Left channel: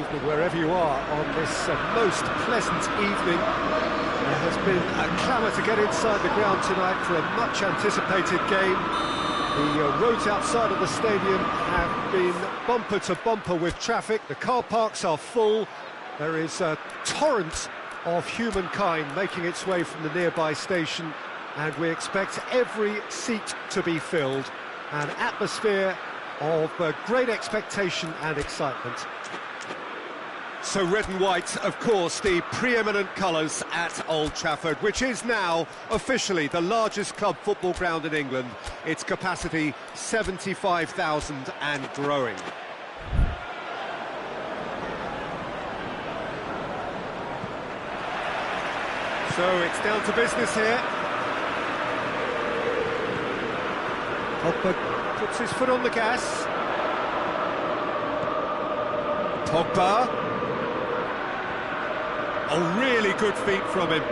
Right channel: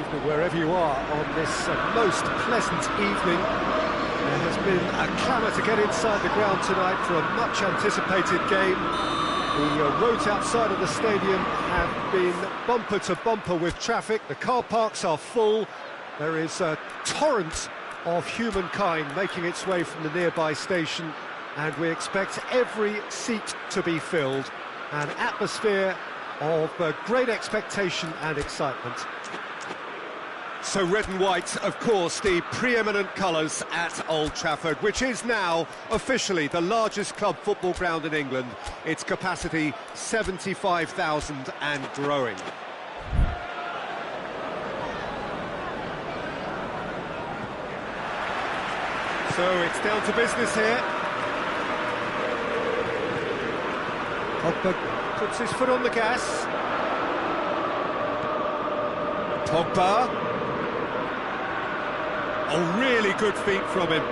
Evening wherever you are on this most pleasant evening. There has been a clamour to get inside the ground tonight for a much anticipated game. The roads outside of the stadium have been bumper to bumper with traffic. The car parks are full. There is a torrent of humankind making its way from the nearby station, and we expect every seat to be filled. An atmosphere of great expectation and excitement. So red and white, of course, the preeminent colours at Old Trafford, which is now officially the largest club football ground in England. Its capacity 75,000 and growing. So it's down to business here. Pogba puts his foot on the gas. Pogba. Oh, really good feet from him.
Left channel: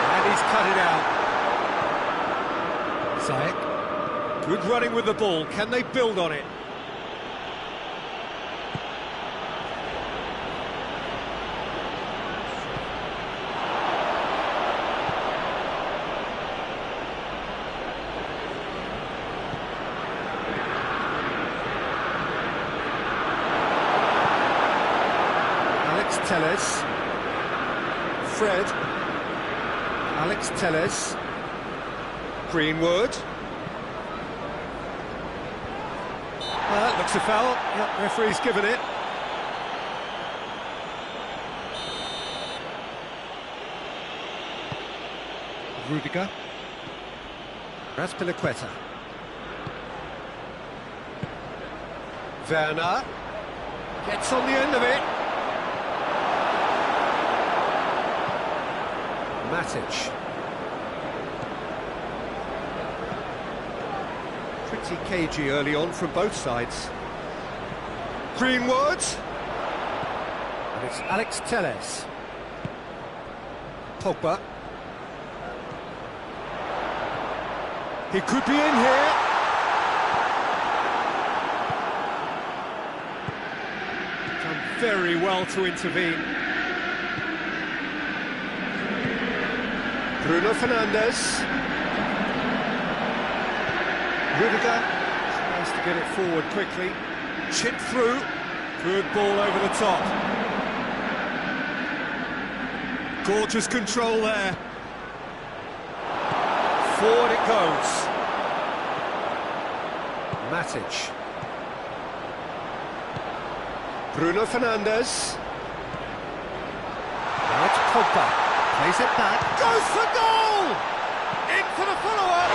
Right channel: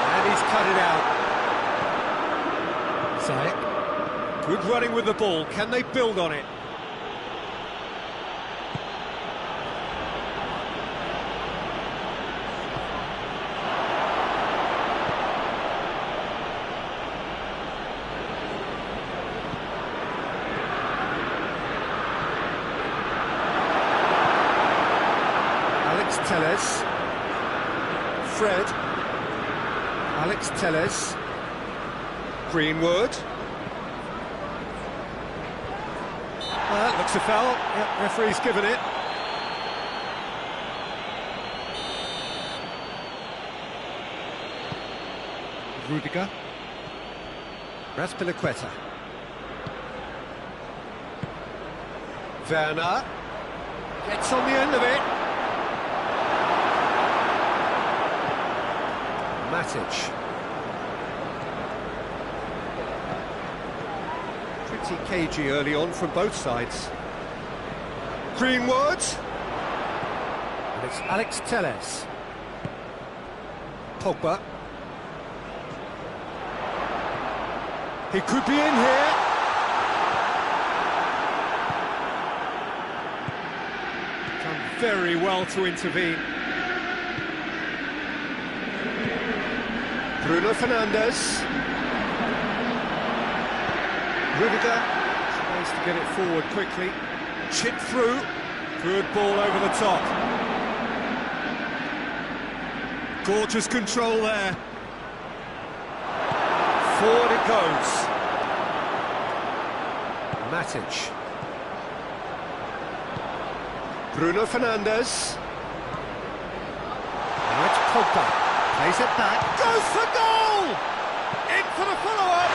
And he's cut it out. Ziyech. Good running with the ball. Can they build on it? Telles, Fred, Alex Telles, Greenwood. That looks a foul. Yep, referee's given it. Rudiger, Raspilicueta, Werner gets on the end of it. Matic. Pretty cagey early on from both sides. Greenwood. And it's Alex Telles. Pogba. He could be in here. Done very well to intervene. Bruno Fernandes. Rudiger tries to get it forward quickly. Chip through. Good ball over the top. Gorgeous control there. Forward it goes. Matic. Bruno Fernandes. Now it's Pogba. Plays it back, goes for goal! In for the follow-up!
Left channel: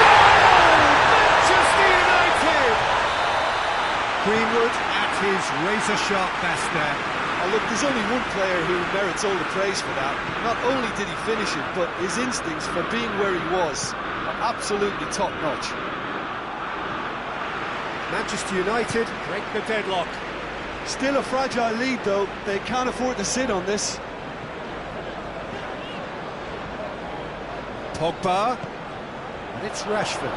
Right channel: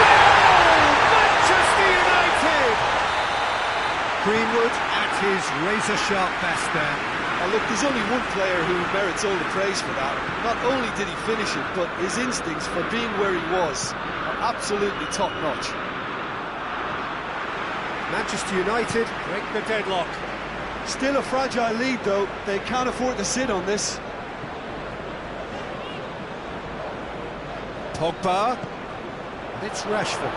Goal! Manchester United! Greenwood at his razor-sharp best there. Oh look, there's only one player who merits all the praise for that. Not only did he finish it, but his instincts for being where he was are absolutely top-notch. Manchester United break the deadlock. Still a fragile lead though, they can't afford to sit on this. Pogba, and it's Rashford.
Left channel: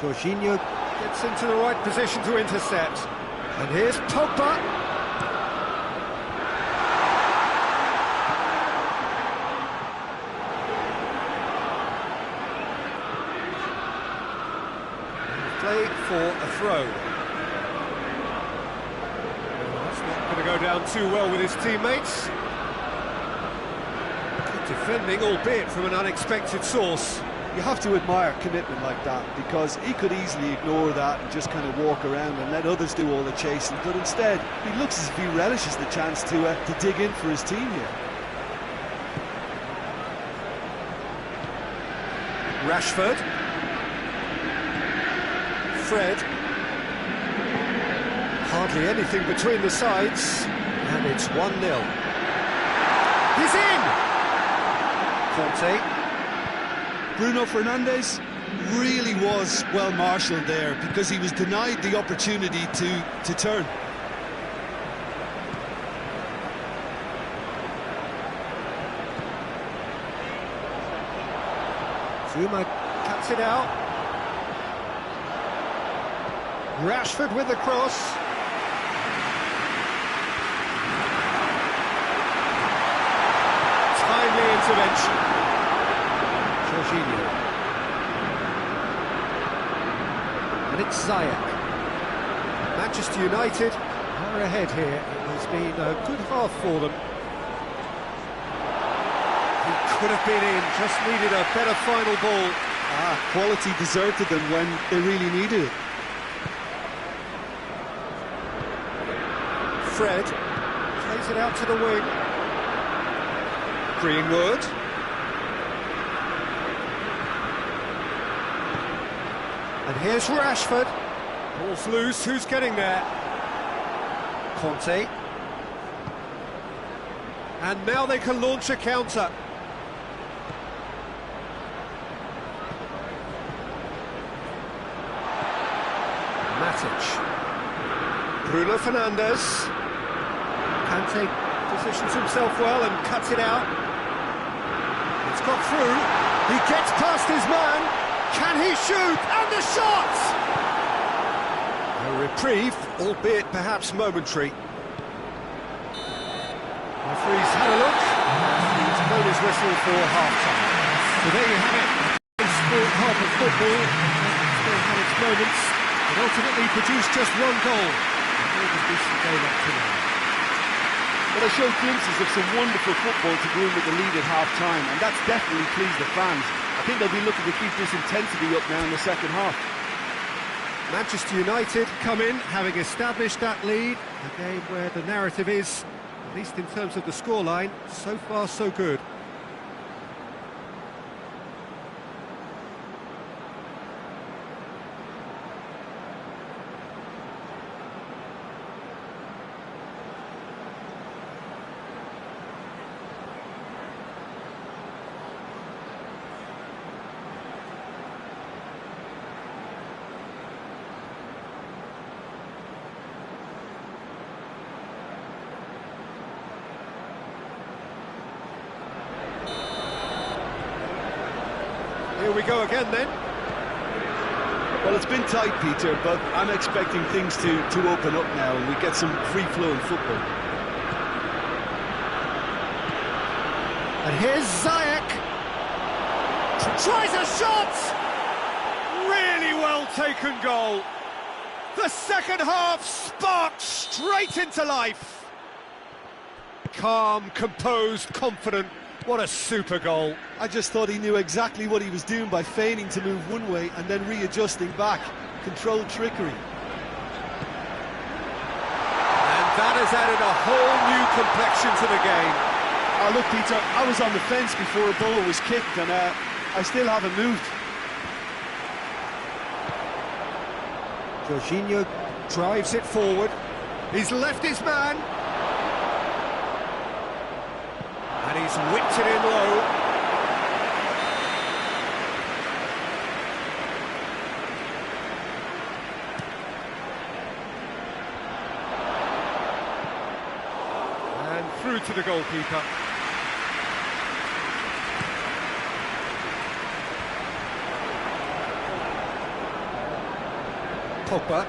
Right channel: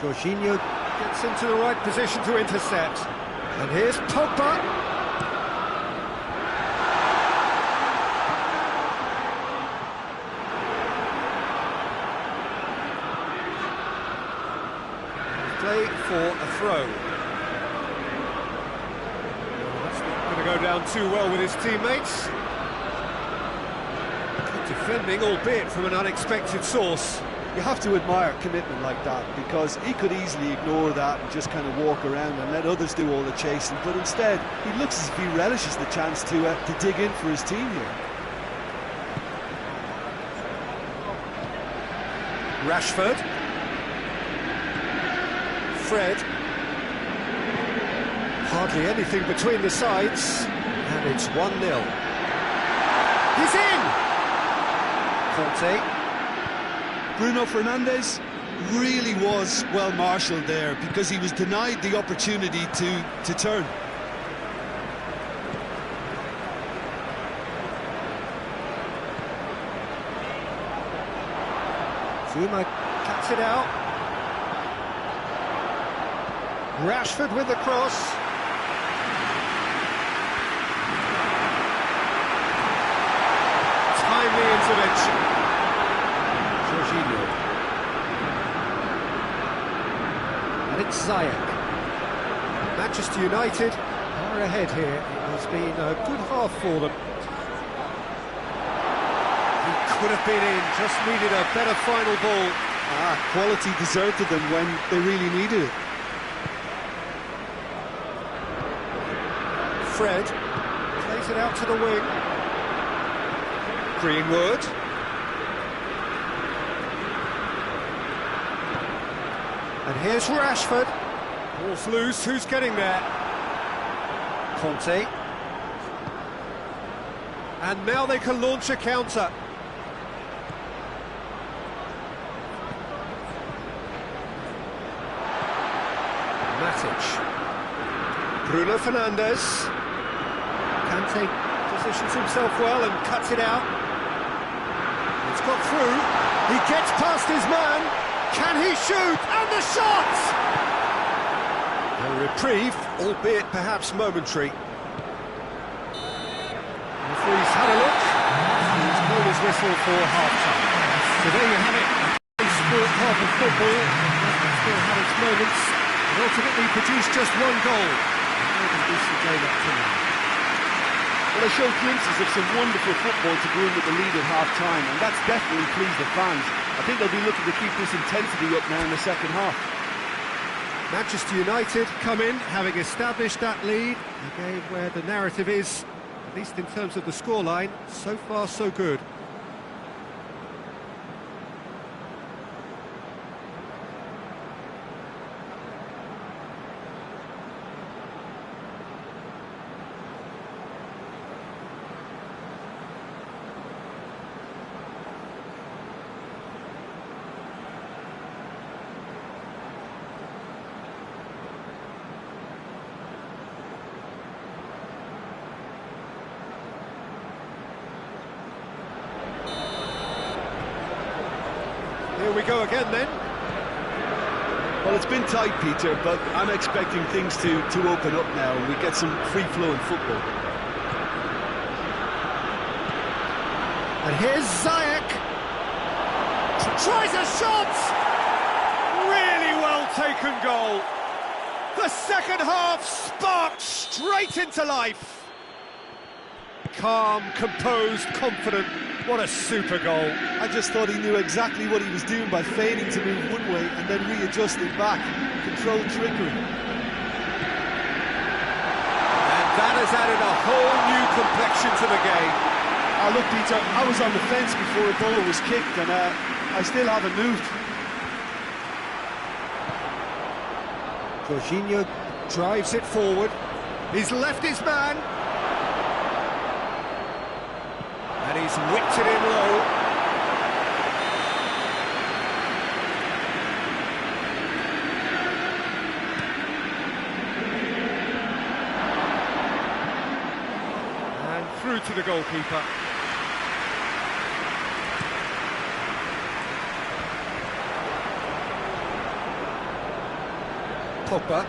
Jorginho gets into the right position to intercept. And here's Pogba. Play for a throw. That's not going to go down too well with his teammates. Defending, albeit from an unexpected source. You have to admire commitment like that, because he could easily ignore that and just kind of walk around and let others do all the chasing, but instead he looks as if he relishes the chance to dig in for his team here. Rashford. Fred. Hardly anything between the sides, and it's 1-0. He's in! Conte. Bruno Fernandes really was well marshalled there, because he was denied the opportunity to turn. Zuma cuts it out. Rashford with the cross. Timely intervention. Jorginho. And it's Ziyech. Manchester United are ahead here. It has been a good half for them. He could have been in, just needed a better final ball. Quality deserted them when they really needed it. Fred plays it out to the wing. Greenwood. And here's Rashford. Ball's loose, who's getting there? Conte. And now they can launch a counter. Matic. Bruno Fernandes. Kante positions himself well and cuts it out. It's got through. He gets past his man. Can he shoot? And the shot! A reprieve, albeit perhaps momentary. Referee's had a look. He's blown his whistle for half-time. So there you have it. A sport half of football. It still had its moments. It ultimately produced just one goal. A more than decent game up to now. Well, they showed glimpses of some wonderful football to go in with the lead at half-time, and that's definitely pleased the fans. I think they'll be looking to keep this intensity up now in the second half. Manchester United come in, having established that lead. A game where the narrative is, at least in terms of the scoreline, so far so good. Here we go again then. Well, it's been tight, Peter, but I'm expecting things to open up now and we get some free-flowing football. And here's Ziyech. Tries a shot! Really well taken goal. The second half sparked straight into life. Calm, composed, confident. What a super goal. I just thought he knew exactly what he was doing by feigning to move one way and then readjusting back. Controlled trickery. And that has added a whole new complexion to the game. Look, Peter, I was on the fence before a ball was kicked and I still haven't moved. Jorginho drives it forward. He's left his man. And he's whipped it in low. And through to the goalkeeper. Pogba.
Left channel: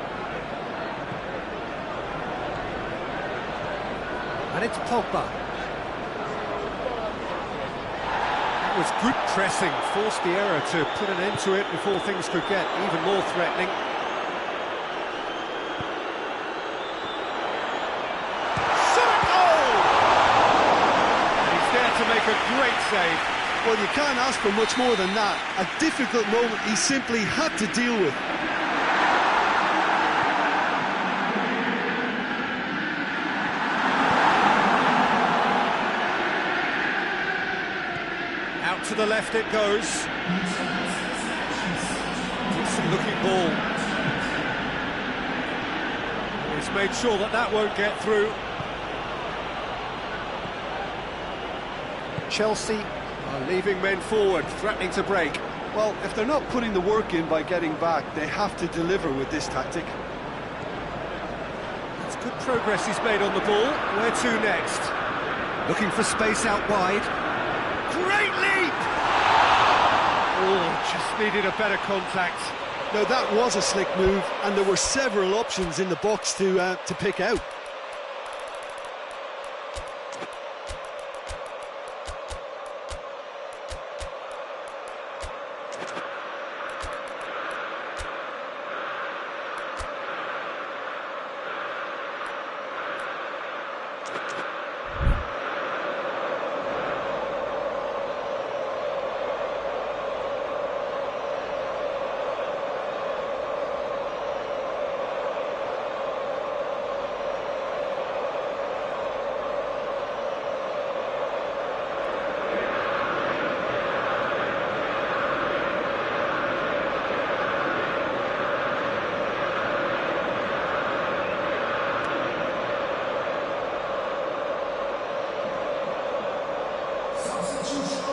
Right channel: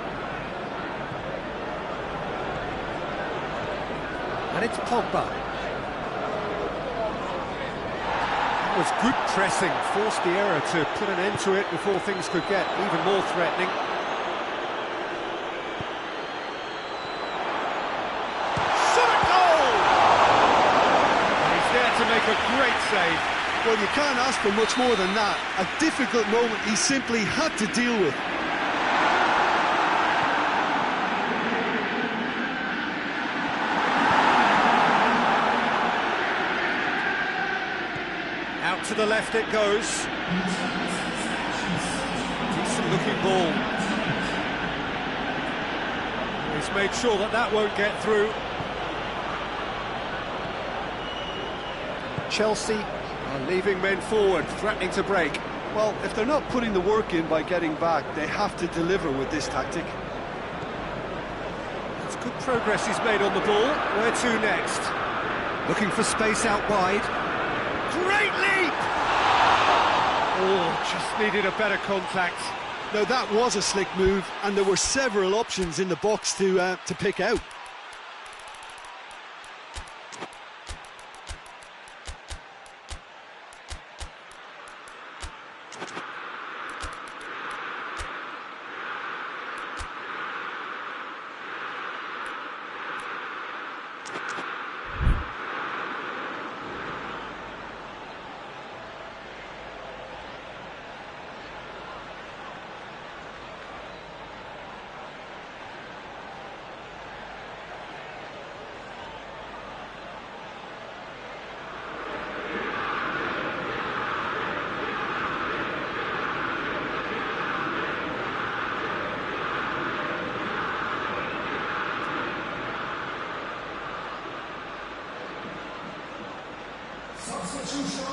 And it's Pogba. That was good pressing, forced the error to put an end to it before things could get even more threatening. Shot at goal! And he's there to make a great save. Well, you can't ask for much more than that. A difficult moment he simply had to deal with. Out to the left it goes. Decent looking ball. He's made sure that that won't get through. Chelsea are leaving men forward, threatening to break. Well, if they're not putting the work in by getting back, they have to deliver with this tactic. That's good progress he's made on the ball. Where to next? Looking for space out wide. Great leap! Oh, just needed a better contact. Now that was a slick move, and there were several options in the box to pick out.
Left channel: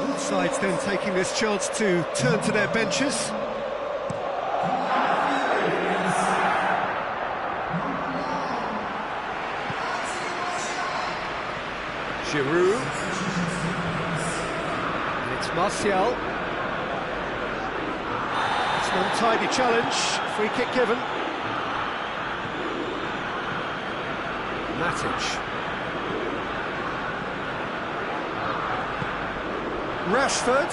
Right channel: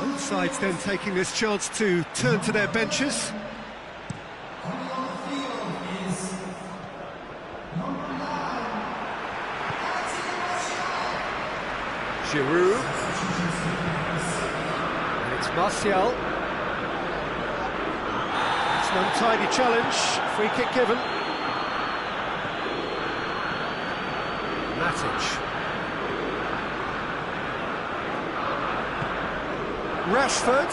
Both sides then taking this chance to turn to their benches. Giroud. And it's Martial. It's an untidy challenge. Free kick given. Matic. Rashford.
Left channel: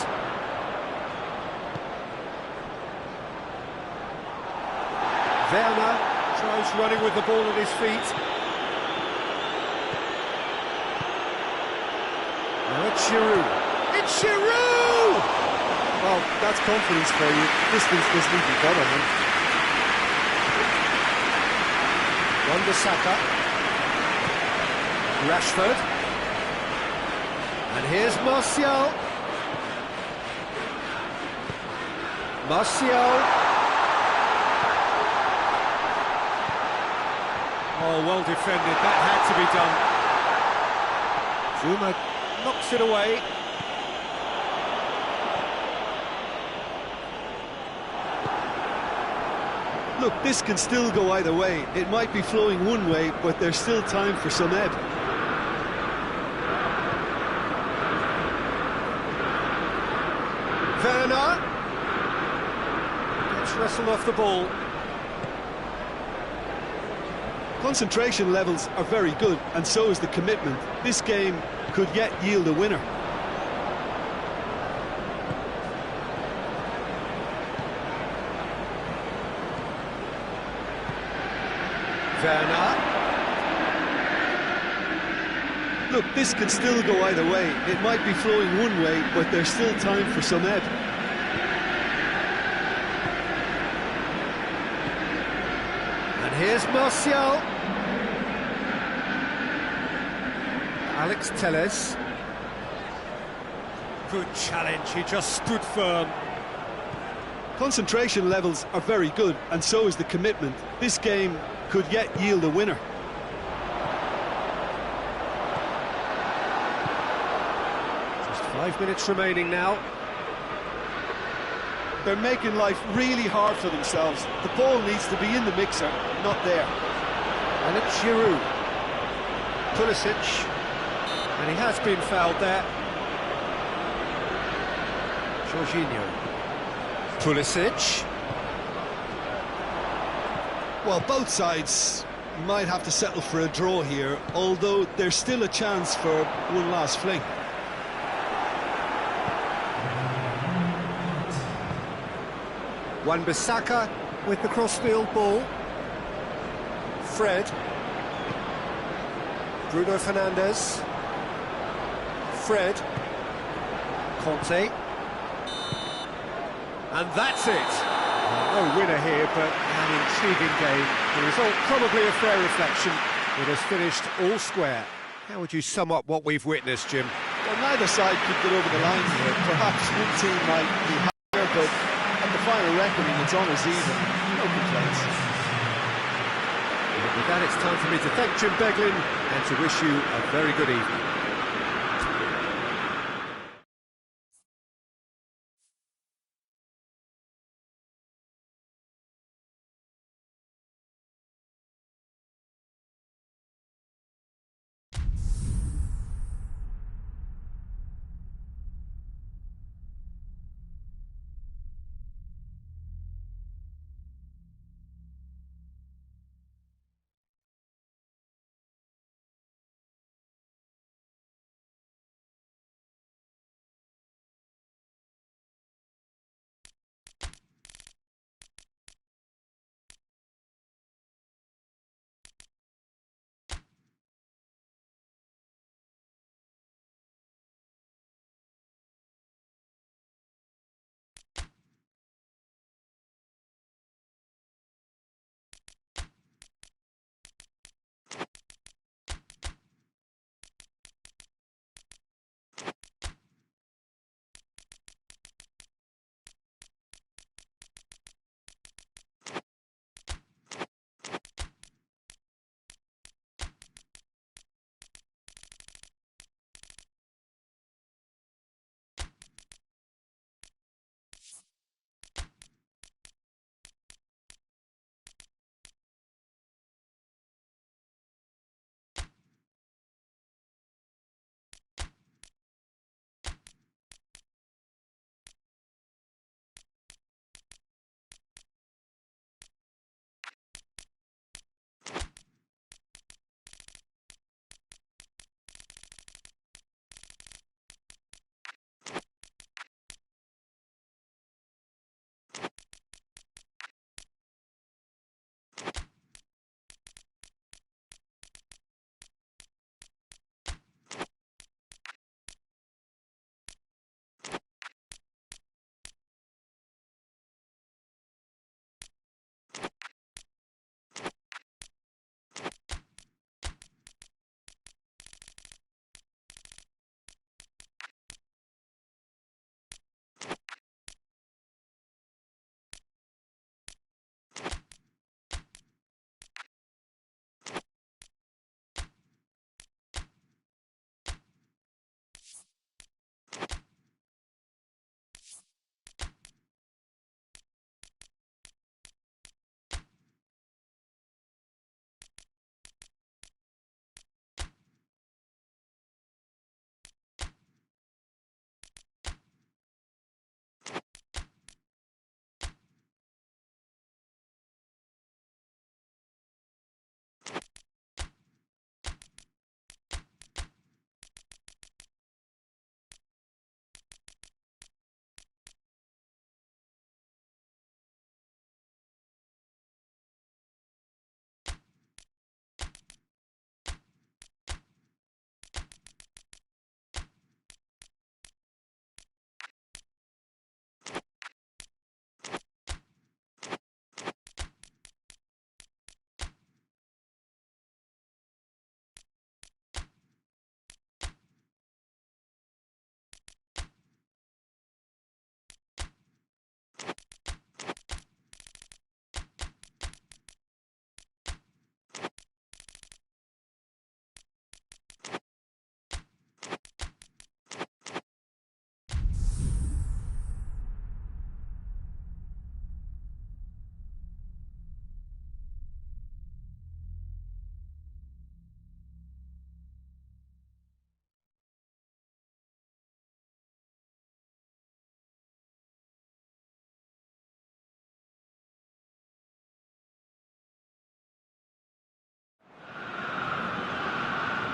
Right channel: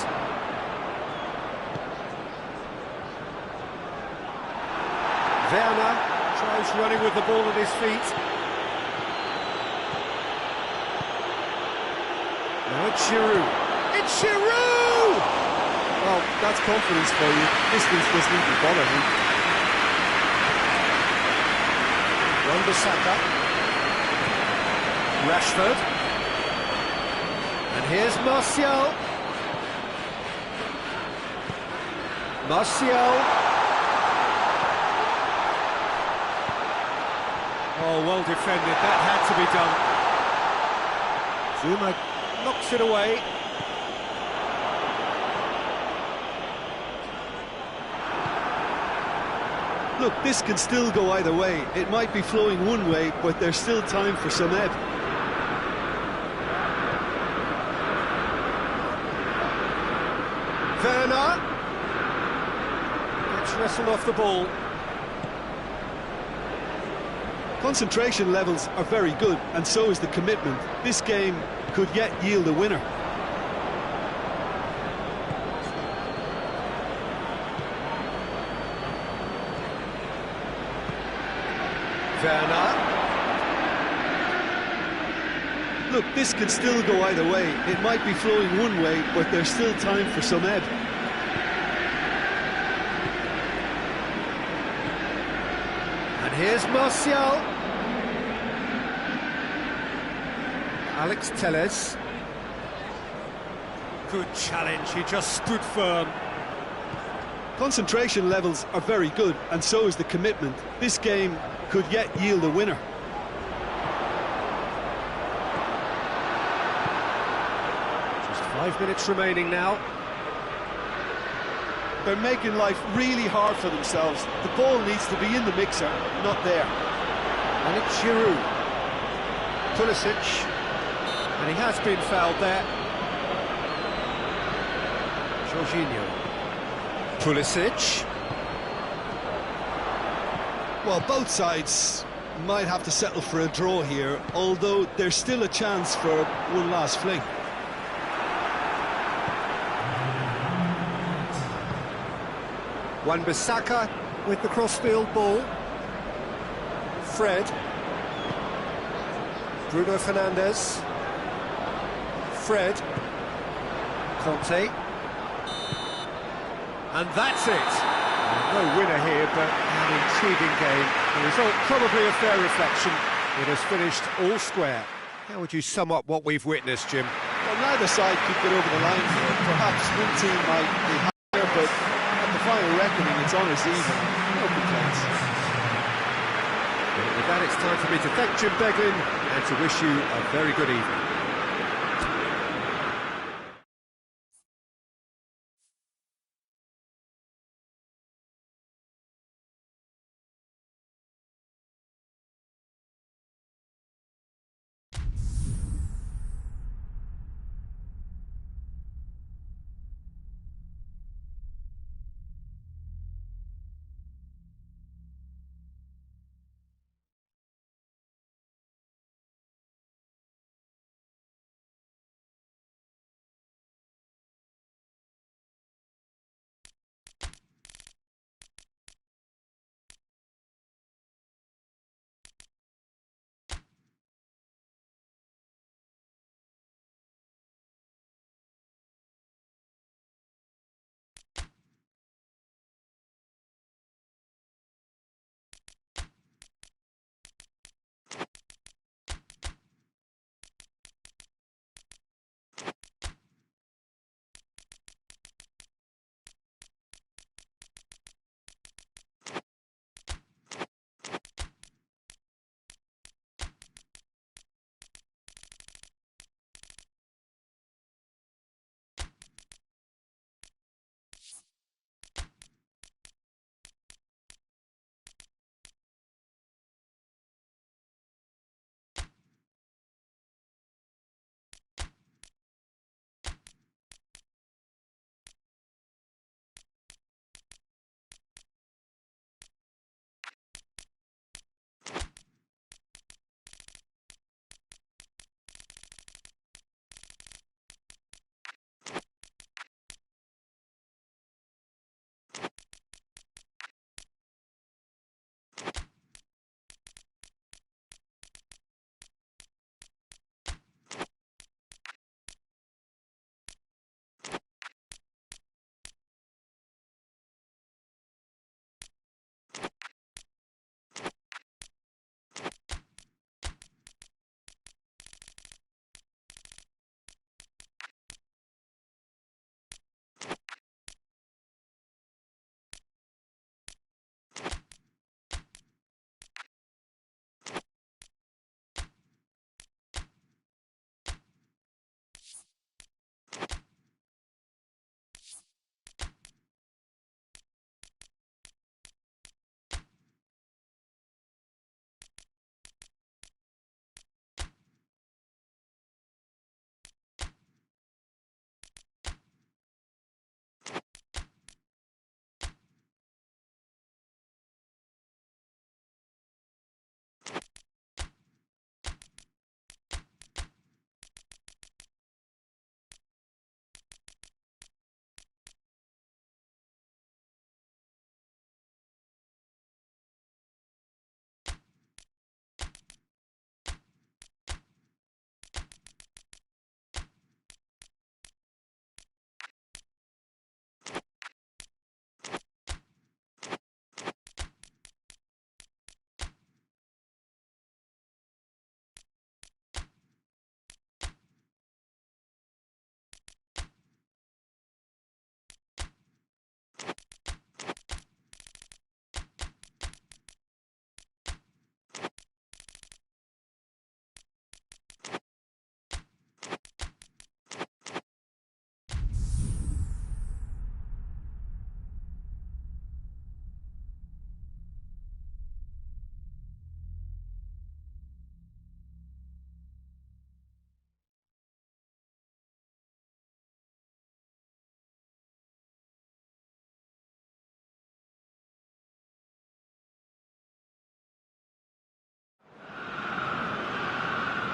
Werner tries running with the ball at his feet. Now it's Giroud. It's Giroud! Well, that's confidence for you. Distance doesn't even bother him. Wan-Bissaka. Rashford. And here's Martial. Martial. Oh, well defended. That had to be done. Zuma knocks it away. Look, this can still go either way. It might be flowing one way, but there's still time for some ebb. Werner gets wrestled off the ball. Concentration levels are very good, and so is the commitment. This game could yet yield a winner. Werner. Look, this could still go either way. It might be flowing one way, but there's still time for some ebb. And here's Martial. Alex Telles. Good challenge, he just stood firm. Concentration levels are very good, and so is the commitment. This game could yet yield a winner. Just 5 minutes remaining now. They're making life really hard for themselves. The ball needs to be in the mixer, not there. And it's Giroud. Pulisic. And he has been fouled there. Jorginho. Pulisic. Well, both sides might have to settle for a draw here, although there's still a chance for one last fling. Wan-Bissaka with the crossfield ball. Fred. Bruno Fernandes. Fred. Conte. And that's it. No winner here, but an intriguing game. The result probably a fair reflection. It has finished all square. How would you sum up what we've witnessed, Jim? Well, neither side could get over the line here. Perhaps one team might be higher, but at the final reckoning, it's honours even. No complaints. Well, with that, it's time for me to thank Jim Beglin and to wish you a very good evening.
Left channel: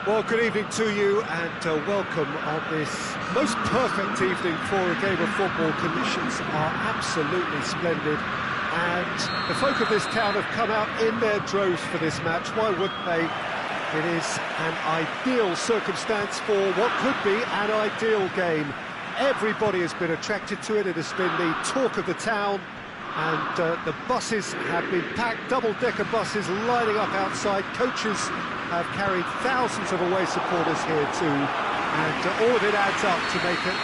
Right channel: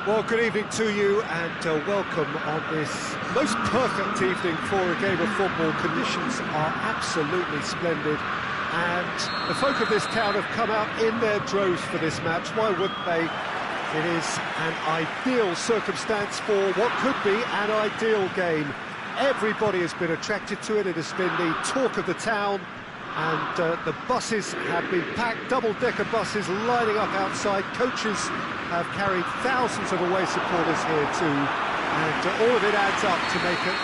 Well, good evening to you and welcome on this most perfect evening for a game of football. Conditions are absolutely splendid and the folk of this town have come out in their droves for this match. Why wouldn't they? It is an ideal circumstance for what could be an ideal game. Everybody has been attracted to it. It has been the talk of the town, and the buses have been packed, double-decker buses lining up outside. Coaches have carried thousands of away supporters here too, and all of it adds up to make a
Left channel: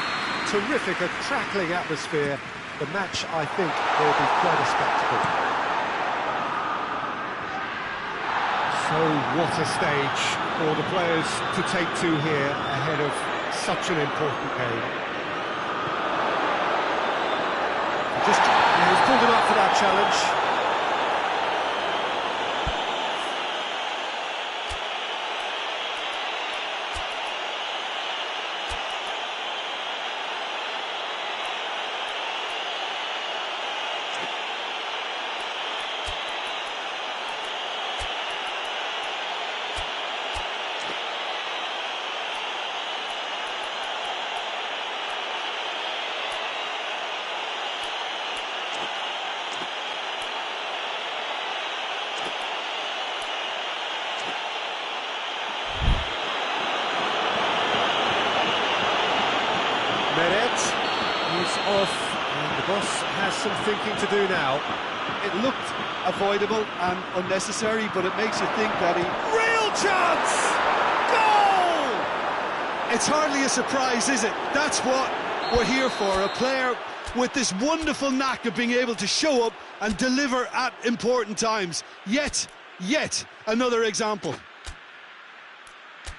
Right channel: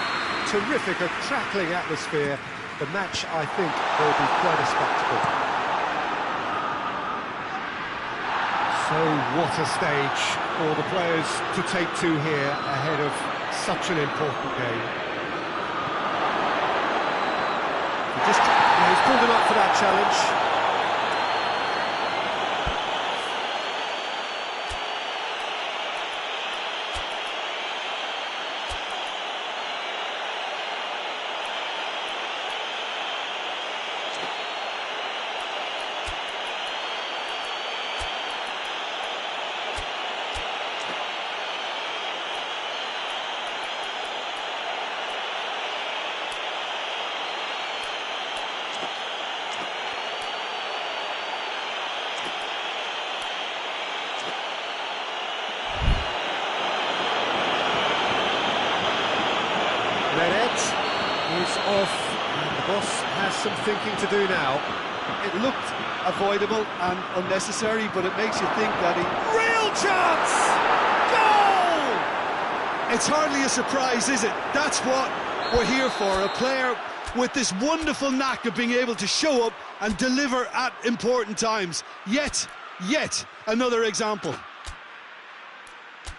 terrific, a crackling atmosphere. The match, I think, will be quite a spectacle. So what a stage for the players to take to here ahead of such an important game. He's pulled him up for that challenge. Meret is off, and the boss has some thinking to do now. It looked avoidable and unnecessary, but it makes you think that Real chance! Goal! it's hardly a surprise, is it? That's what we're here for, a player with this wonderful knack of being able to show up and deliver at important times. Yet another example.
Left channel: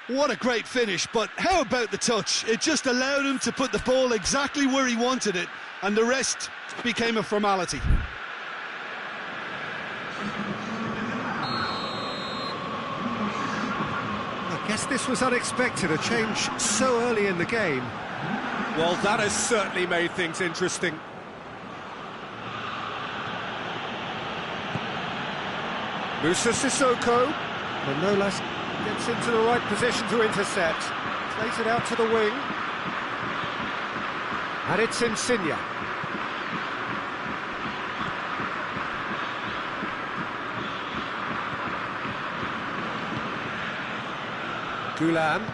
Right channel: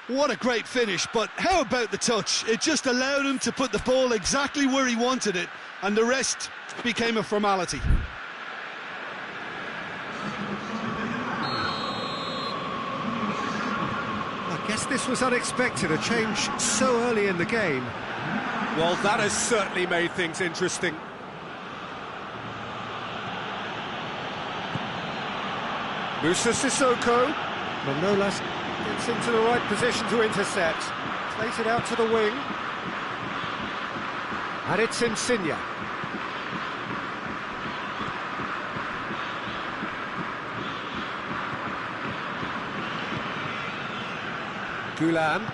What a great finish, but how about the touch? It just allowed him to put the ball exactly where he wanted it, and the rest became a formality. I guess this was unexpected, a change so early in the game. Well, that has certainly made things interesting. Moussa Sissoko. Manolas gets into the right position to intercept. Plays it out to the wing. And it's Insigne. Gulam.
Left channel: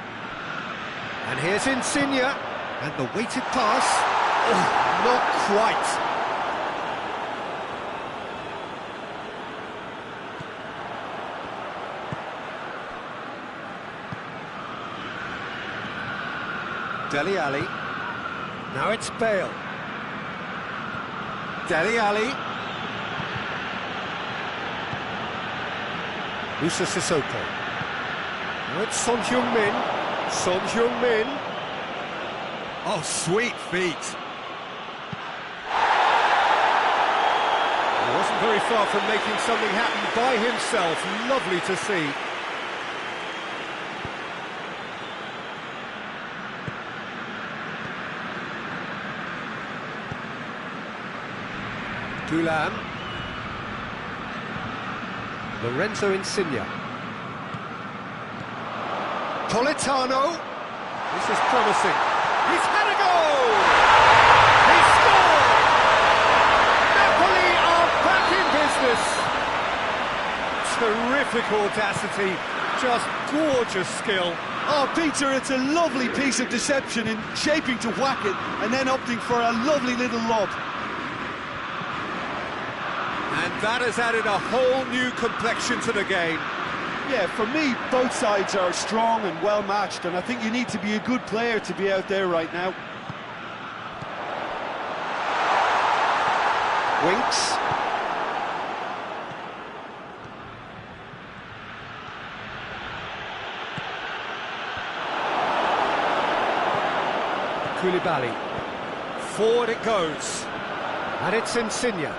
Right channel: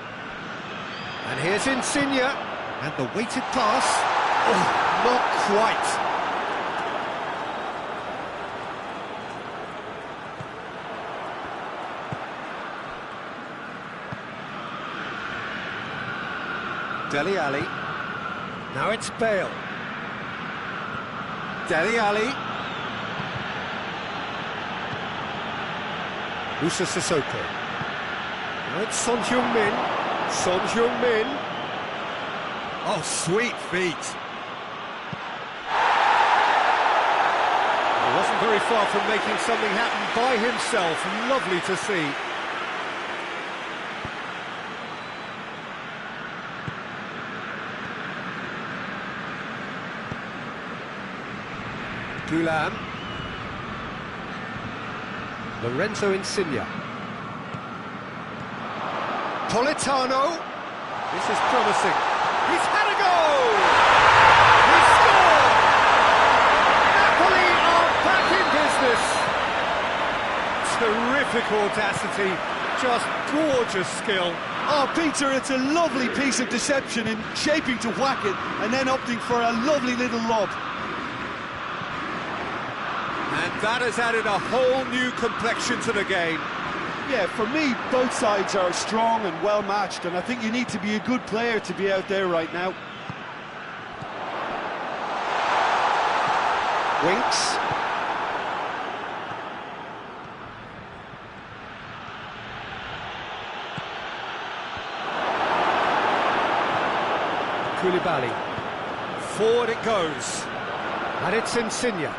And here's Insigne. And the weighted pass. Oh, not quite. Dele Alli. Now it's Bale. Dele Alli. Moussa Sissoko. Now it's Son Heung-min. Son Heung-min. Oh, sweet feet. He wasn't very far from making something happen by himself. Lovely to see. Gulam. Lorenzo Insigne. Politano. This is promising. He's had a goal! He's scored! Napoli are back in business. Terrific audacity, just gorgeous skill. Oh, Peter, it's a lovely piece of deception in shaping to whack it and then opting for a lovely little lob. And that has added a whole new complexion to the game. Yeah, for me, both sides are strong and well matched, and I think you need to be a good player to be out there right now. Winks. Koulibaly. Forward it goes. And it's Insigne.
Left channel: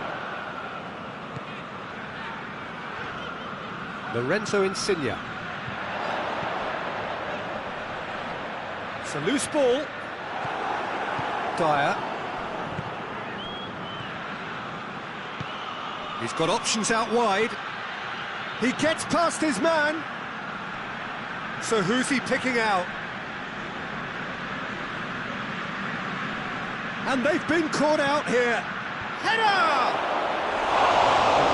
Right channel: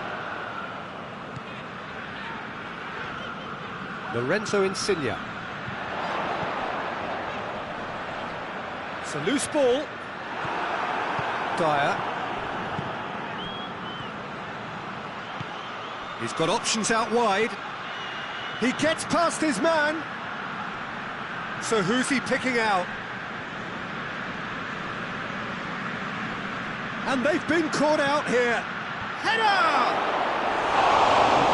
Lorenzo Insigne. It's a loose ball. Dyer. He's got options out wide. He gets past his man. So who's he picking out? And they've been caught out here. Header!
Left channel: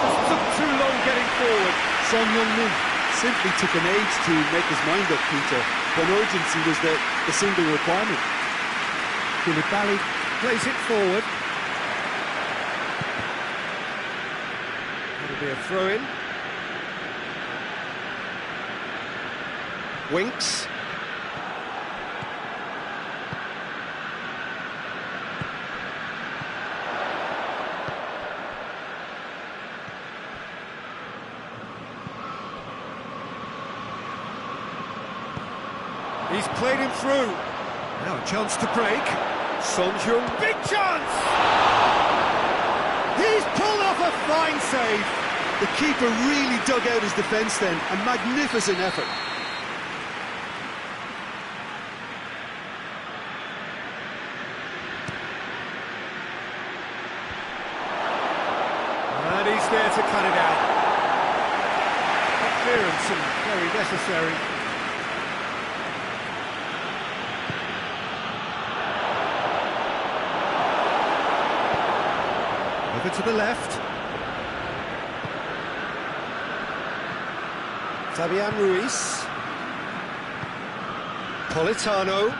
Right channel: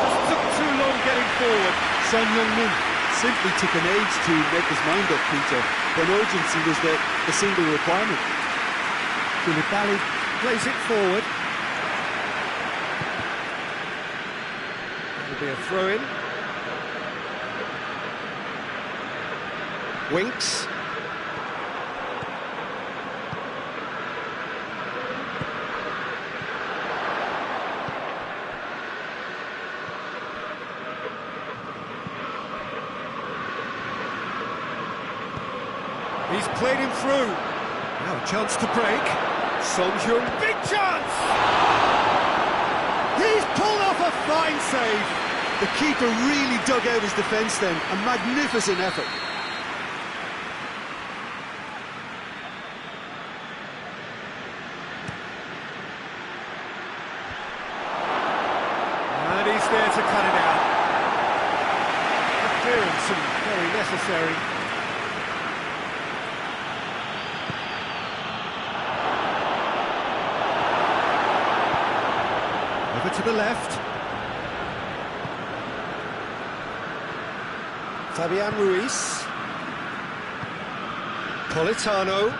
Just took too long getting forward. Son Heung-min simply took an age to make his mind up, Peter, when urgency was the single requirement. Koulibaly plays it forward. That'll be a throw-in. Winks. He's played him through. Now a chance to break. Son Heung, big chance! He's pulled off a fine save. The keeper really dug out his defence then. A magnificent effort. And he's there to cut it out. The clearance and very necessary. Over to the left. Fabian Ruiz. Politano.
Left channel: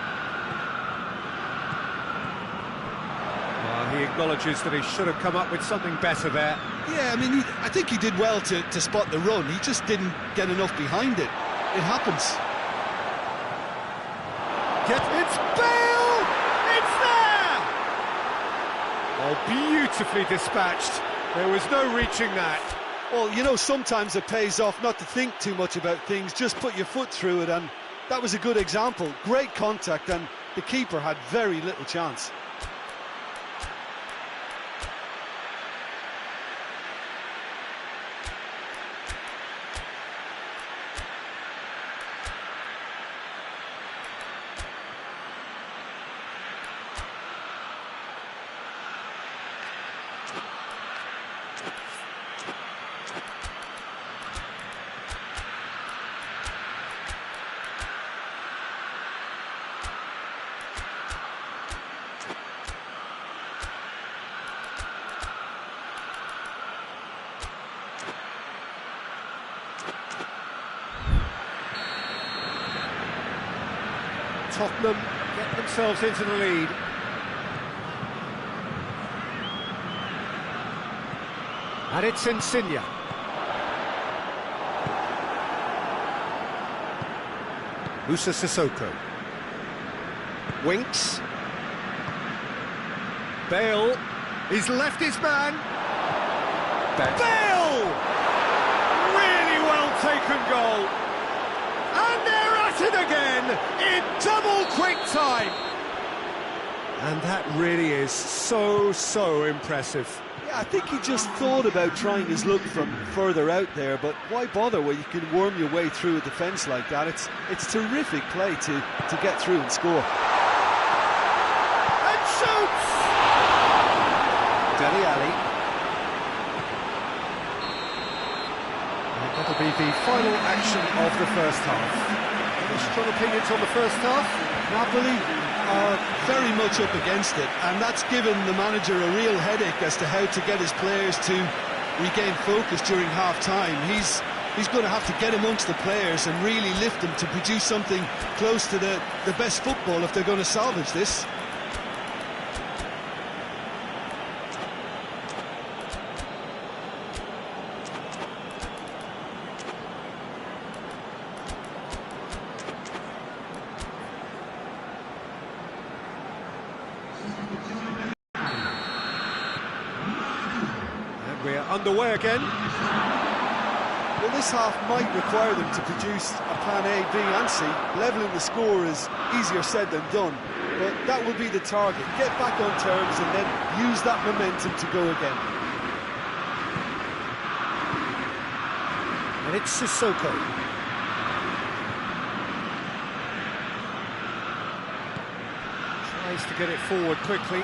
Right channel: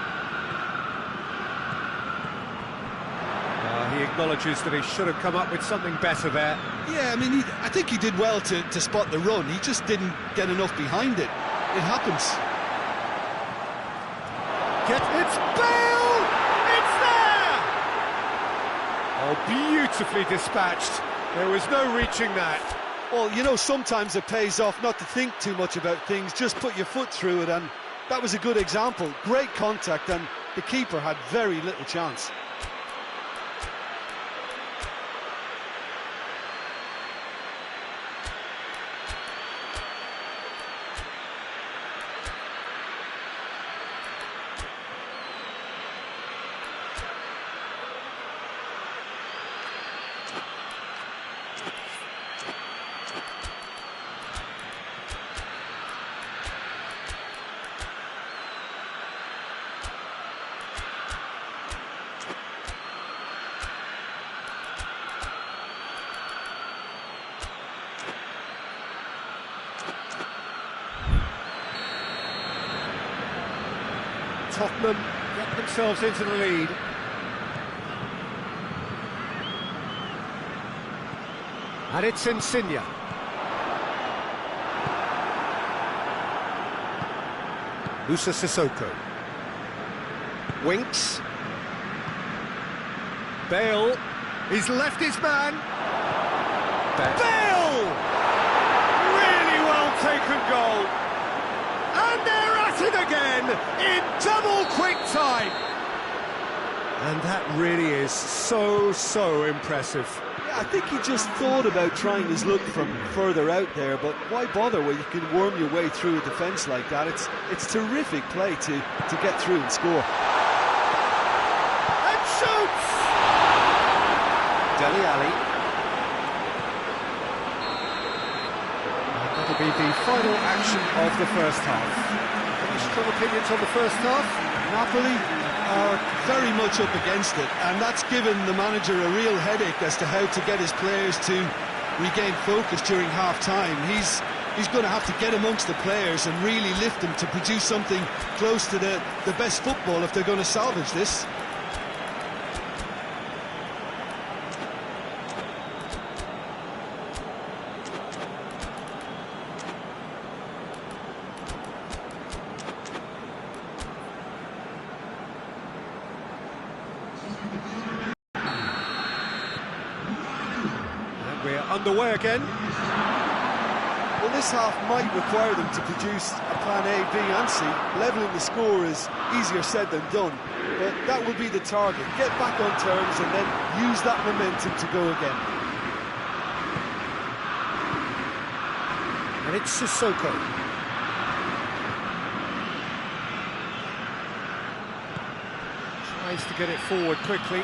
He acknowledges that he should have come up with something better there. Yeah, I mean, I think he did well to spot the run. He just didn't get enough behind it. It happens. It's Bale! It's there! Oh, beautifully dispatched. There was no reaching that. Well, you know, sometimes it pays off not to think too much about things, just put your foot through it, and that was a good example. Great contact, and the keeper had very little chance. Tottenham get themselves into the lead. And it's Insigne. Musa Sissoko. Winks. Bale. He's left his man. Bale! Really well taken goal. And they're at it again in double quick time. And that really is so impressive. Yeah, I think he just thought about trying his luck from further out there, but why bother when you can worm your way through a defence like that? It's terrific play to get through and score. And shoots! Dele Alli. And that'll be the final action of the first half. Any strong opinions on the first half? Napoli are very much up against it, and that's given the manager a real headache as to how to get his players to regain focus during half-time. He's going to have to get amongst the players and really lift them to produce something close to the best football if they're going to salvage this. We're underway again. Well, this half might require them to produce a plan A, B and C. Levelling the score is easier said than done, but that will be the target. Get back on terms and then use that momentum to go again. And it's Sissoko. Tries to get it forward quickly.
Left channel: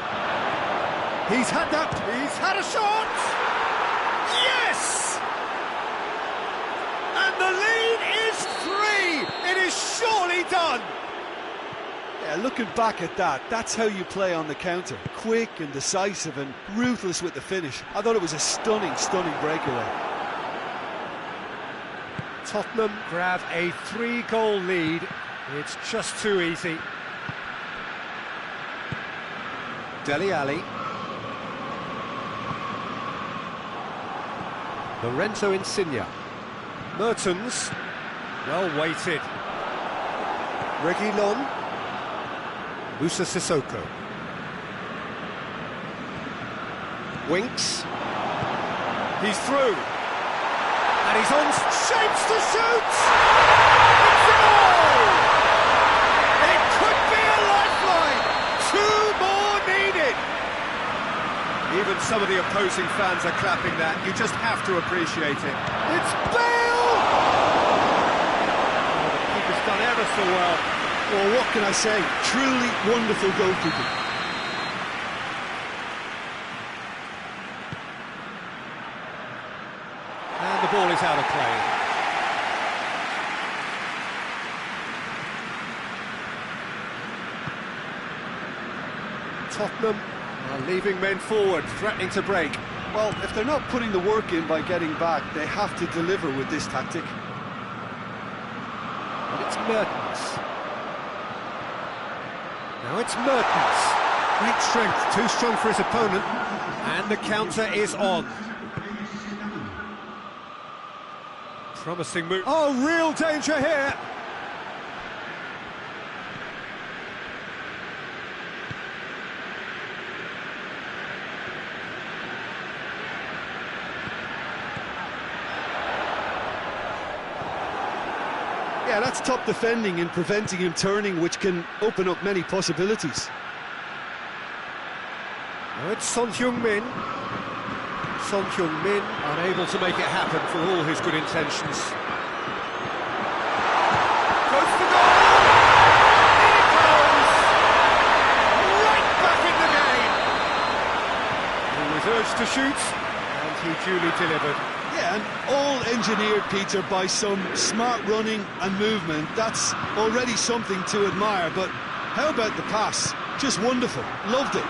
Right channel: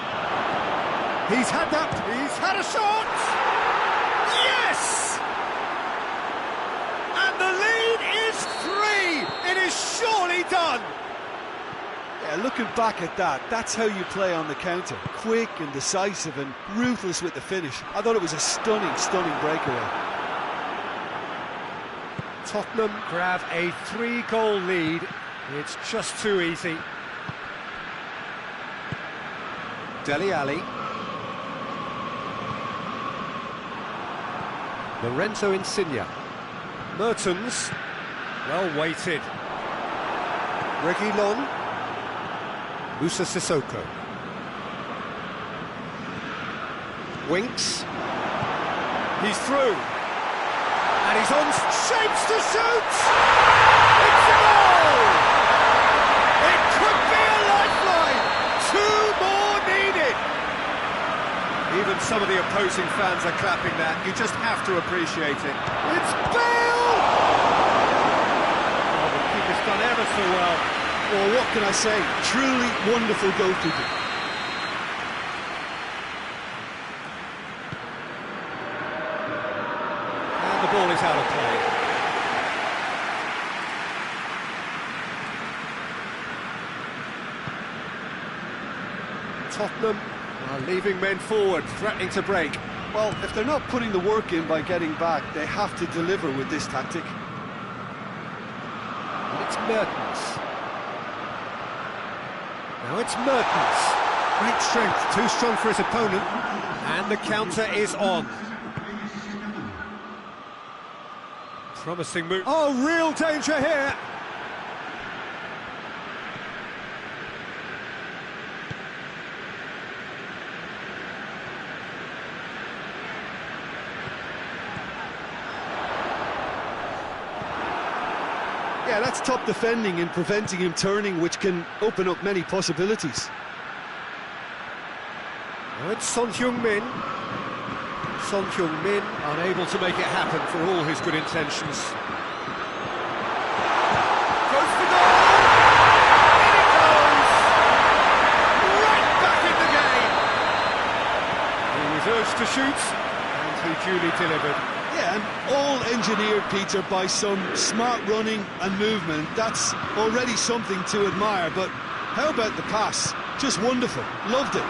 He's had a shot! Yes! And the lead is 3! It is surely done! Yeah, looking back at that, that's how you play on the counter. Quick and decisive and ruthless with the finish. I thought it was a stunning, stunning breakaway. Tottenham grab a 3-goal lead. It's just too easy. Dele Alli. Lorenzo Insigne. Mertens. Well weighted. Reguilon. Musa Sissoko. Winks. He's through. And he's on, shapes to shoot! It's a goal! It could be a lifeline! 2 more needed! Even some of the opposing fans are clapping that. You just have to appreciate it. It's Bale! Oh, the keeper's done ever so well. Well, what can I say? Truly wonderful goalkeeping. And the ball is out of play. Tottenham are leaving men forward, threatening to break. Well, if they're not putting the work in by getting back, they have to deliver with this tactic. And it's Mertens. Now it's Mertens. Great strength, too strong for his opponent. And the counter is on. Promising move. Oh, real danger here. Yeah, that's top defending and preventing him turning, which can open up many possibilities. Now it's Son Heung-min. Son Heung-min unable to make it happen for all his good intentions. Goes for goal! In it goes! Right back in the game! He was urged to shoot, and he duly delivered. Yeah, and all engineered, Peter, by some smart running and movement. That's already something to admire, but how about the pass? Just wonderful. Loved it.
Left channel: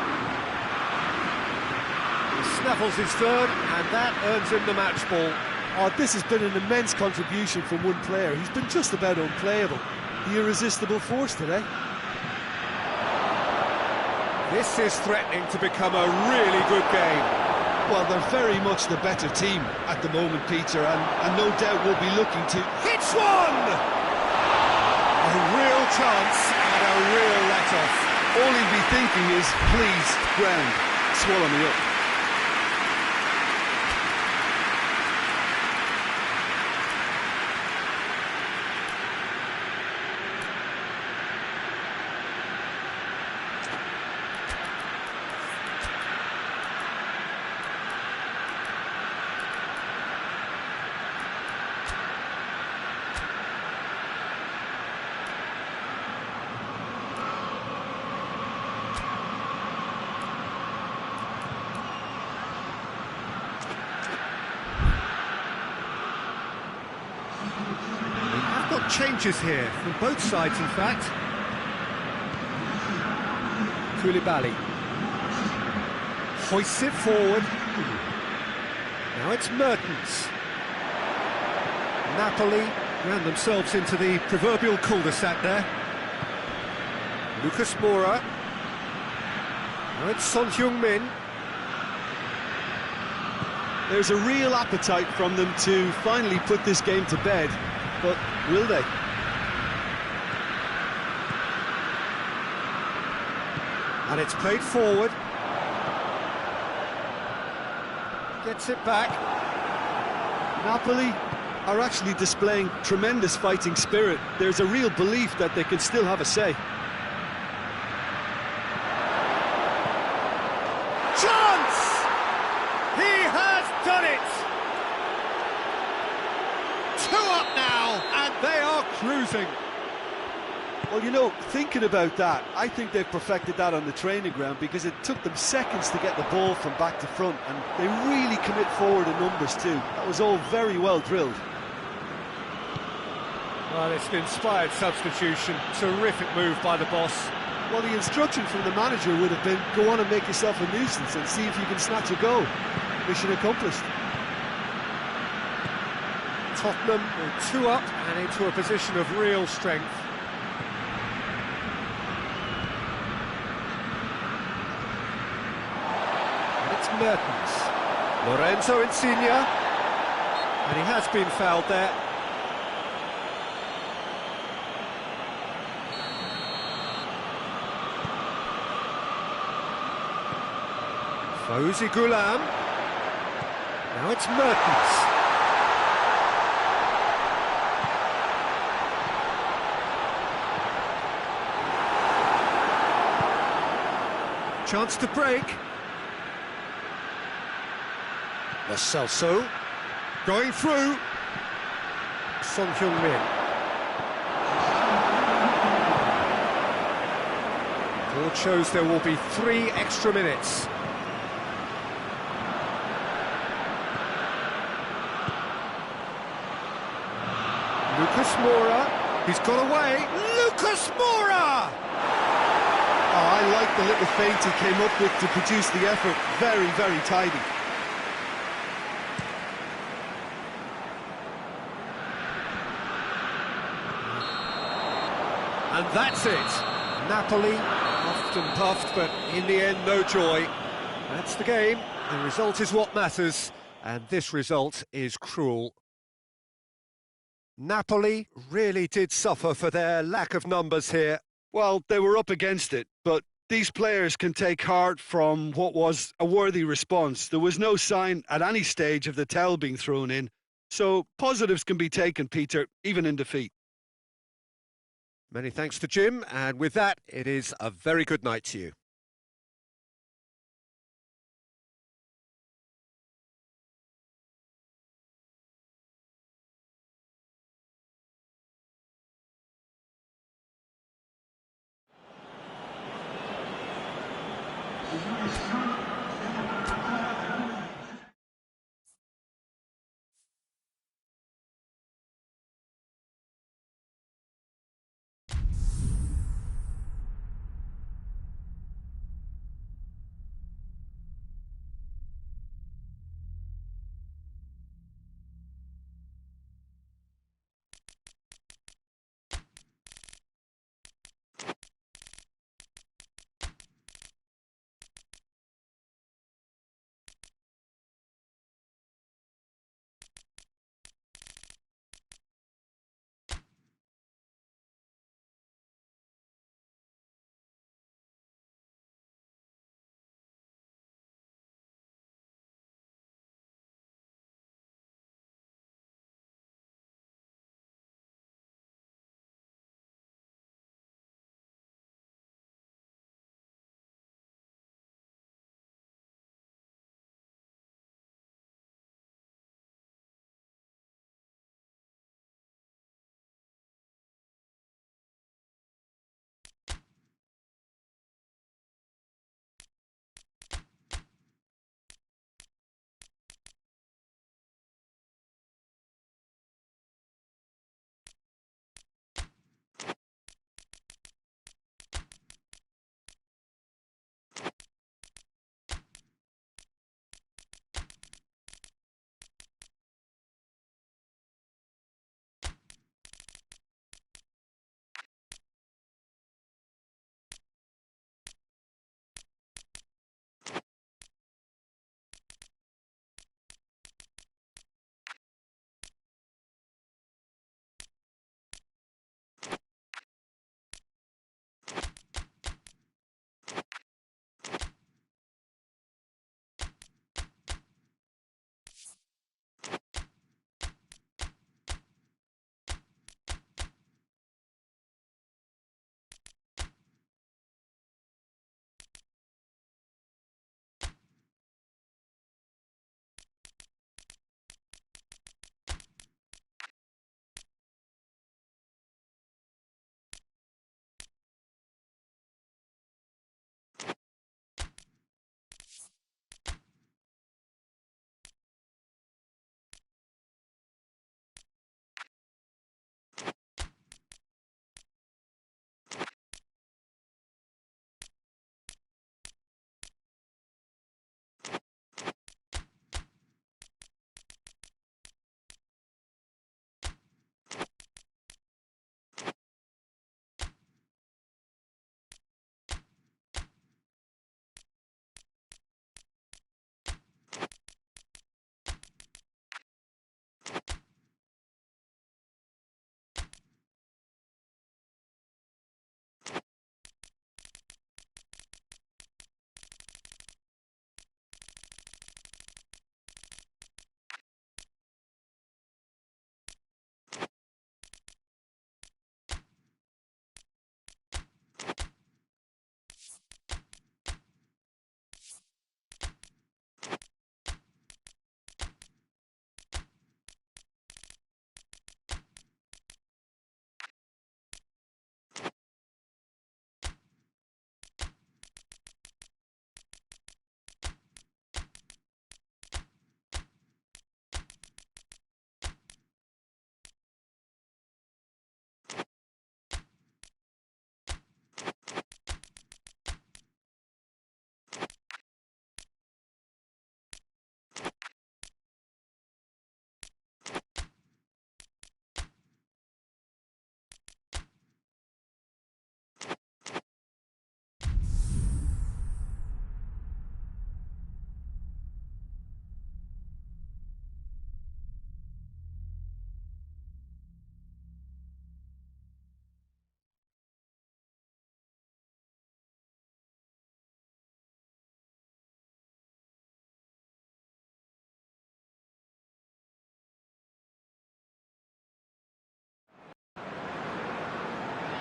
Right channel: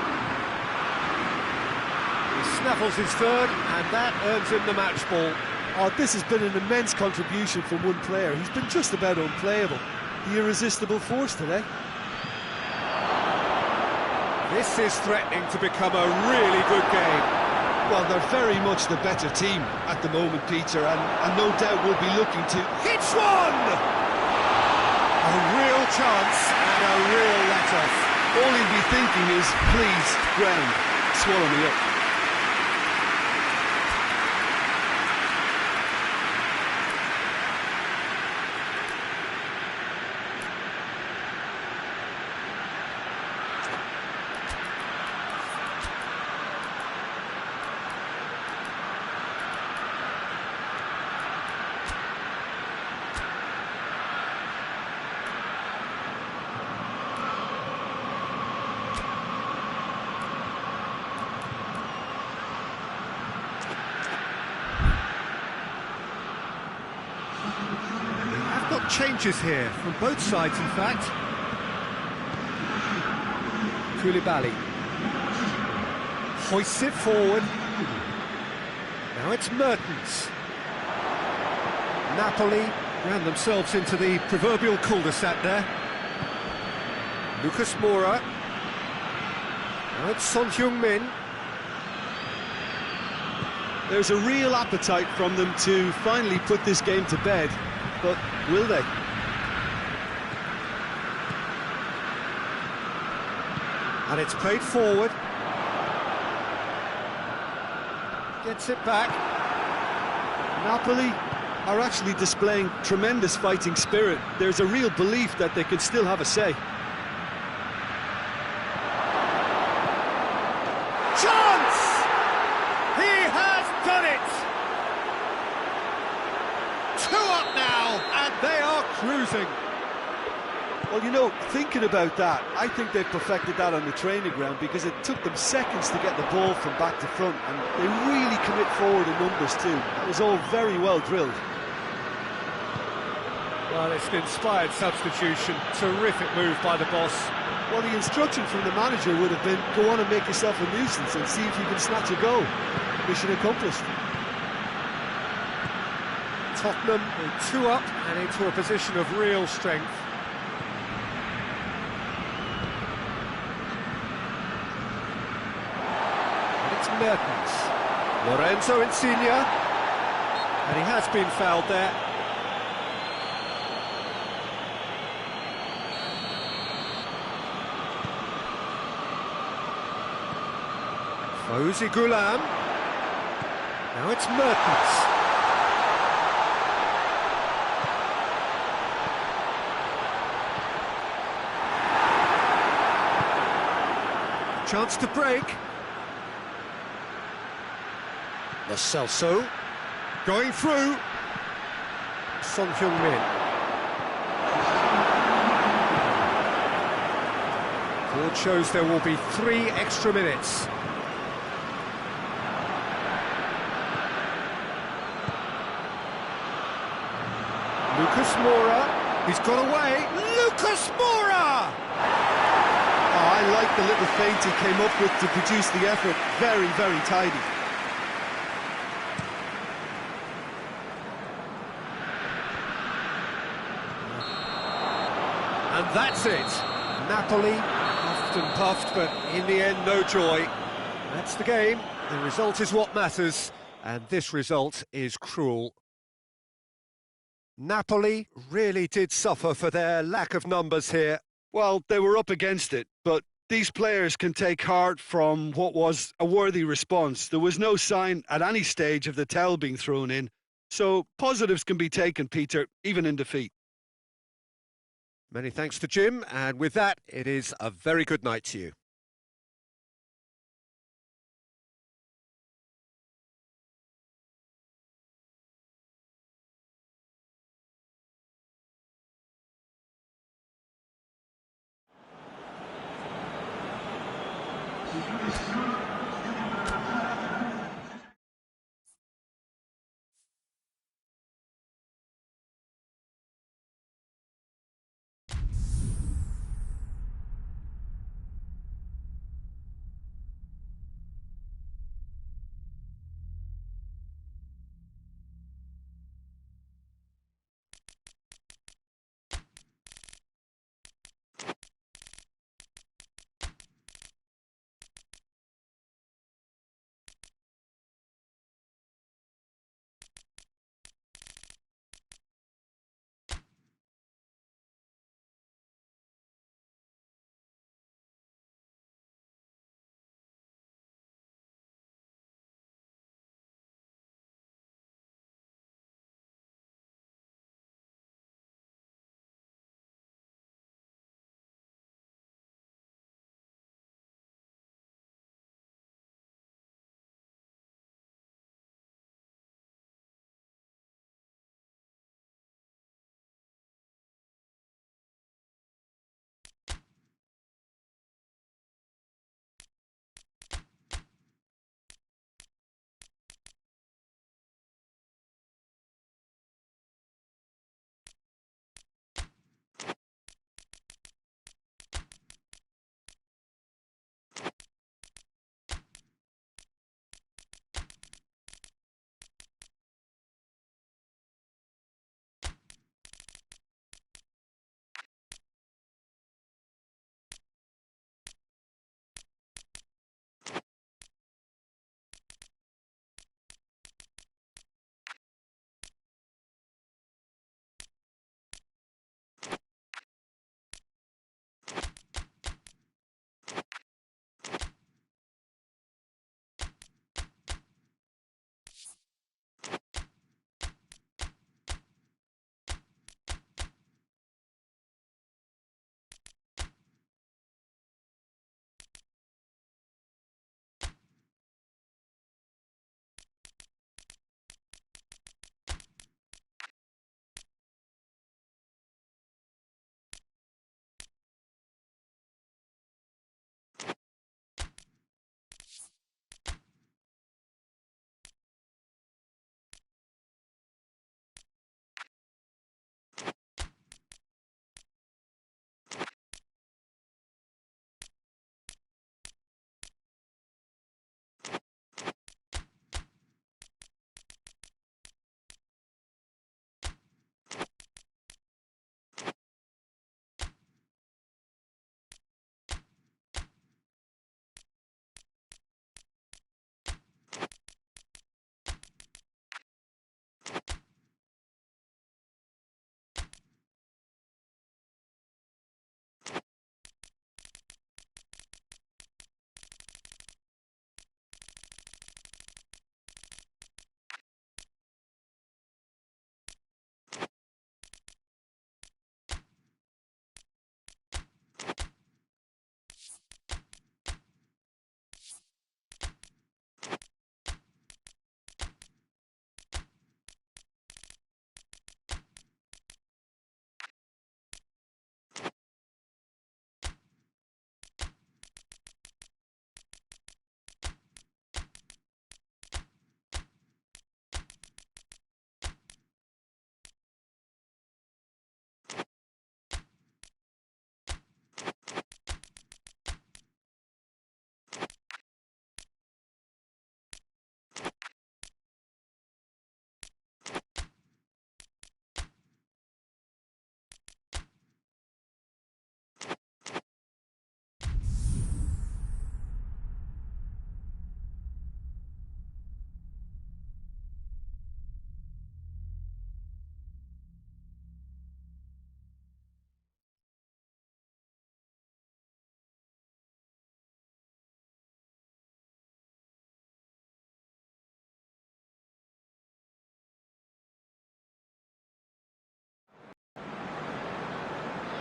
He snaffles his third, and that earns him the match ball. Oh, this has been an immense contribution from one player. He's been just about unplayable. The irresistible force today. This is threatening to become a really good game. Well, they're very much the better team at the moment, Peter, and no doubt will be looking to... Hits one! A real chance and a real let-off. All he'll be thinking is, please, ground, swallow me up. Changes here from both sides, in fact. Koulibaly hoists it forward. Now it's Mertens. Napoli ran themselves into the proverbial cul-de-sac there. Lucas Moura. Now it's Son Heung-min. There's a real appetite from them to finally put this game to bed, but will they? And it's played forward. Gets it back. Napoli are actually displaying tremendous fighting spirit. There's a real belief that they can still have a say. Chance! He has done it! 2 up now, and they are cruising. Well, you know, thinking about that, I think they've perfected that on the training ground because it took them seconds to get the ball from back to front, and they really commit forward in numbers too. That was all very well drilled. Well, it's an inspired substitution. Terrific move by the boss. Well, the instruction from the manager would have been, go on and make yourself a nuisance and see if you can snatch a goal. Mission accomplished. Tottenham are 2 up and into a position of real strength. And it's Mertens. Lorenzo Insigne. And he has been fouled there. Fawzi Ghulam. Now it's Mertens. Chance to break. Lo Celso. Going through. Son Heung-min. Board shows there will be 3 extra minutes. Lucas Moura, he's got away. Lucas Moura! Oh, I like the little feint he came up with to produce the effort. Very, very tidy. And that's it. Napoli, puffed and puffed, but in the end, no joy. That's the game. The result is what matters, and this result is cruel. Napoli really did suffer for their lack of numbers here. Well, they were up against it, but these players can take heart from what was a worthy response. There was no sign at any stage of the towel being thrown in, so positives can be taken, Peter, even in defeat. Many thanks to Jim, and with that, it is a very good night to you.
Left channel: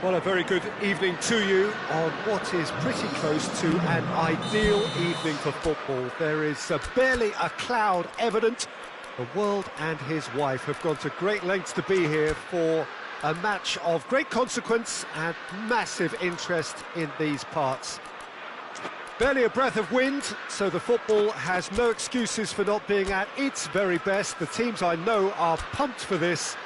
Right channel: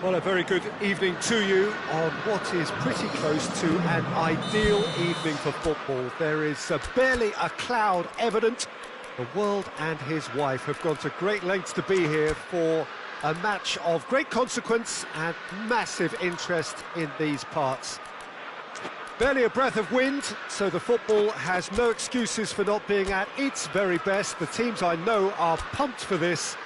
Well, a very good evening to you on what is pretty close to an ideal evening for football. There is barely a cloud evident. The world and his wife have gone to great lengths to be here for a match of great consequence and massive interest in these parts. Barely a breath of wind, so the football has no excuses for not being at its very best. The teams I know are pumped for this.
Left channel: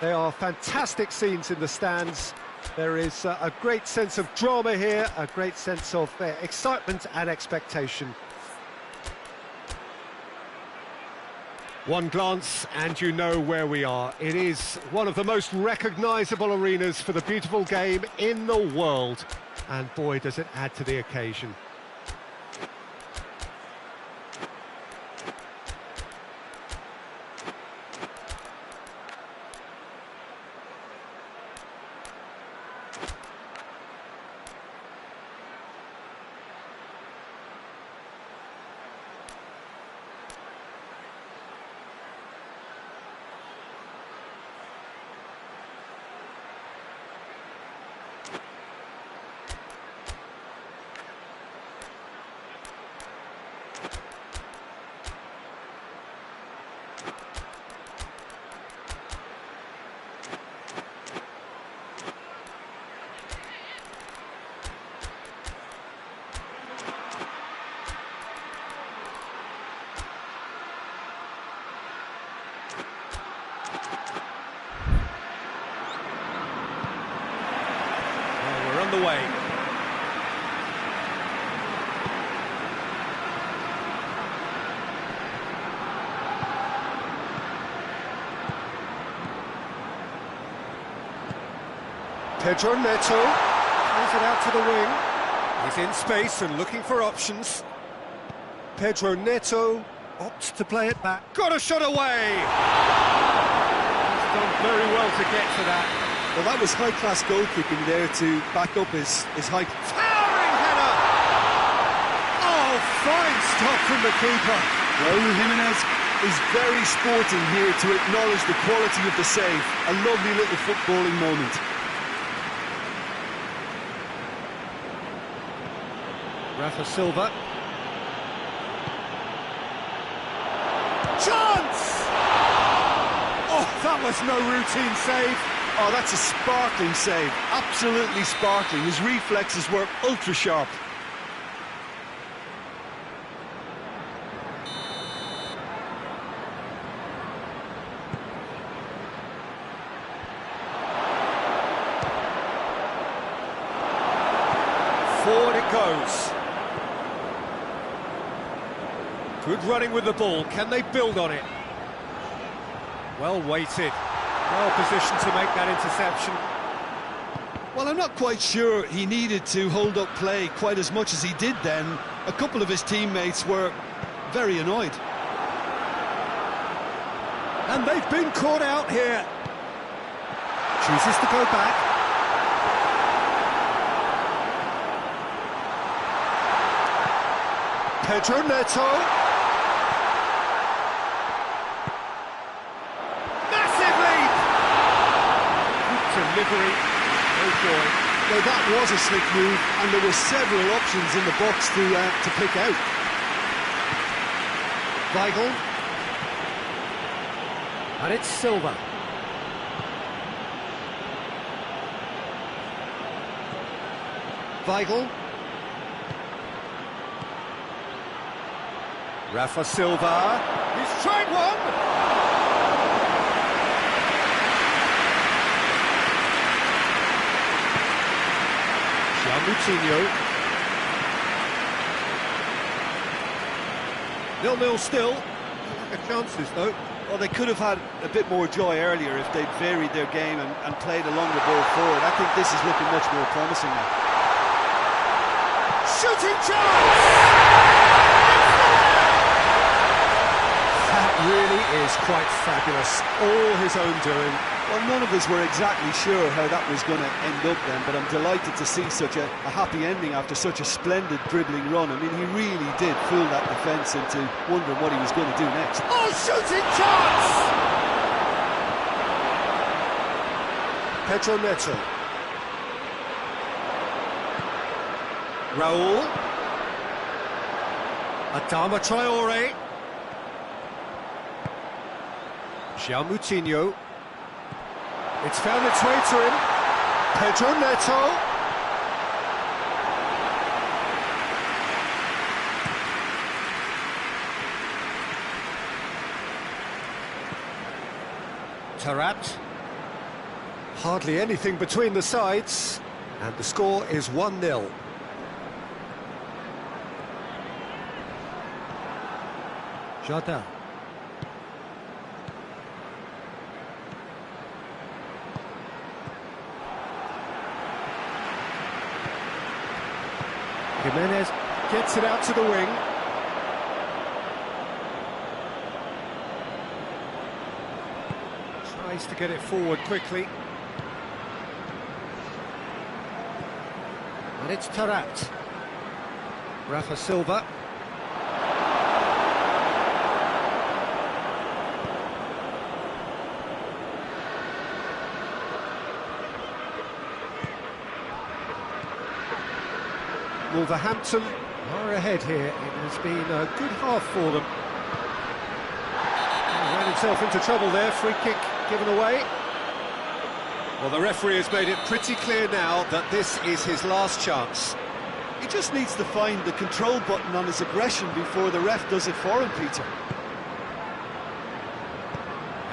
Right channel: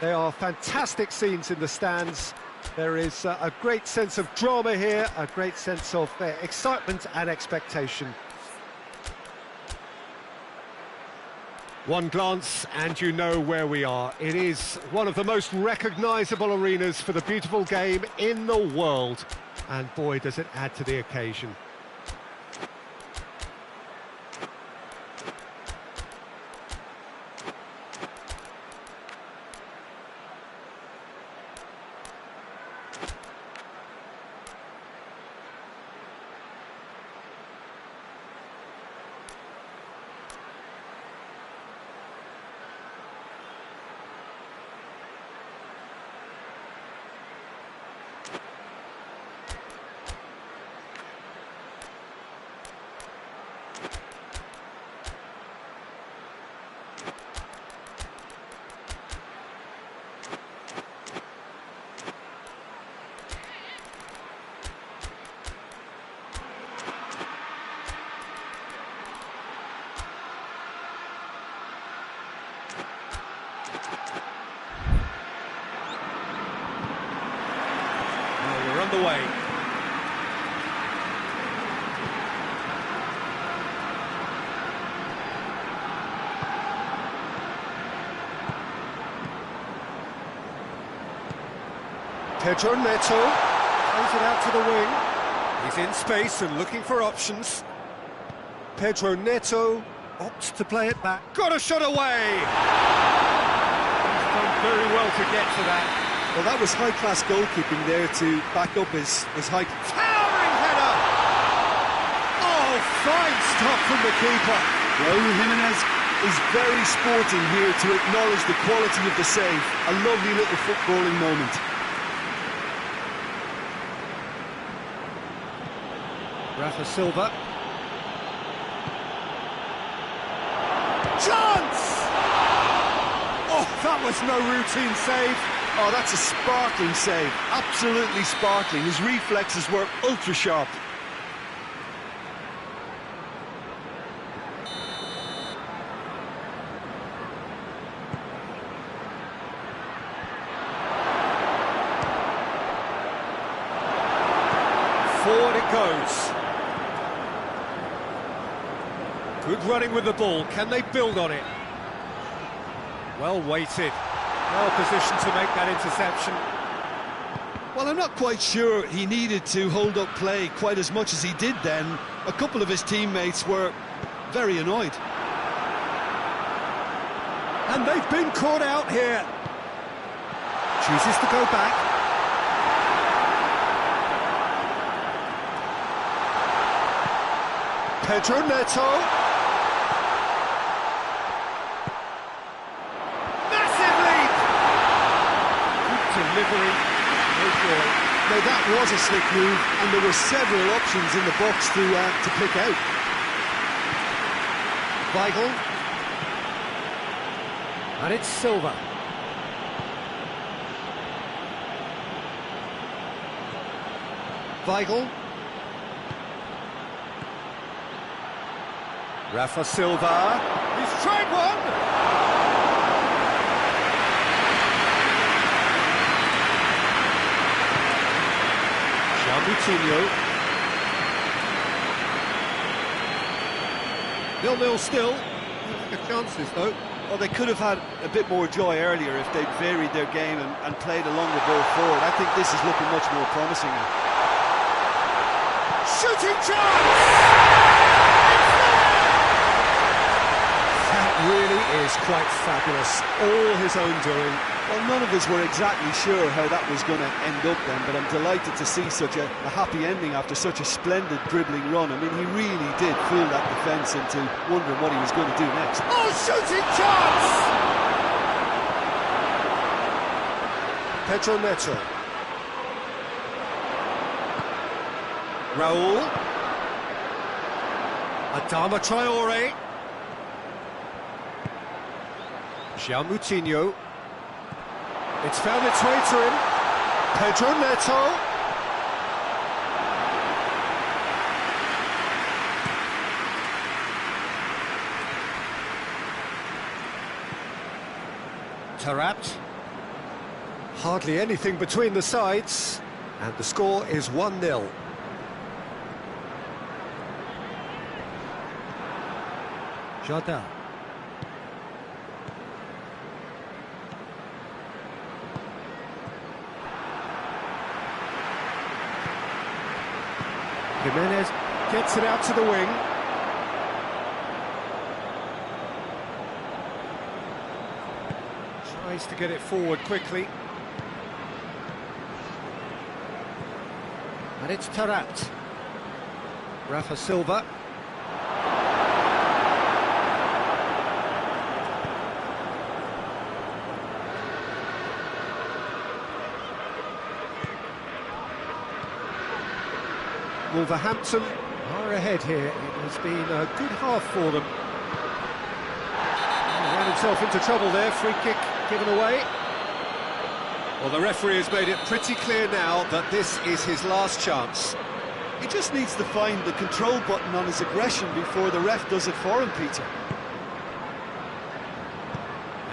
They are fantastic scenes in the stands. There is a great sense of drama here, a great sense of excitement and expectation. One glance and you know where we are. It is one of the most recognisable arenas for the beautiful game in the world. And boy, does it add to the occasion. Well, we're on the way. Pedro Neto plays it out to the wing. He's in space and looking for options. Pedro Neto opts to play it back. Got a shot away! He's done very well to get to that. Well, that was high-class goalkeeping there to back up his high... Towering header! Oh, fine stop from the keeper. Raúl Jiménez is very sporting here to acknowledge the quality of the save. A lovely little footballing moment. Rafa Silva. Chance! Oh, that was no routine save. Oh, that's a sparkling save. Absolutely sparkling. His reflexes were ultra sharp. Forward it goes. Good running with the ball. Can they build on it? Well weighted. Well positioned to make that interception. Well, I'm not quite sure he needed to hold up play quite as much as he did then. A couple of his teammates were very annoyed. And they've been caught out here. Chooses to go back. Pedro Neto. Massive leap! Good delivery, no joy. Now that was a slick move, and there were several options in the box to pick out. Weigl. And it's Silva. Weigl. Rafa Silva, he's tried one! João Moutinho. 0-0 still. Lack of chances though. Well, they could have had a bit more joy earlier if they'd varied their game and played a longer ball forward. I think this is looking much more promising now. Shooting chance! That really is quite fabulous. All his own doing. Well, none of us were exactly sure how that was going to end up then, but I'm delighted to see such a happy ending after such a splendid dribbling run. I mean, he really did fool that defence into wondering what he was going to do next. Oh, shooting chance! Pedro Neto. Raul. Adama Traore. João Moutinho. It's found its way to him. Pedro Neto. Taarabt. Hardly anything between the sides, and the score is 1-0. Jardel. Jimenez gets it out to the wing. Tries to get it forward quickly. And it's Taarabt. Rafa Silva. Wolverhampton are ahead here. It has been a good half for them. He ran himself into trouble there. Free kick given away. Well, the referee has made it pretty clear now that this is his last chance. He just needs to find the control button on his aggression before the ref does it for him, Peter.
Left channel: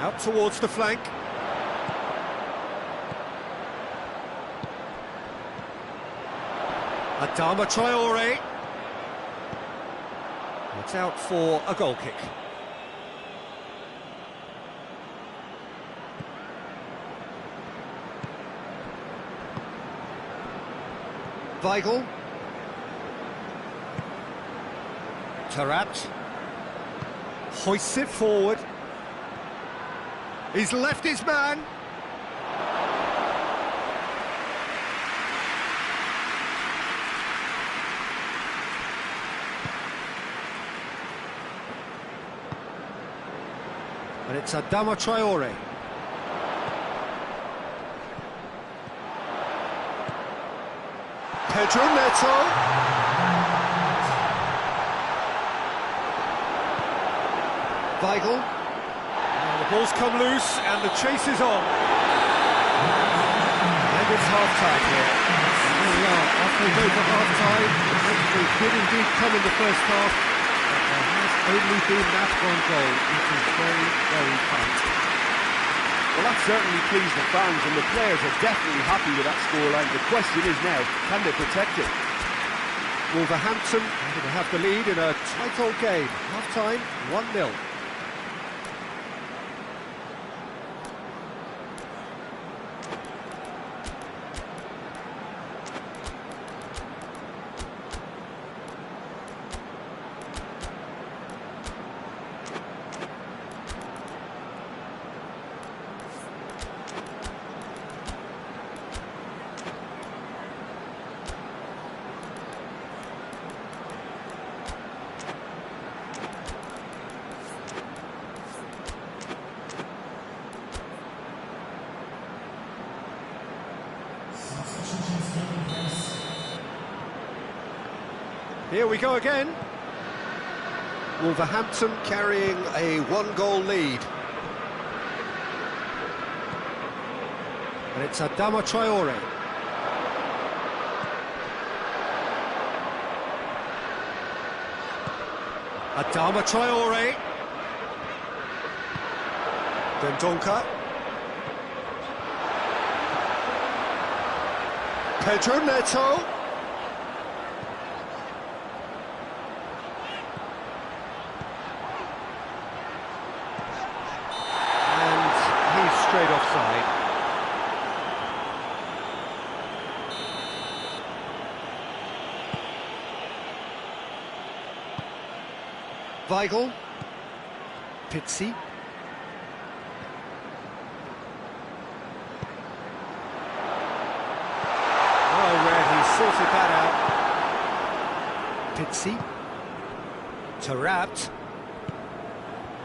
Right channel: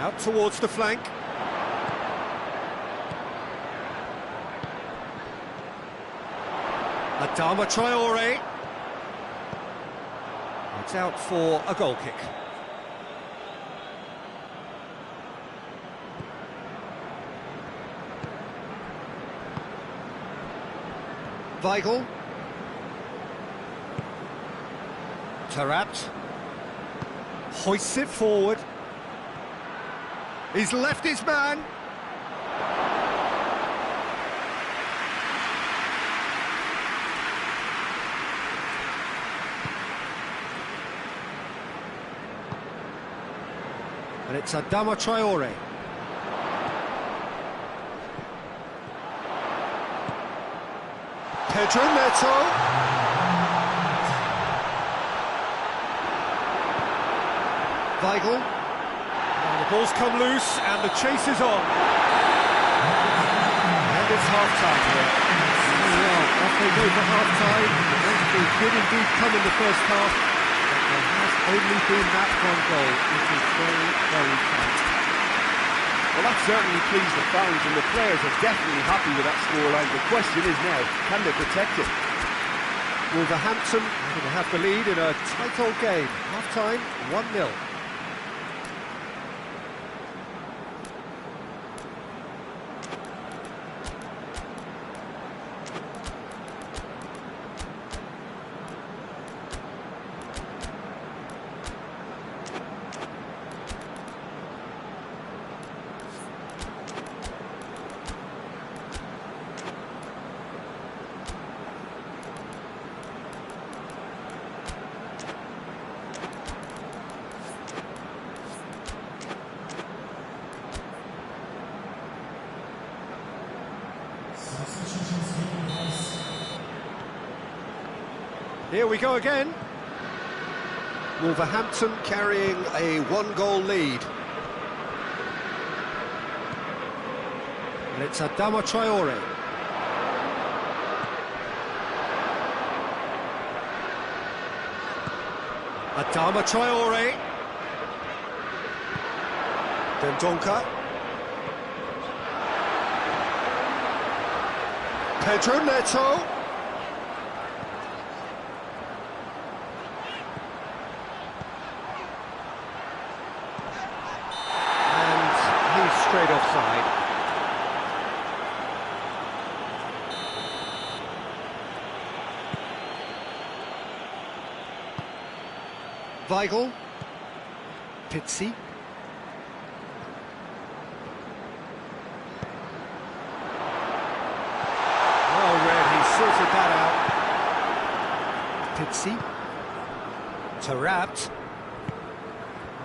Out towards the flank. Adama Traore. It's out for a goal kick. Weigl. Taarabt. Hoists it forward. He's left his man. And it's Adama Traore. Pedro Neto. Weigl. Now the ball's come loose and the chase is on. And it's half-time here. There we are, off they go for half-time. The breakthrough did indeed come in the first half, but there has only been that one goal, which is very, very tight. Well, that certainly pleased the fans, and the players are definitely happy with that scoreline. The question is now, can they protect it? Wolverhampton going to have the lead in a tight old game. Half-time, 1-0. Here we go again. Wolverhampton carrying a one-goal lead. And it's Adama Traore. Adama Traore. Dendoncker. Pedro Neto. Straight offside. Weigl. Pizzi. Well read, he sorted that out. Pizzi. Taarabt.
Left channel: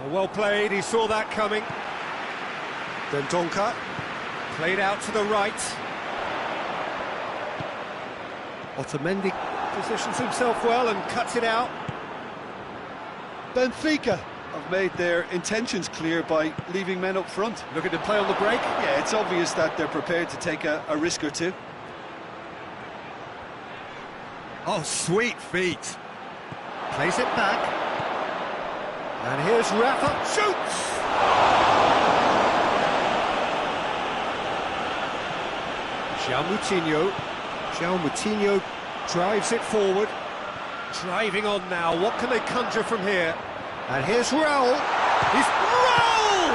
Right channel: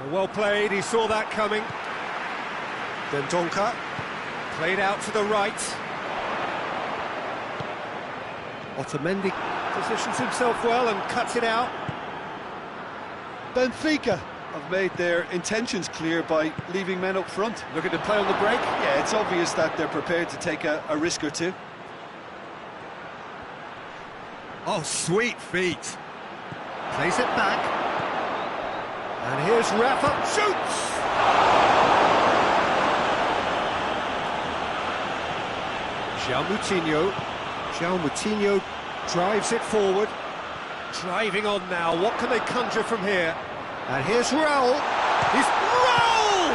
Well played, he saw that coming. Dendoncker, played out to the right. Otamendi Positions himself well and cuts it out. Benfica have made their intentions clear by leaving men up front. Looking to play on the break. Yeah, it's obvious that they're prepared to take a risk or two. Oh, sweet feet. Plays it back. And here's Rafa. Shoots! João Moutinho. João Moutinho drives it forward. Driving on now. What can they conjure from here? And here's Raul. He's Raul!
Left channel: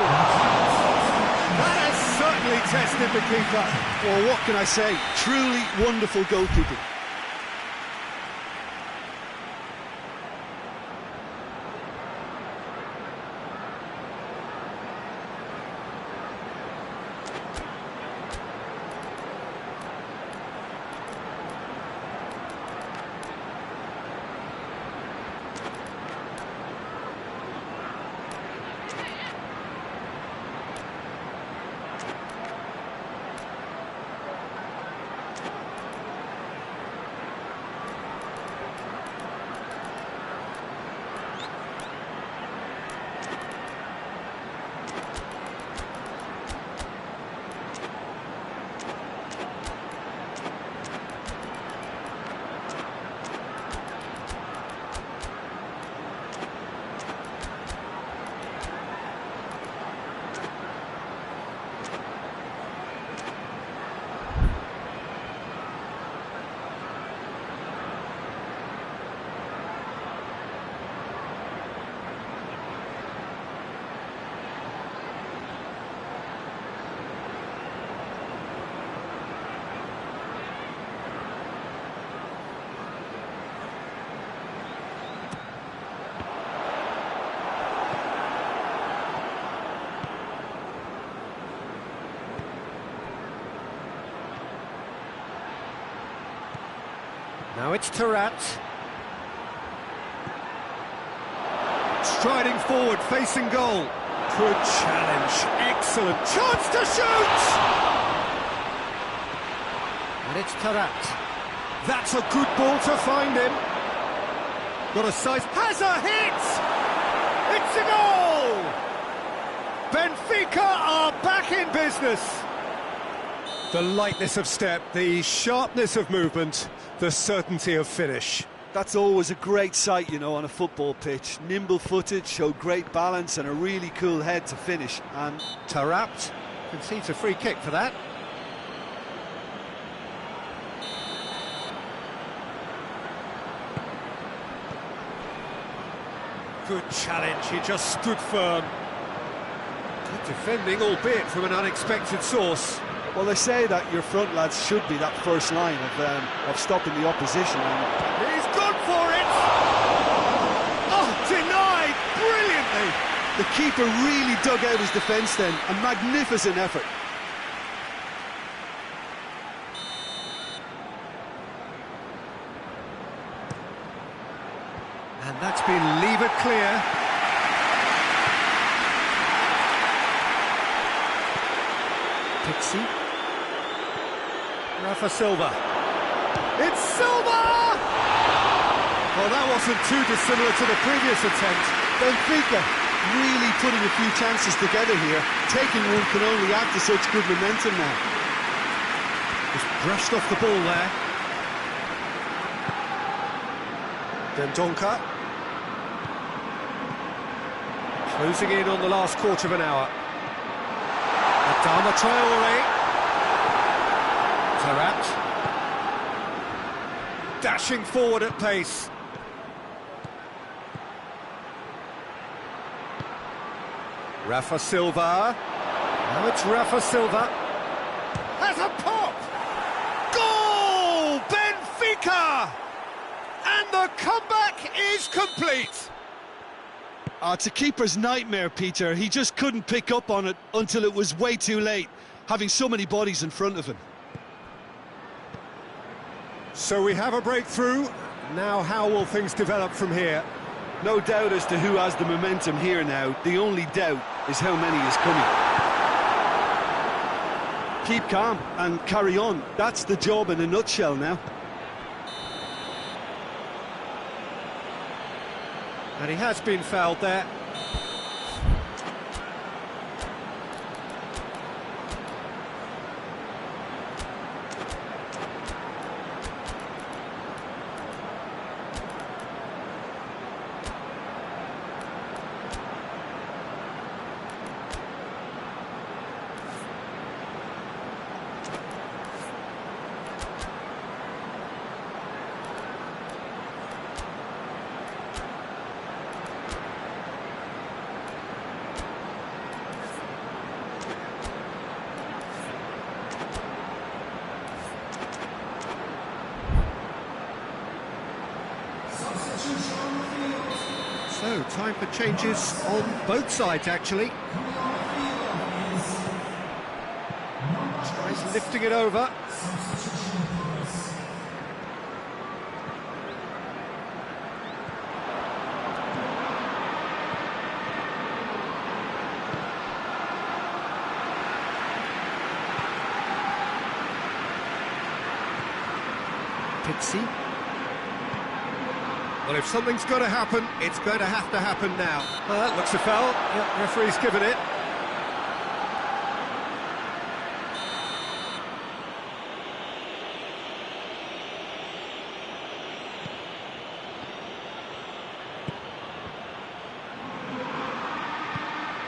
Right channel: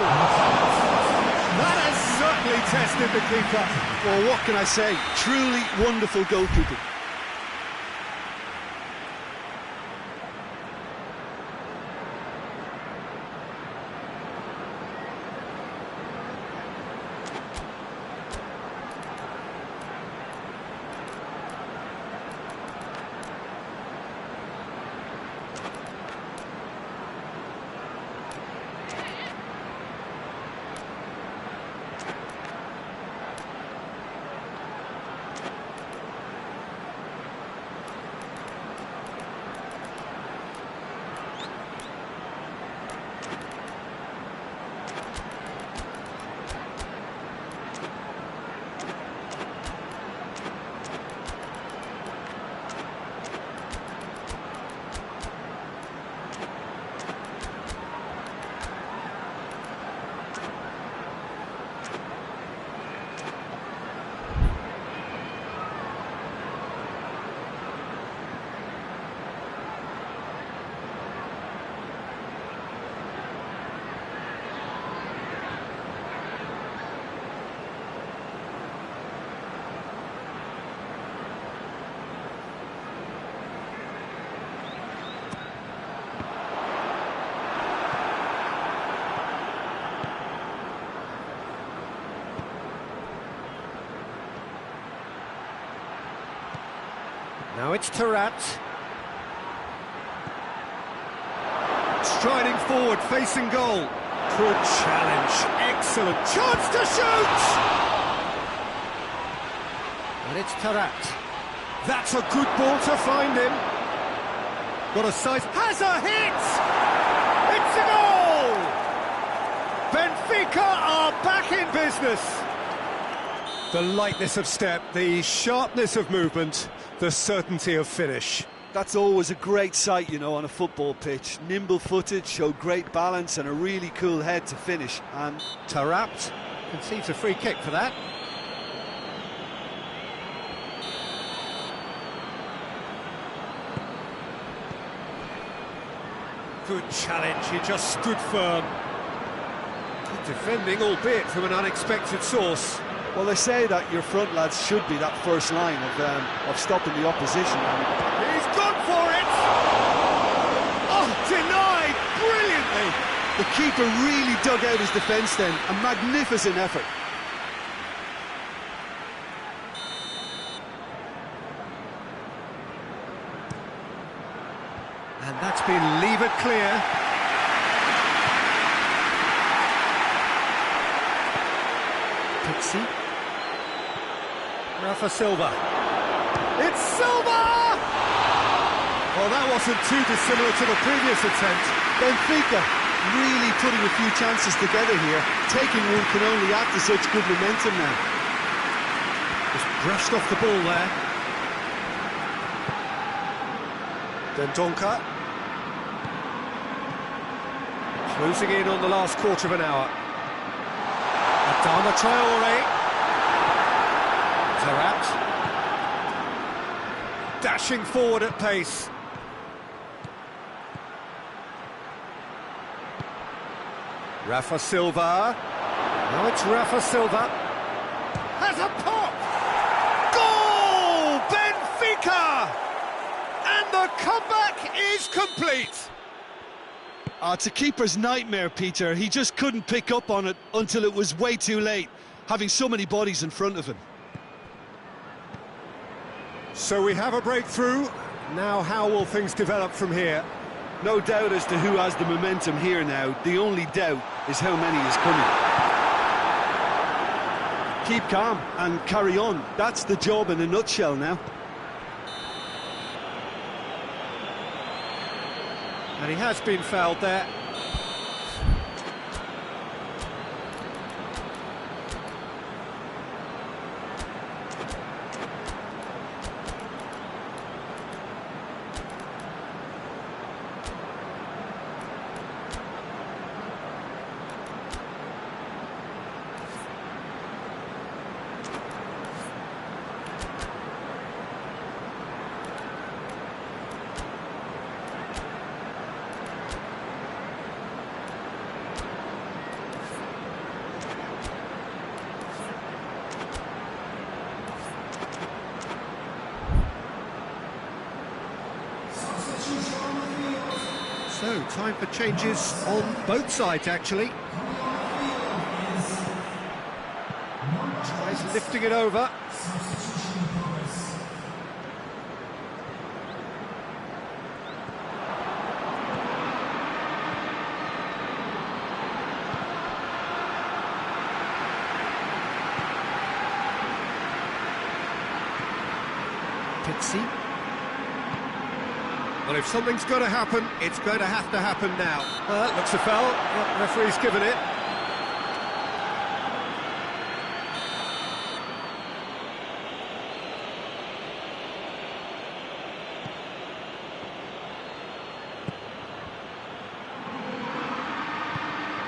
That has certainly tested the keeper. Well, what can I say? Truly wonderful goalkeeping. Now it's Tarat. Striding forward, facing goal. Good challenge, excellent chance to shoot! And it's Tarat. That's a good ball to find him. Got a size, has a hit! It's a goal! Benfica are back in business. The lightness of step, the sharpness of movement, the certainty of finish. That's always a great sight, you know, on a football pitch. Nimble-footed, showed great balance and a really cool head to finish. And Tarat concedes a free kick for that. Good challenge, he just stood firm. Good defending, albeit from an unexpected source. well, they say that your front lads should be that first line of stopping the opposition. And he's gone for it! Oh, denied brilliantly! the keeper really dug out his defence then. A magnificent effort. And that's been levered clear. Pixie. Rafa Silva. It's Silva! Well, that wasn't too dissimilar to the previous attempt. Benfica really putting a few chances together here. Taking one can only add to such good momentum now. Just brushed off the ball there. Dendonka. Closing in on the last quarter of an hour. Adama Traore. Tarat. Dashing forward at pace. Rafa Silva. Now it's Rafa Silva. Has a pop! Goal! Benfica! And the comeback is complete! It's a keeper's nightmare, Peter. He just couldn't pick up on it until it was way too late, having so many bodies in front of him. So we have a breakthrough. Now how will things develop from here? No doubt as to who has the momentum here now. The only doubt is how many is coming. Keep calm and carry on. That's the job in a nutshell now. And he has been fouled there. So, time for changes on both sides, actually. Tries lifting it over. Pizzi. Well, if something's got to happen, it's going to happen now. That looks a foul. Yep, referee's given it.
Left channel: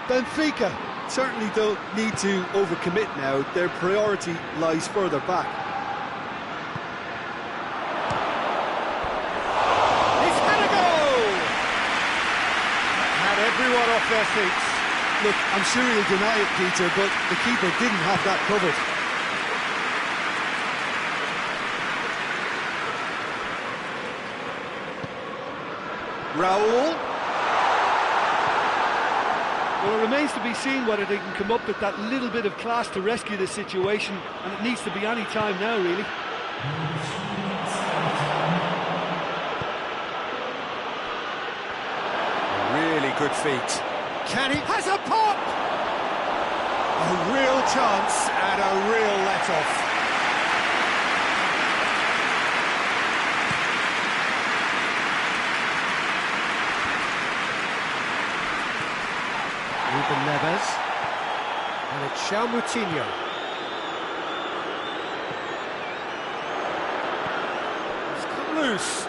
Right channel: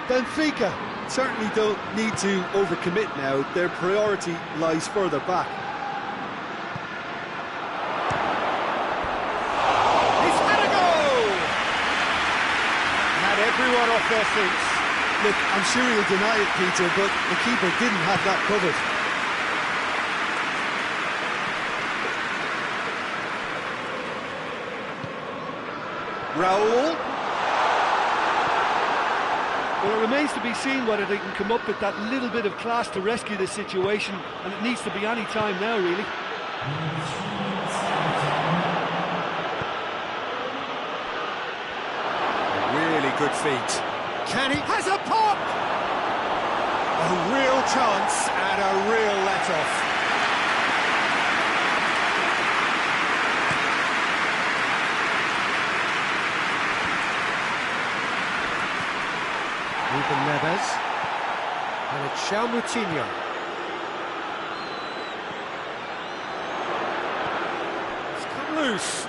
Benfica certainly don't need to overcommit now. Their priority lies further back. Everyone off their seats. Look, I'm sure he'll deny it, Peter, but the keeper didn't have that covered. Raul. Well, it remains to be seen whether they can come up with that little bit of class to rescue the situation, and it needs to be any time now, really. Really good feet. Can he? Has a pop! A real chance and a real let-off. Ruben Neves. And it's João Moutinho. It's come loose.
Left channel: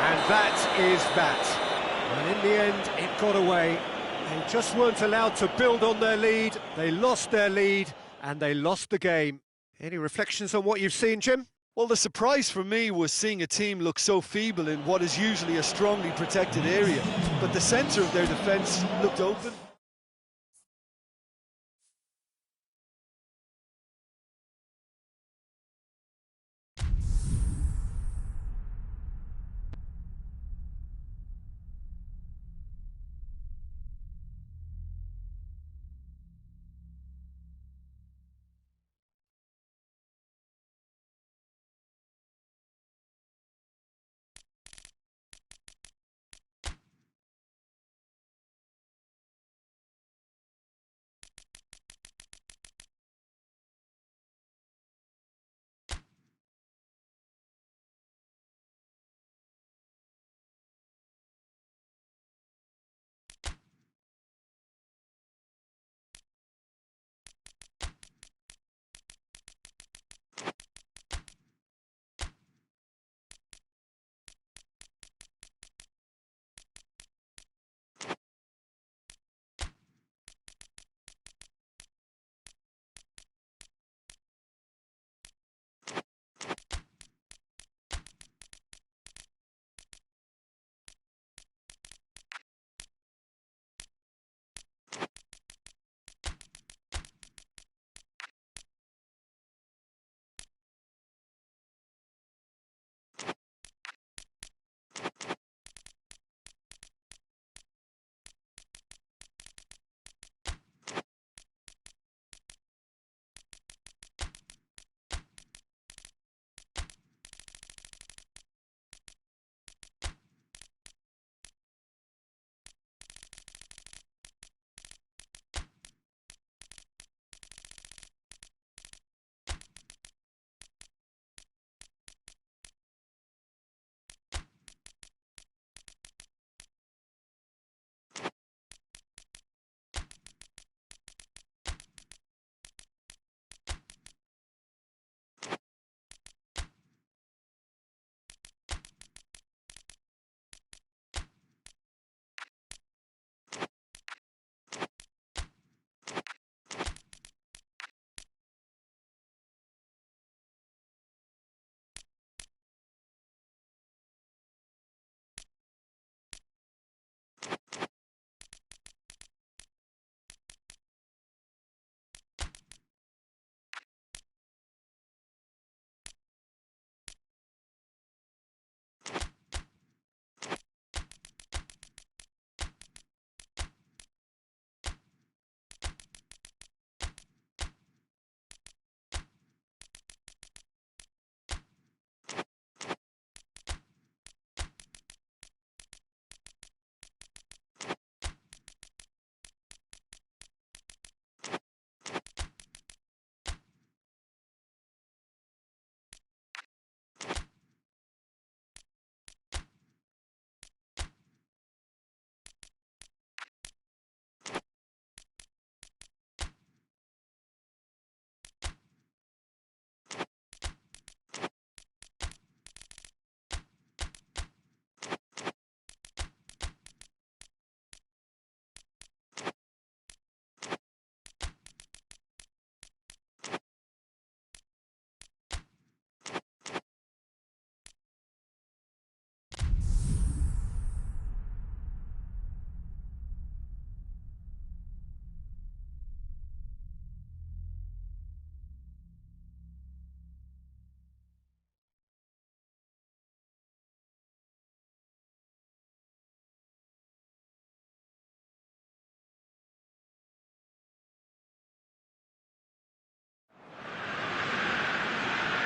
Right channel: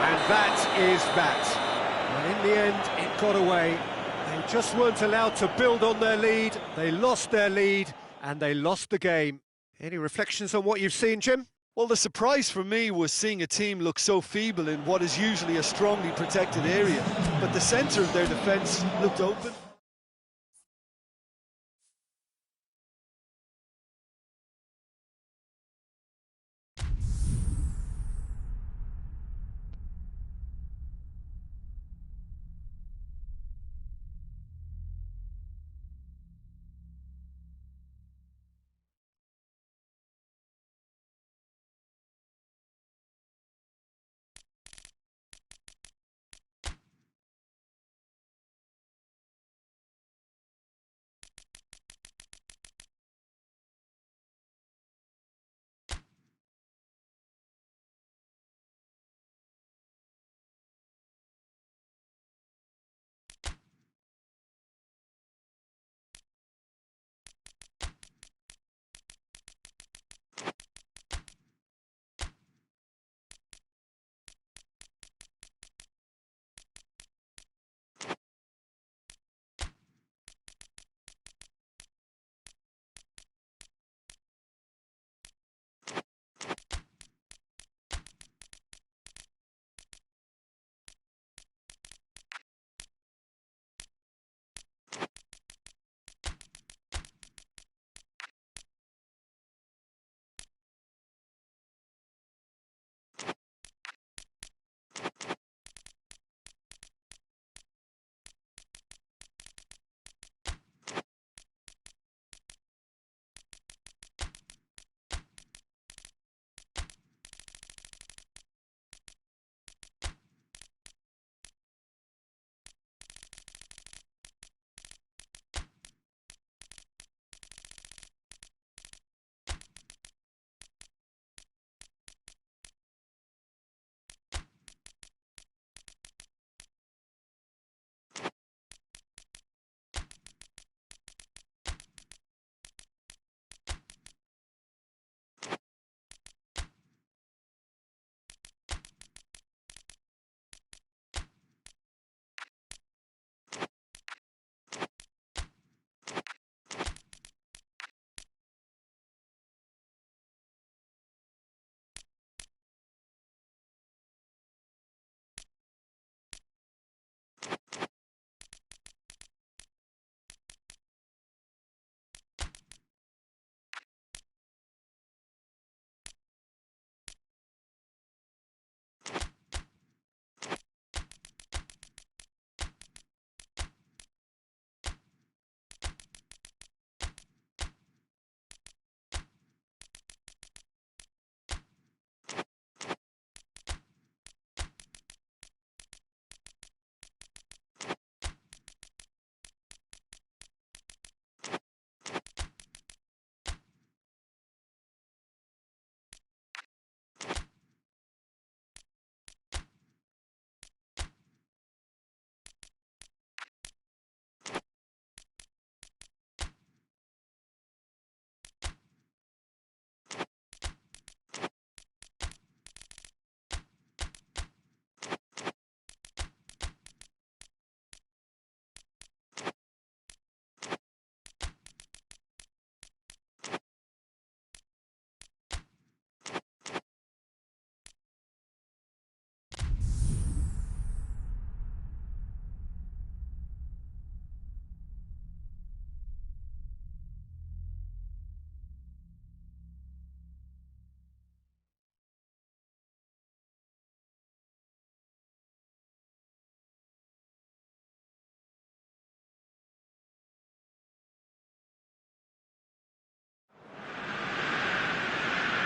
And that is that. And in the end, it got away. They just weren't allowed to build on their lead. They lost their lead, and they lost the game. Any reflections on what you've seen, Jim? Well, the surprise for me was seeing a team look so feeble in what is usually a strongly protected area. But the centre of their defence looked open.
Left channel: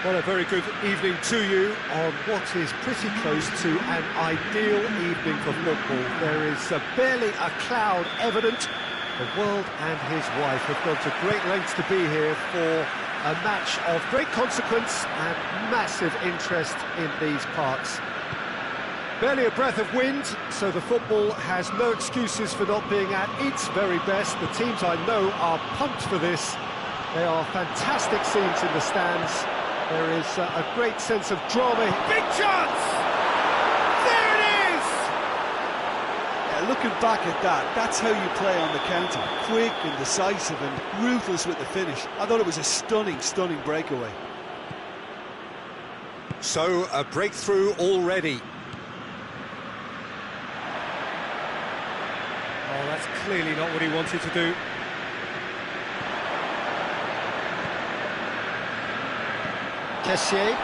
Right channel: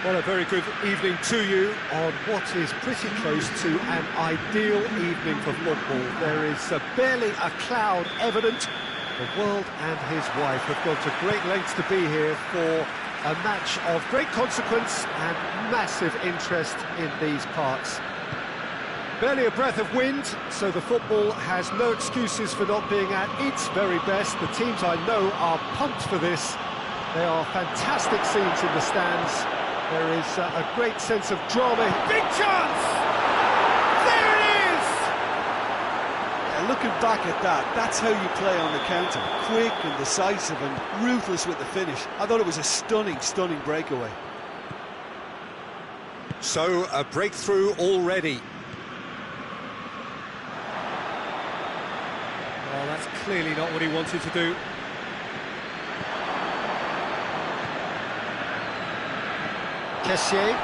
Well, a very good evening to you on what is pretty close to an ideal evening for football. There is barely a cloud evident. The world and his wife have gone to great lengths to be here for a match of great consequence and massive interest in these parts. Barely a breath of wind, so the football has no excuses for not being at its very best. The teams I know are pumped for this. They are fantastic scenes in the stands. There is a great sense of drama. Big chance! There it is! Yeah, looking back at that, that's how you play on the counter. Quick and decisive and ruthless with the finish. I thought it was a stunning, stunning breakaway. So, a breakthrough already. Oh, that's clearly not what he wanted to do. Kessié.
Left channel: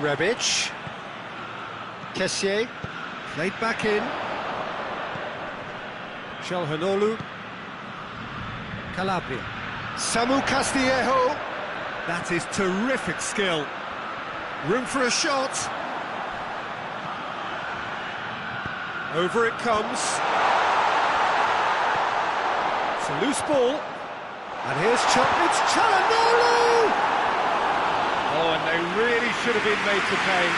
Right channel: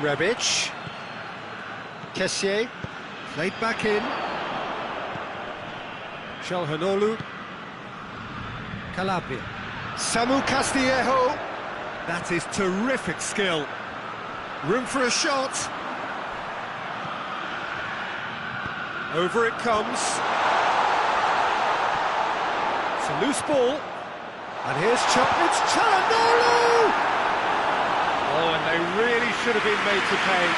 Rebic. Kessié. Played back in. Çalhanoğlu. Calabria. Samu Castillejo. That is terrific skill. Room for a shot. Over it comes. It's a loose ball. And here's it's Çalhanoğlu! Oh, and they really should have been made to pay.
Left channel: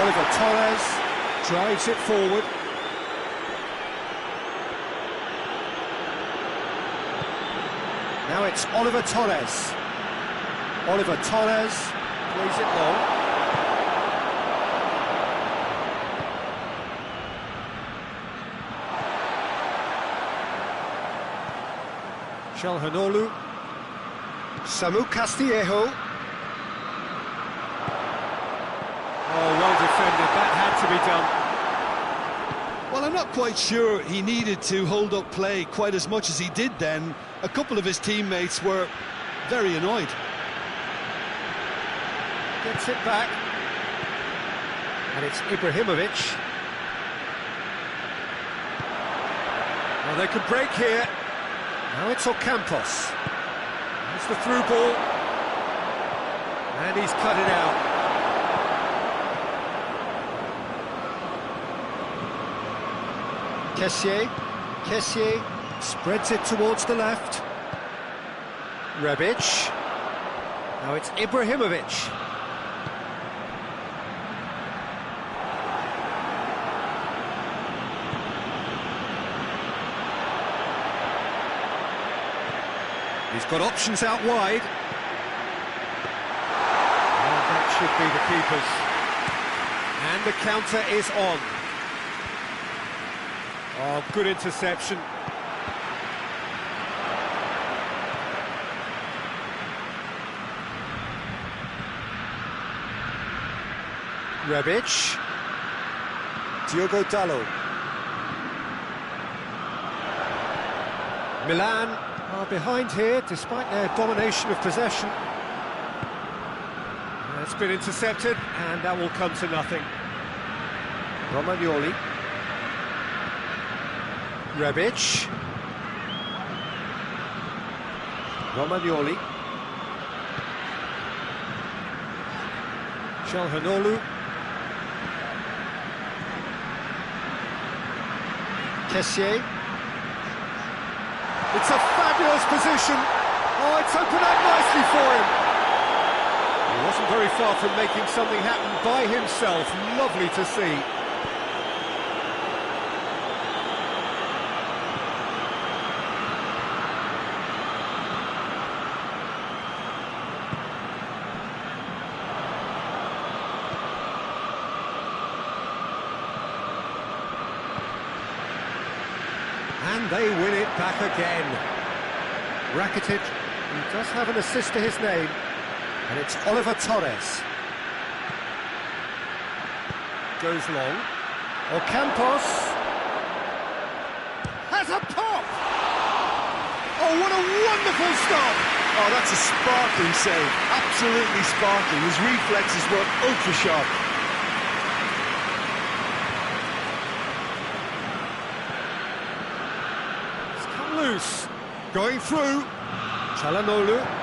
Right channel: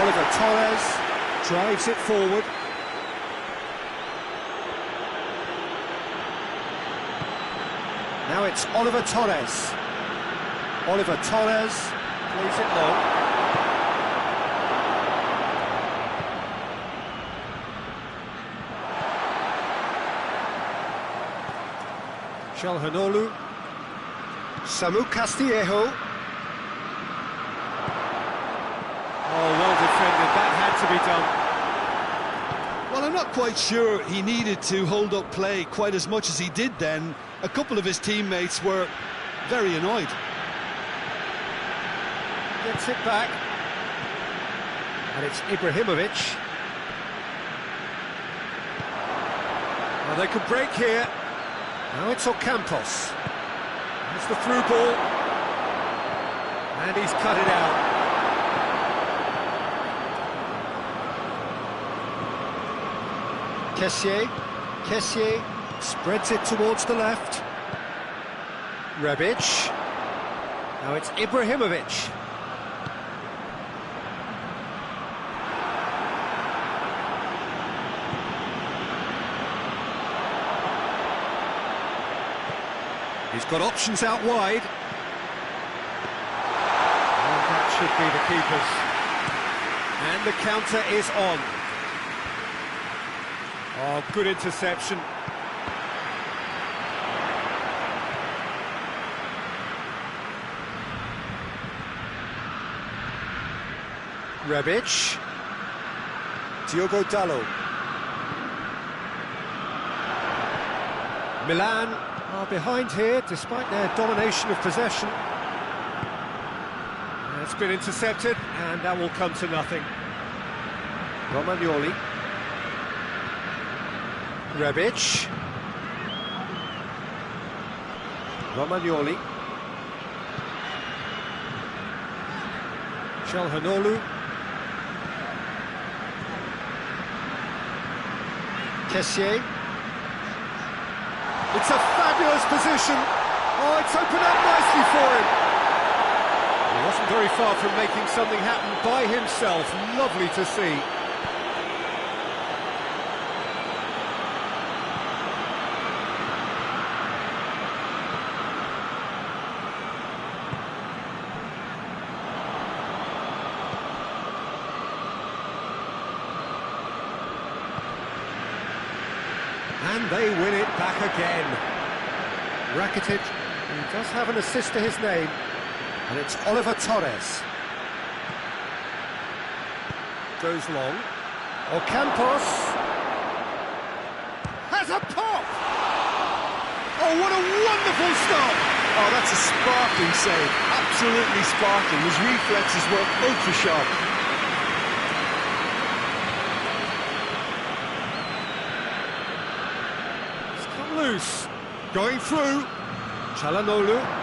Oliver Torres drives it forward. Now it's Oliver Torres. Oliver Torres plays it long. Çalhanoğlu. Samu Castillejo. Oh, well defended. That had to be done. Well, I'm not quite sure he needed to hold up play quite as much as he did then. A couple of his teammates were very annoyed. Gets it back. And it's Ibrahimovic. Well, they could break here. Now it's Ocampos. There's the through ball. And he's cut it out. Kessié spreads it towards the left. Rebic. Now it's Ibrahimovic. He's got options out wide. Oh, that should be the keeper's. And the counter is on. Oh, good interception. Rebic. Diogo Dalot. Milan are behind here, despite their domination of possession. It's been intercepted, and that will come to nothing. Romagnoli. Rebic. Romagnoli. Çalhanoğlu. Kessié. It's a fabulous position. Oh, it's opened up nicely for him. He wasn't very far from making something happen by himself. Lovely to see. And they win it back again. Rakitic, he does have an assist to his name, and it's Oliver Torres. Goes long. Ocampos has a pop! Oh, what a wonderful stop! Oh, that's a sparkling save. Absolutely sparkling. His reflexes were ultra sharp. loose. Going through. Çalhanoğlu.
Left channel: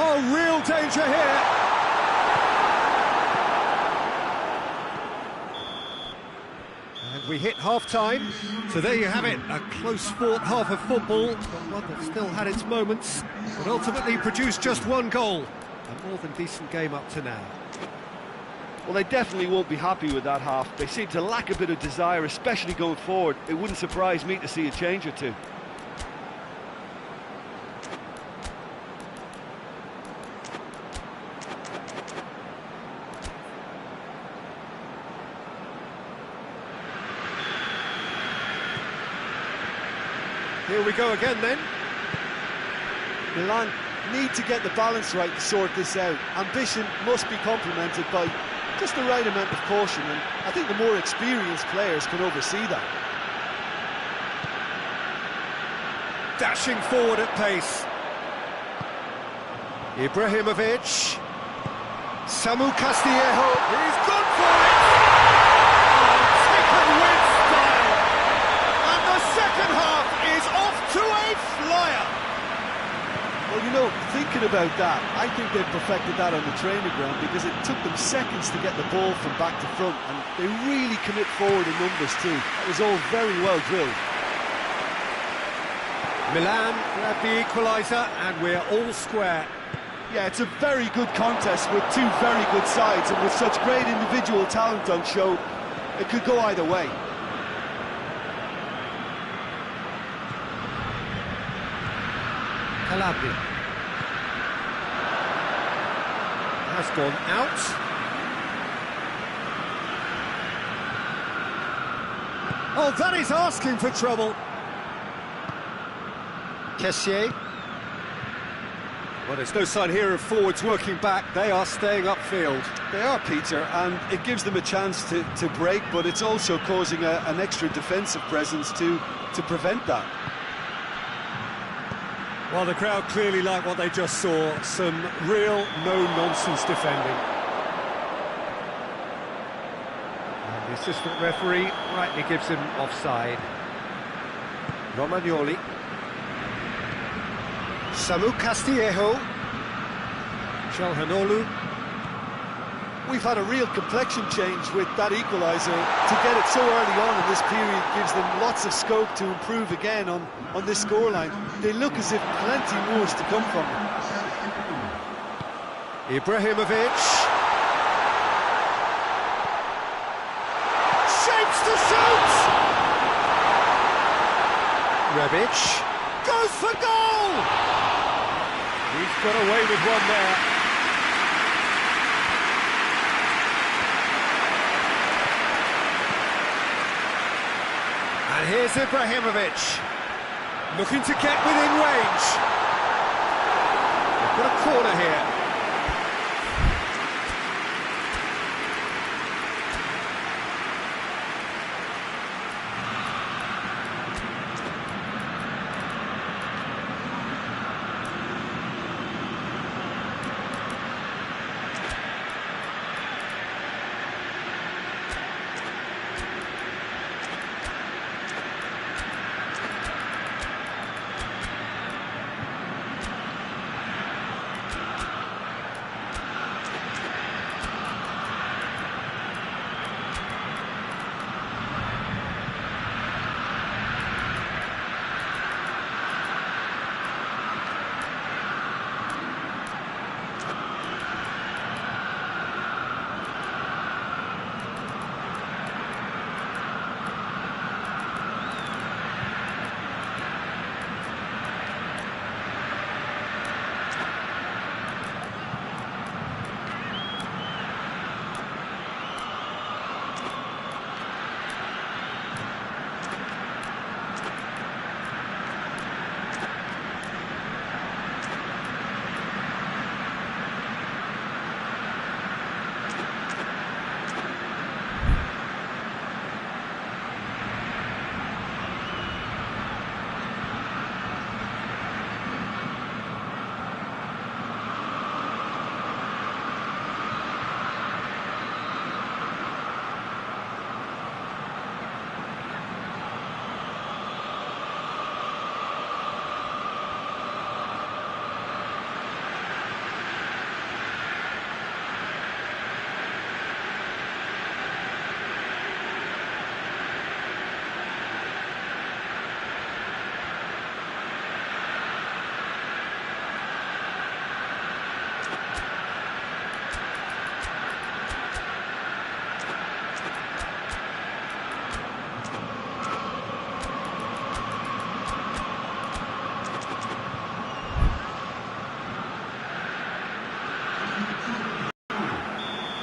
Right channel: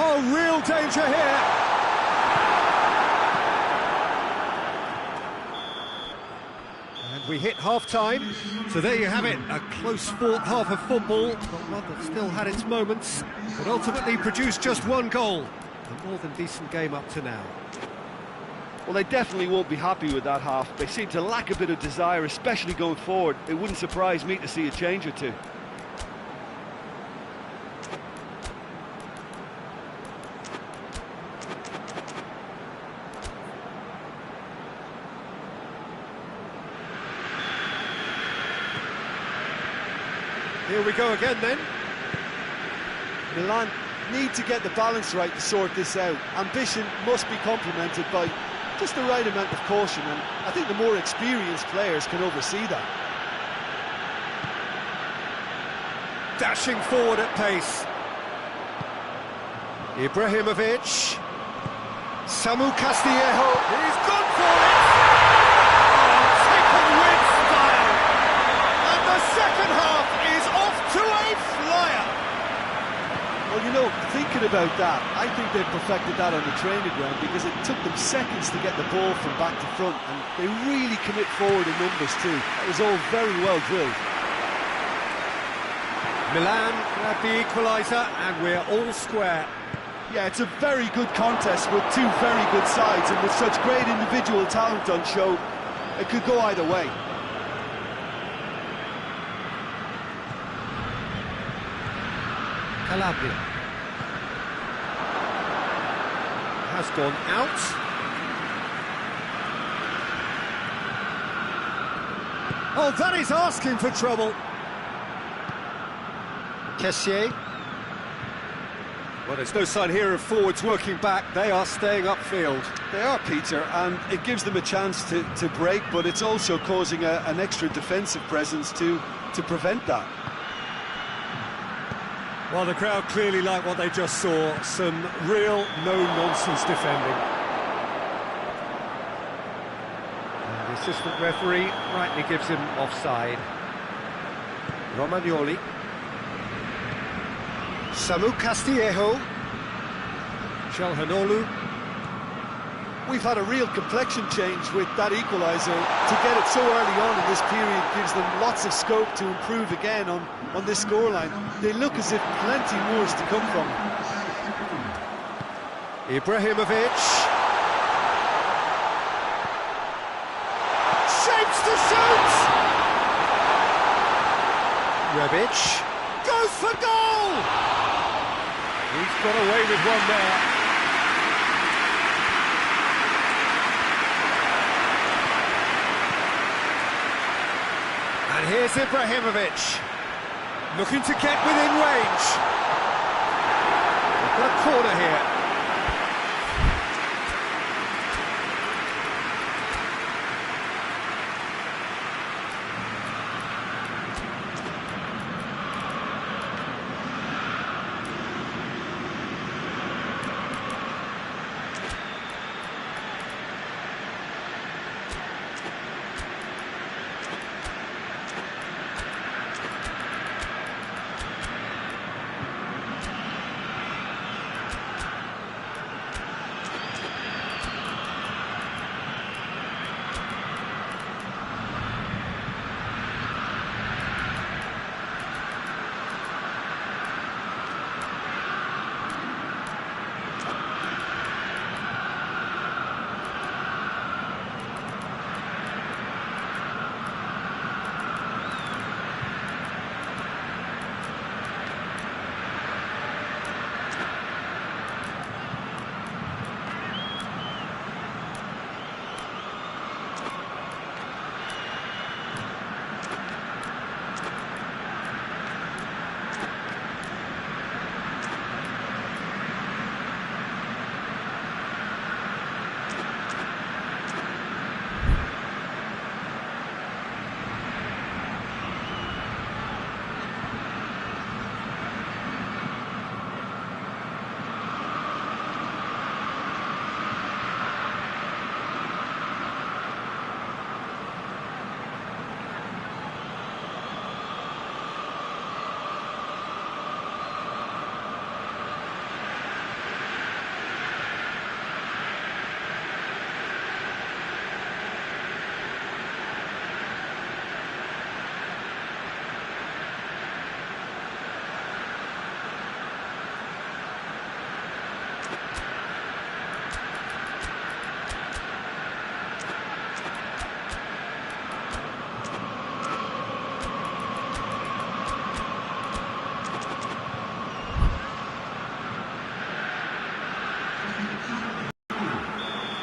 Oh, real danger here. And we hit half-time. So there you have it, a close-fought half of football, but one that still had its moments, but ultimately produced just one goal. A more than decent game up to now. Well, they definitely won't be happy with that half. They seem to lack a bit of desire, especially going forward. It wouldn't surprise me to see a change or two. Here we go again then. Milan need to get the balance right to sort this out. Ambition must be complemented by just the right amount of caution, and I think the more experienced players can oversee that. Dashing forward at pace. Ibrahimovic. Samu Castillejo. He's gone for it! Oh, taken with style! And the second half is off to a flyer! Well, you know, thinking about that, I think they've perfected that on the training ground because it took them seconds to get the ball from back to front, and they really commit forward in numbers too. That was all very well drilled. Milan grabbed the equaliser, and we're all square. Yeah, it's a very good contest with two very good sides, and with such great individual talent on show, it could go either way. Calabria has gone out. Oh, that is asking for trouble. Kessié. Well, there's no sign here of forwards working back. They are staying upfield. They are, Peter, and it gives them a chance to break, but it's also causing an extra defensive presence to prevent that. Well, the crowd clearly like what they just saw. Some real no-nonsense defending. And the assistant referee rightly gives him offside. Romagnoli. Samu Castillejo. Çalhanoğlu. We've had a real complexion change with that equaliser. To get it so early on in this period gives them lots of scope to improve again on this scoreline. They look as if plenty more is to come from them. Ibrahimovic. Shapes to shoot! Rebic goes for goal! He's got away with one there. And here's Ibrahimovic, looking to get within range. They've got a corner here.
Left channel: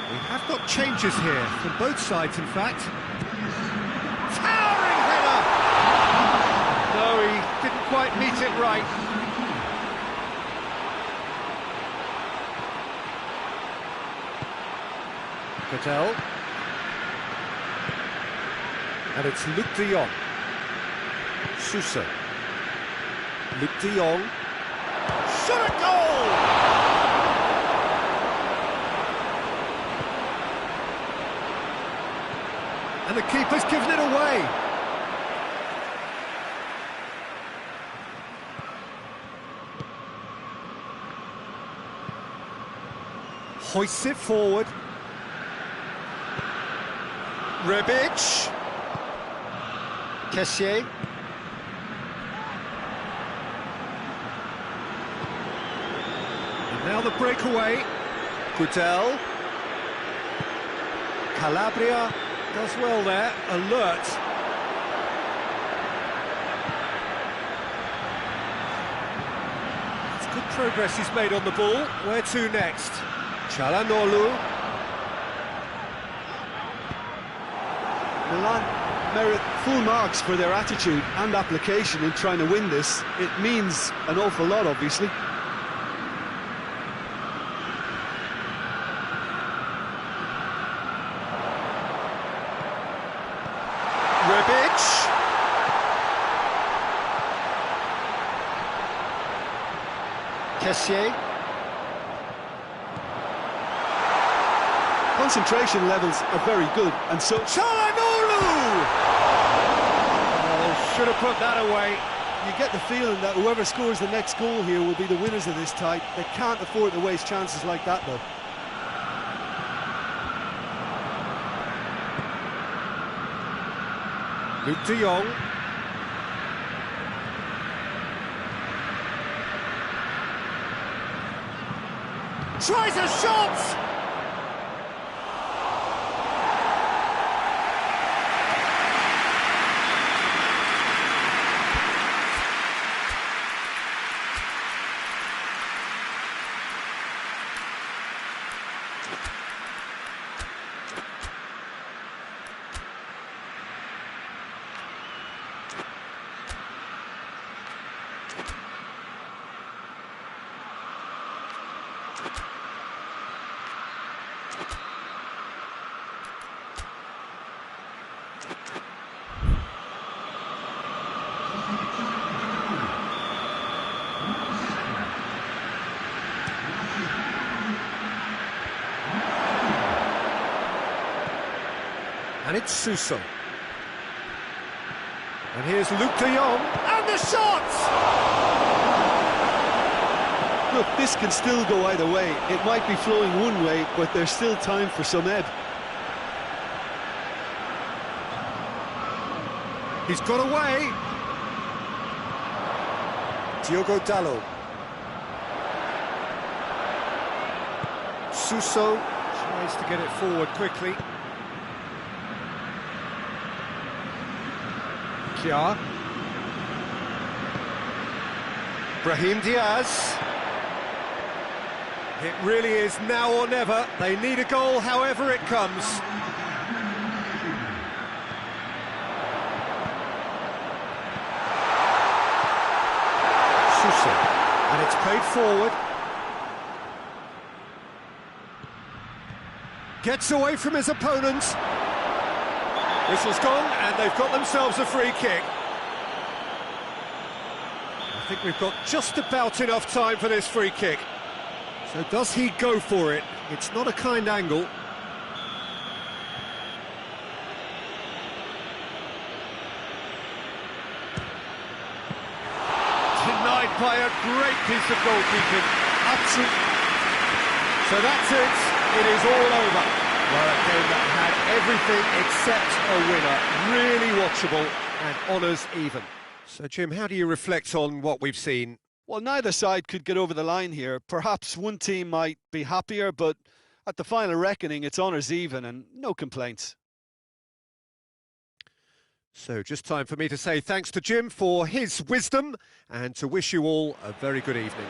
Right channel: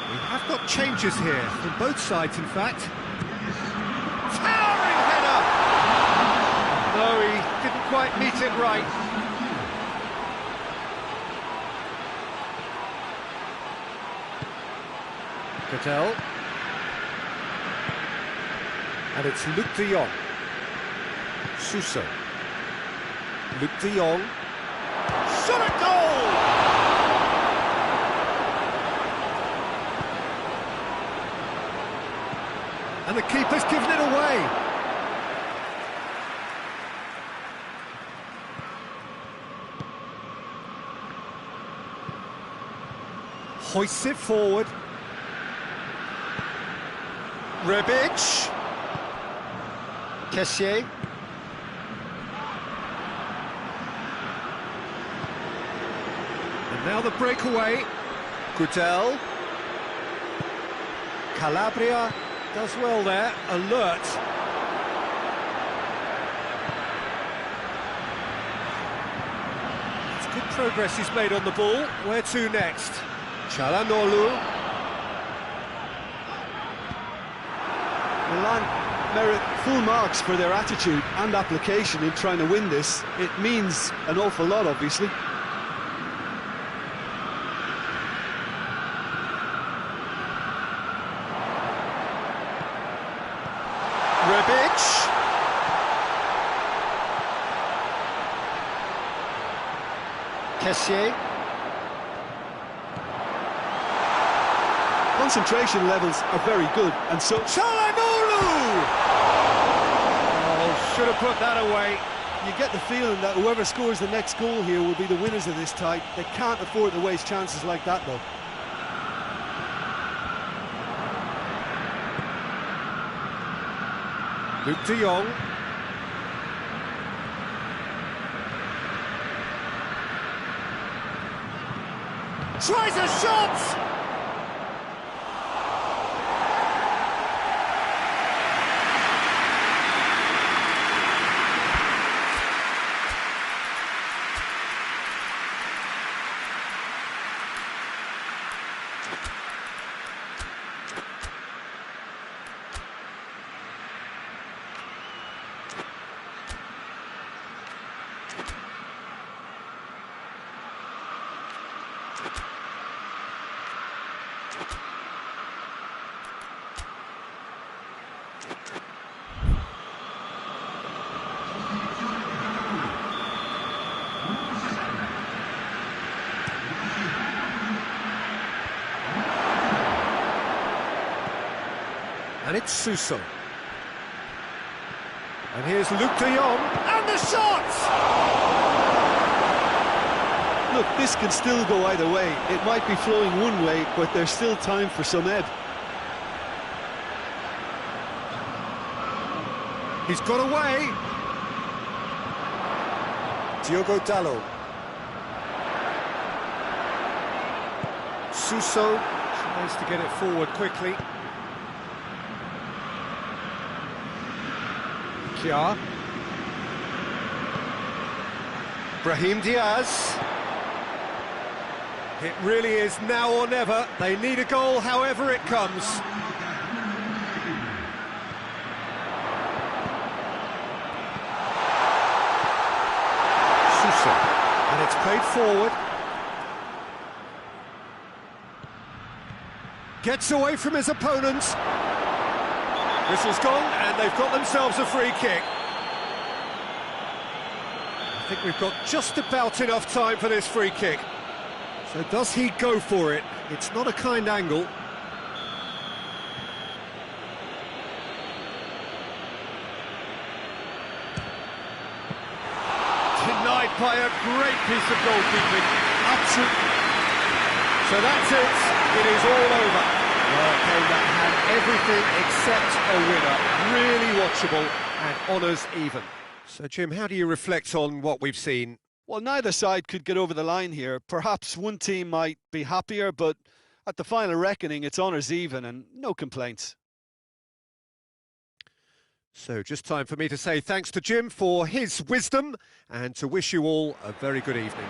We have got changes here, from both sides in fact. Towering header! No, he didn't quite meet it right. Cattell. And it's Luc de Jong. Suso. Luc de Jong. Shot at goal! And the keeper's given it away. Hoists it forward. Rebic. Kessié. And now the breakaway. Courtel. Calabria does well there, alert. It's good progress he's made on the ball. Where to next? Çalhanoğlu. Milan merit full marks for their attitude and application in trying to win this. It means an awful lot, obviously. Rebic. Kessié. Concentration levels are very good, and so... Çalhanoğlu! Oh, should have put that away. You get the feeling that whoever scores the next goal here will be the winners of this tie. They can't afford to waste chances like that, though. Luc de Jong. Tries a shot! And it's Suso. And here's Luc de Jong, and the shot! Look, this can still go either way. It might be flowing one way, but there's still time for some ebb. He's got away. Diogo Dalot. Suso tries to get it forward quickly. Kjaer. Brahim Diaz. It really is now or never. They need a goal however it comes. Suso. And it's played forward. Gets away from his opponent. Whistle's gone, and they've got themselves a free kick. I think we've got just about enough time for this free kick. So does he go for it? It's not a kind angle. Denied by a great piece of goalkeeping. Absolutely. So that's it. It is all over. Well, a game that had everything except a winner. Really watchable and honours even. So, Jim, how do you reflect on what we've seen? Well, neither side could get over the line here. Perhaps one team might be happier, but at the final reckoning, it's honours even and no complaints. So, just time for me to say thanks to Jim for his wisdom and to wish you all a very good evening.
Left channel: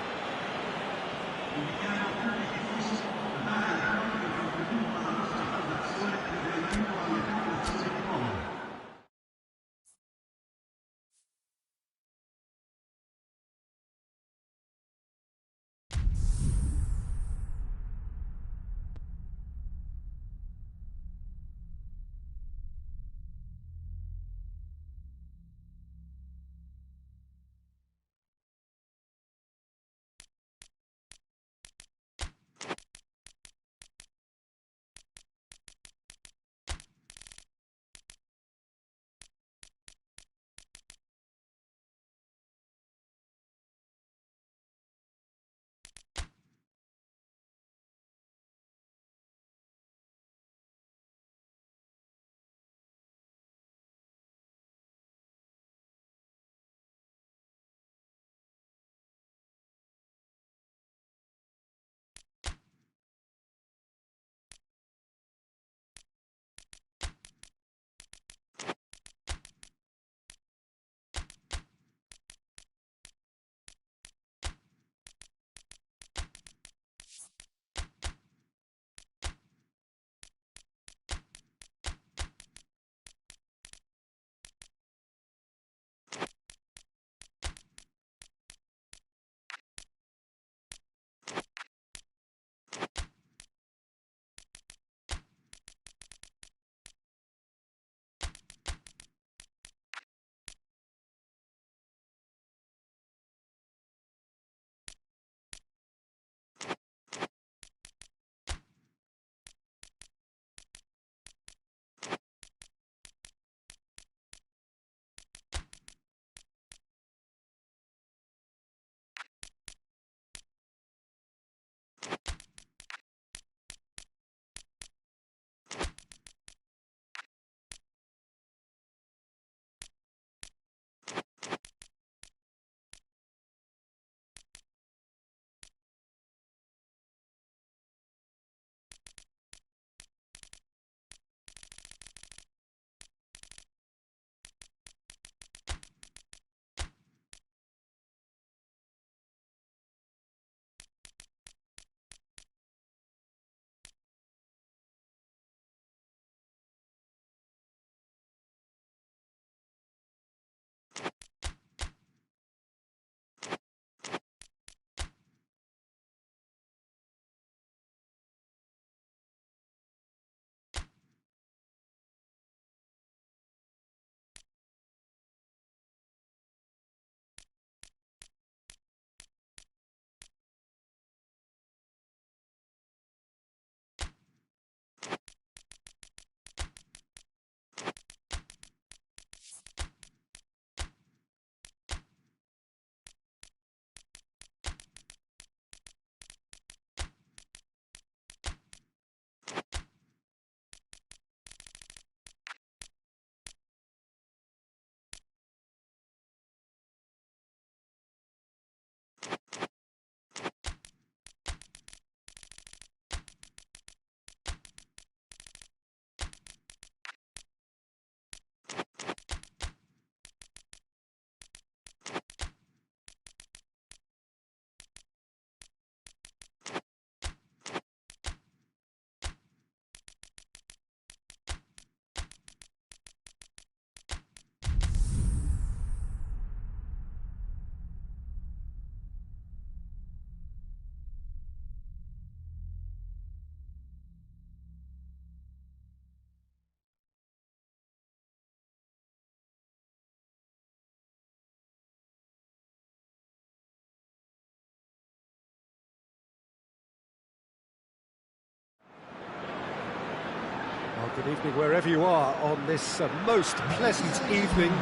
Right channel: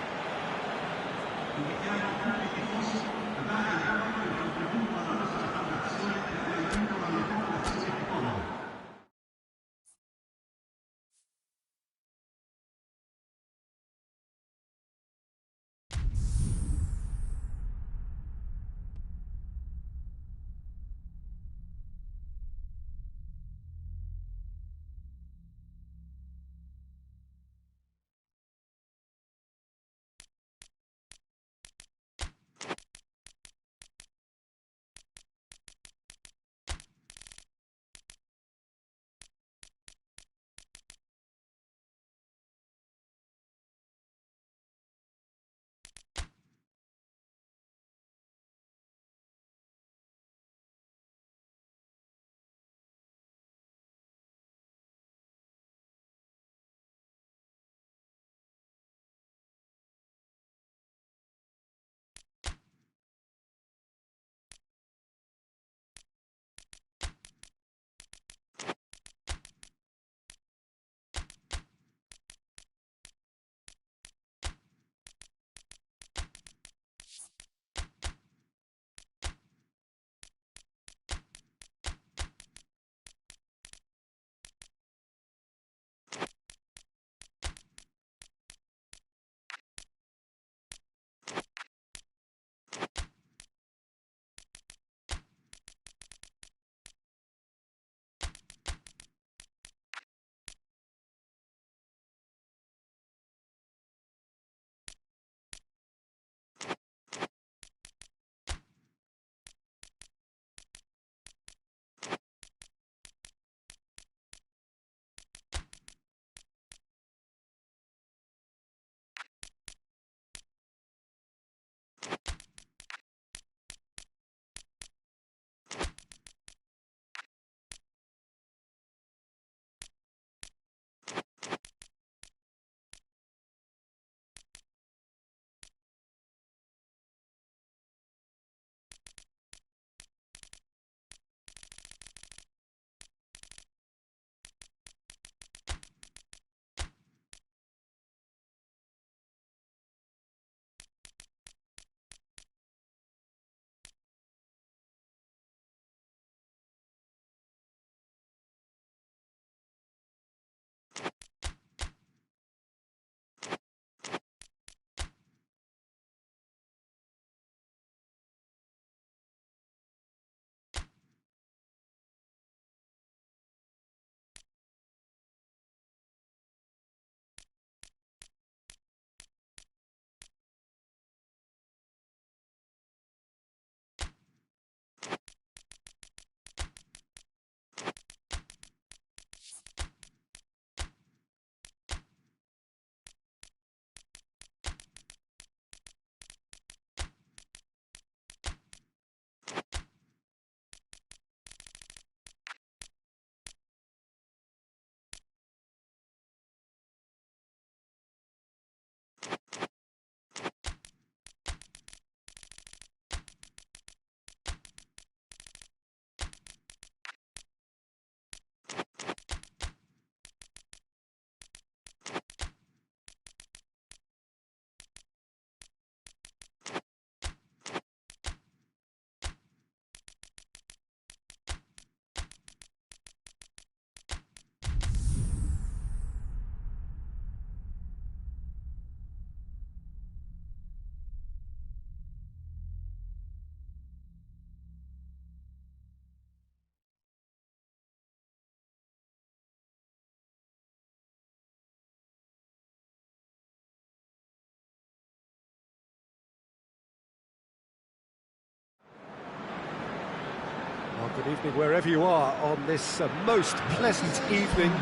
Well, good evening wherever you are on this most pleasant evening.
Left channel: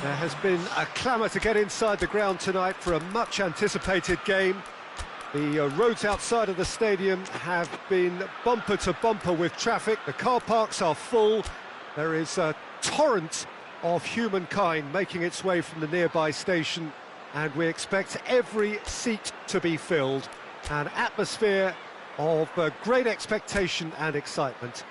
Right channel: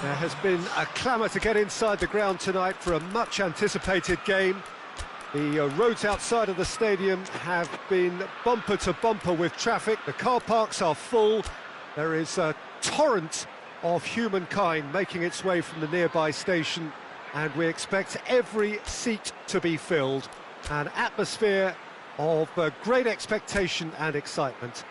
There has been a clamour to get inside the ground tonight for a much-anticipated game. The roads outside of the stadium have been bumper to bumper with traffic. The car parks are full. There is a torrent of humankind making its way from the nearby station, and we expect every seat to be filled. An atmosphere of great expectation and excitement.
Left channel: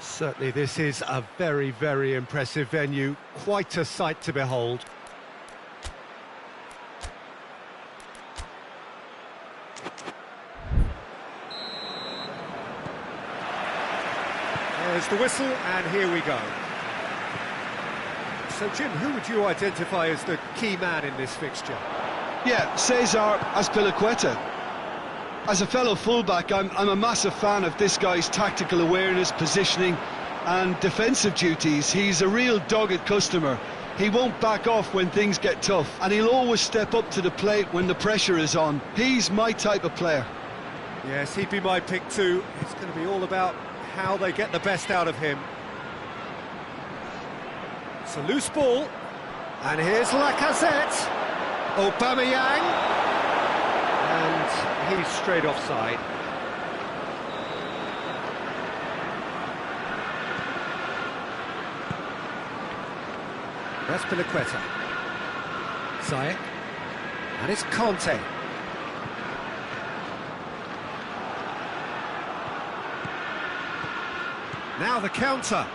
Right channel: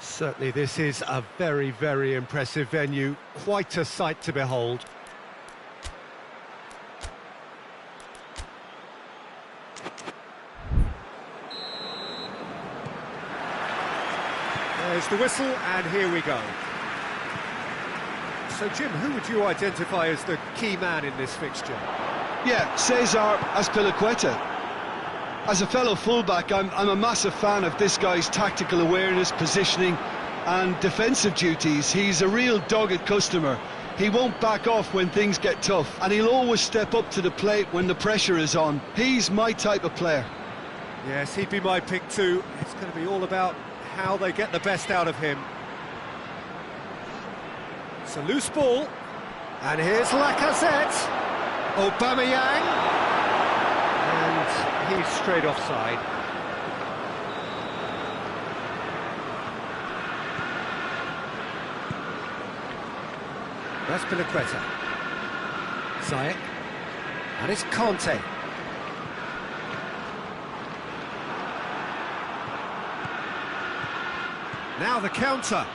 Certainly this is a very, very impressive venue, quite a sight to behold. There's the whistle, and here we go. So, Jim, who would you identify as the key man in this fixture? Yeah, Cesar Azpilicueta. As a fellow fullback, I'm a massive fan of this guy's tactical awareness, positioning and defensive duties. He's a real dogged customer. He won't back off when things get tough, and he'll always step up to the plate when the pressure is on. He's my type of player. Yes, he'd be my pick too. It's going to be all about how they get the best out of him. It's a loose ball, and here's Lacazette. Aubameyang, and he's straight offside. That's Azpilicueta. Ziyech, and it's Conte. Now the counter.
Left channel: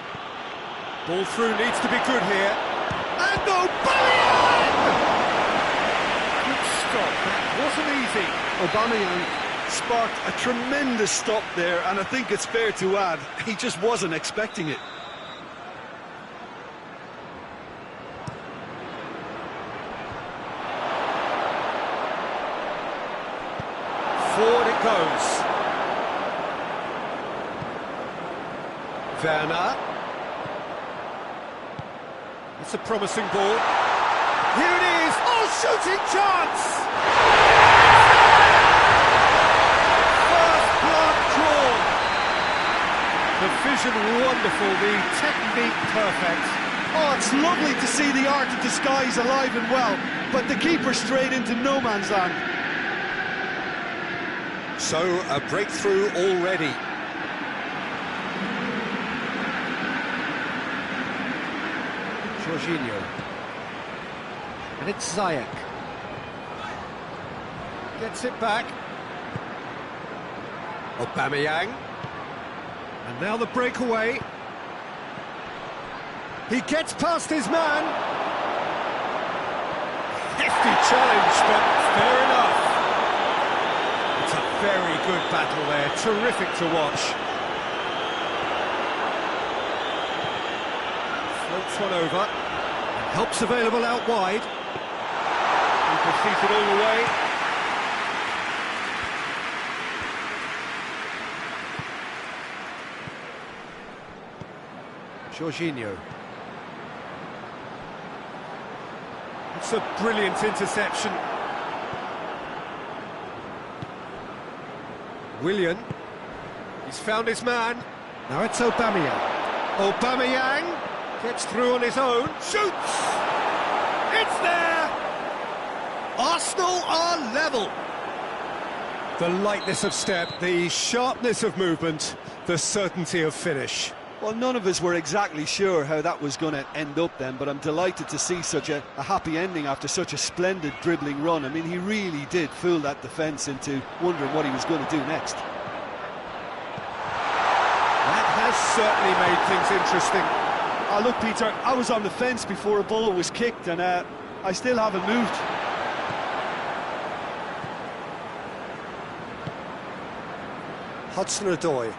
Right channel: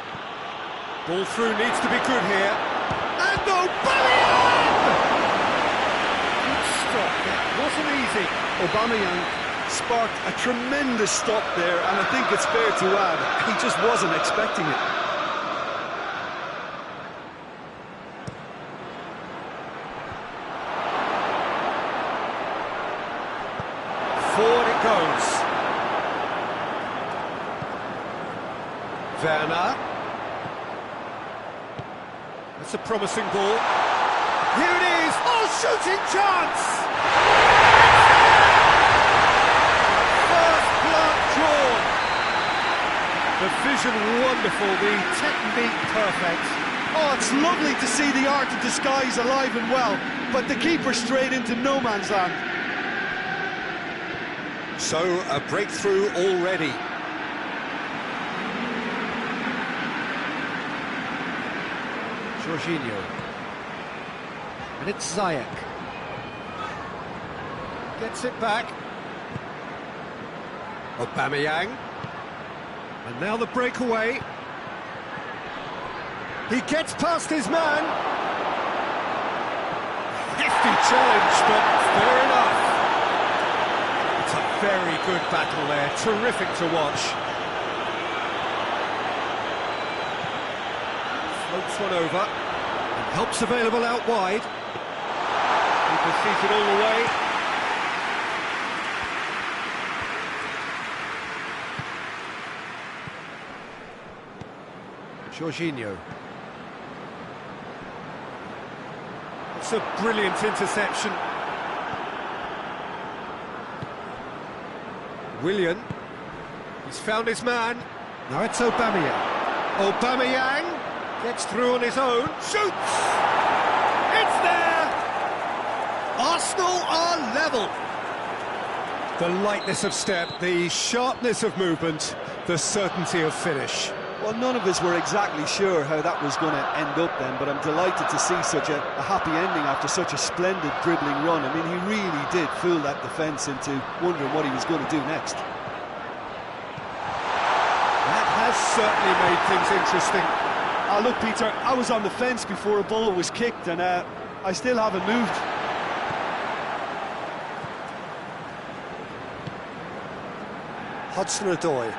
Ball through needs to be good here. And Aubameyang! Good stop, that wasn't easy. Aubameyang sparked a tremendous stop there, and I think it's fair to add, he just wasn't expecting it. Forward it goes. Werner. That's a promising ball. Here it is! Oh, shooting chance! First blood drawn. The vision wonderful, the technique perfect. Oh, it's lovely to see the art of disguise alive and well, but the keeper straight into no man's land. So, a breakthrough already. Jorginho. And it's Ziyech. Gets it back. Aubameyang. And now the breakaway. He gets past his man. Hefty challenge, but fair enough. It's a very good battle there, terrific to watch. Floats one over, and help's available out wide. Keeper sees it all the way. Jorginho. That's a brilliant interception. Willian, he's found his man. Now it's Aubameyang. Aubameyang gets through on his own, shoots! It's there! Arsenal are level. The lightness of step, the sharpness of movement, the certainty of finish. Well, none of us were exactly sure how that was going to end up then, but I'm delighted to see such a happy ending after such a splendid dribbling run. I mean, he really did fool that defence into wondering what he was going to do next. That has certainly made things interesting. Look, Peter, I was on the fence before a ball was kicked, and I still haven't moved. Hudson-Odoi.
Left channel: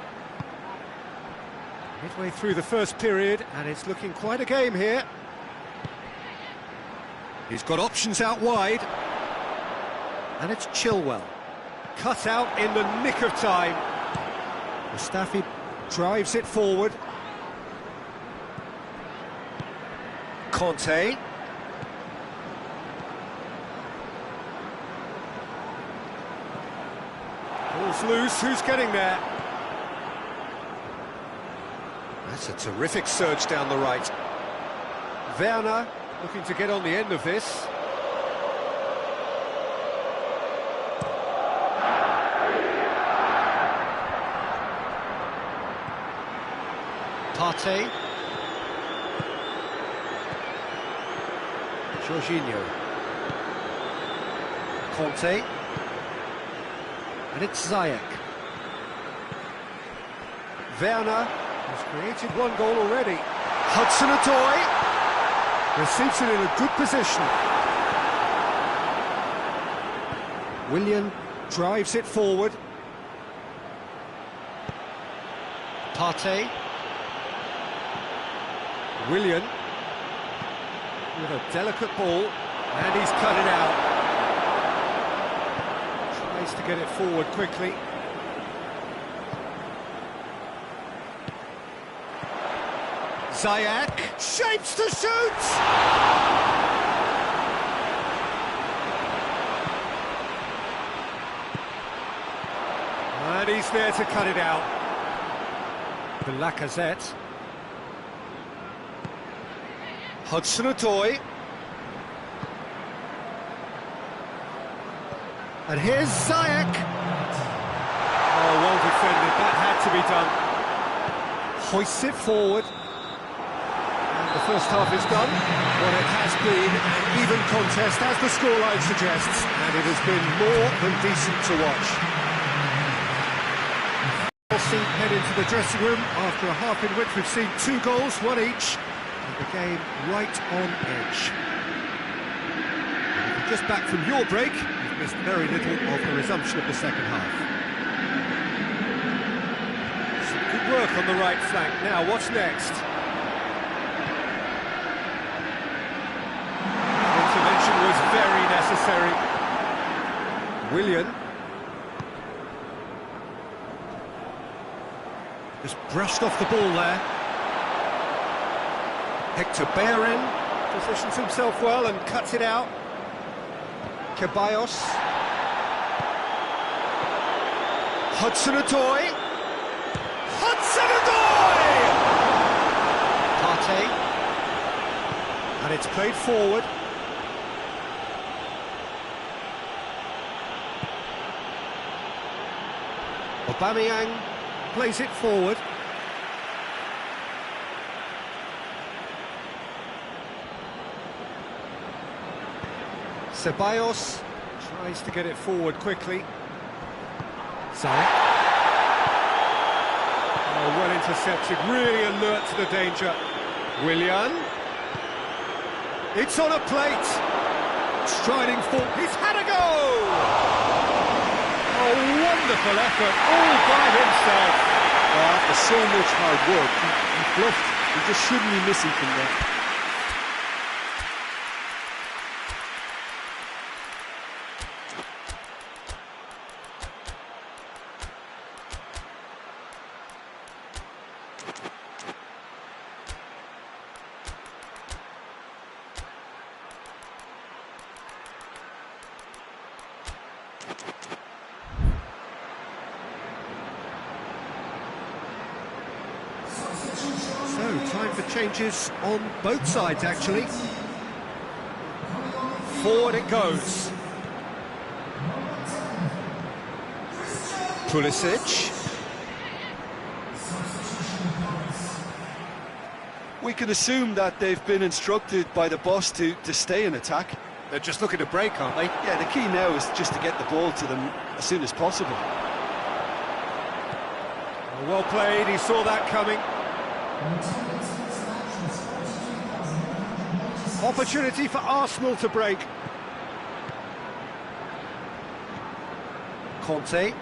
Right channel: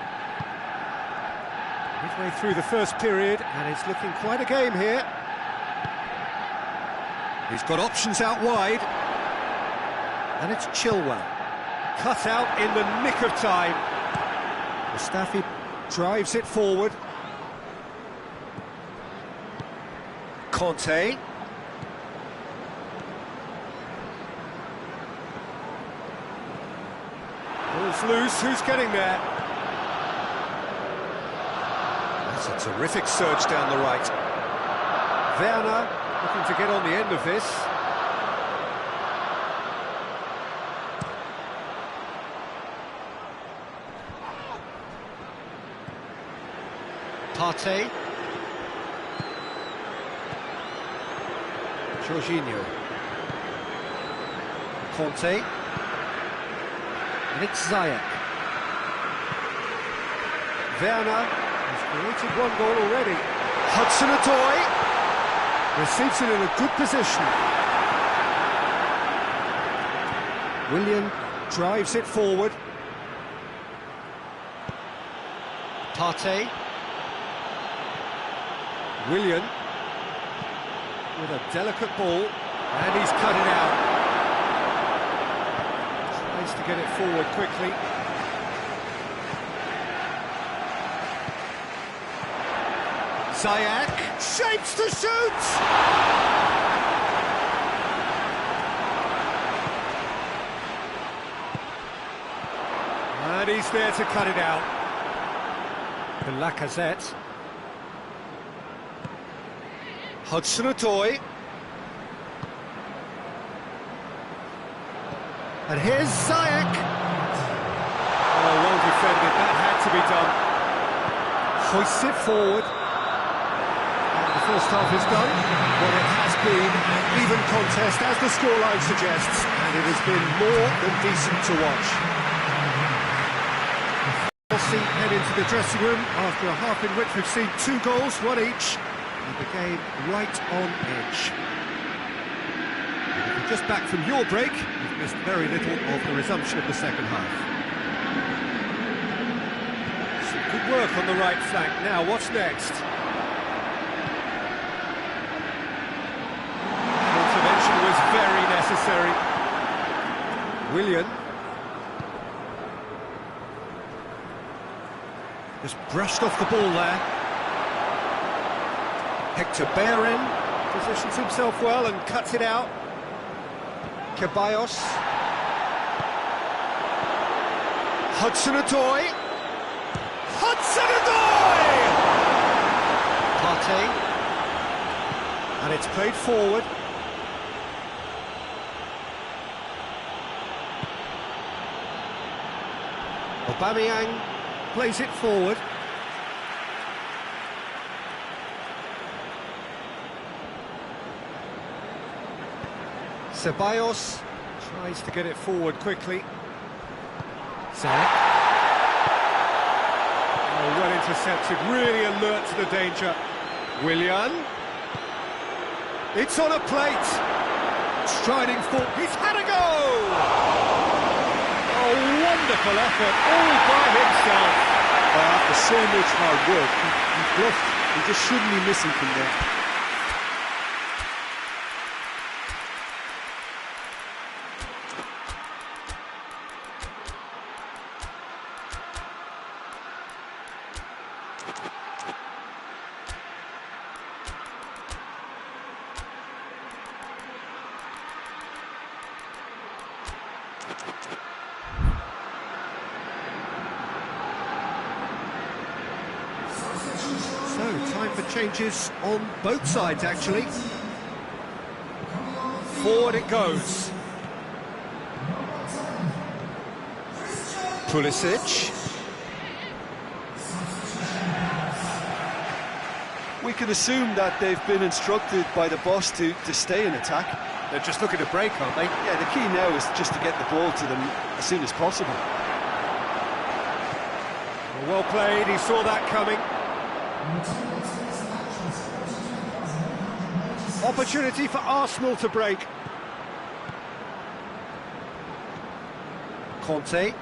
Midway through the first period, and it's looking quite a game here. He's got options out wide. And it's Chilwell. Cut out in the nick of time. Mustafi drives it forward. Conte. Ball's loose, who's getting there? That's a terrific surge down the right. Werner looking to get on the end of this. Partey. Jorginho. Conte. And it's Ziyech. Werner has created one goal already. Hudson-Odoi receives it in a good position. Willian drives it forward. Partey. Willian with a delicate ball, and he's cut it out. Tries to get it forward quickly. Ziyech shapes to shoot! And he's there to cut it out. The Lacazette. Hudson-Odoi. And here's Ziyech. Oh, well defended, that had to be done. Hoists it forward. And the first half is done. What it has been an even contest, as the scoreline suggests, and it has been more than decent to watch. Chelsea head into the dressing room after a half in which we've seen 2 goals, 1 each. And the game right on edge. And if you're just back from your break, you've missed very little of the resumption of the second half. Some good work on the right flank. Now, what's next? That intervention was very necessary. Willian. Just brushed off the ball there. Hector Bellerin positions himself well and cuts it out. Ceballos. Hudson-Odoi. Hudson-Odoi! Partey. And it's played forward. Aubameyang plays it forward. Ceballos tries to get it forward quickly. Ziyech. Oh, well intercepted, really alert to the danger. Willian. It's on a plate. Striding forward, he's had a go! Oh, wonderful effort, all by himself. After so much hard work, he bluffed. He just shouldn't be missing from there. So, time for changes on both sides, actually. Forward it goes. Pulisic. We can assume that they've been instructed by the boss to stay in attack. They're just looking to break, aren't they? Yeah, the key now is just to get the ball to them as soon as possible. Well played, he saw that coming. Opportunity for Arsenal to break. Conte.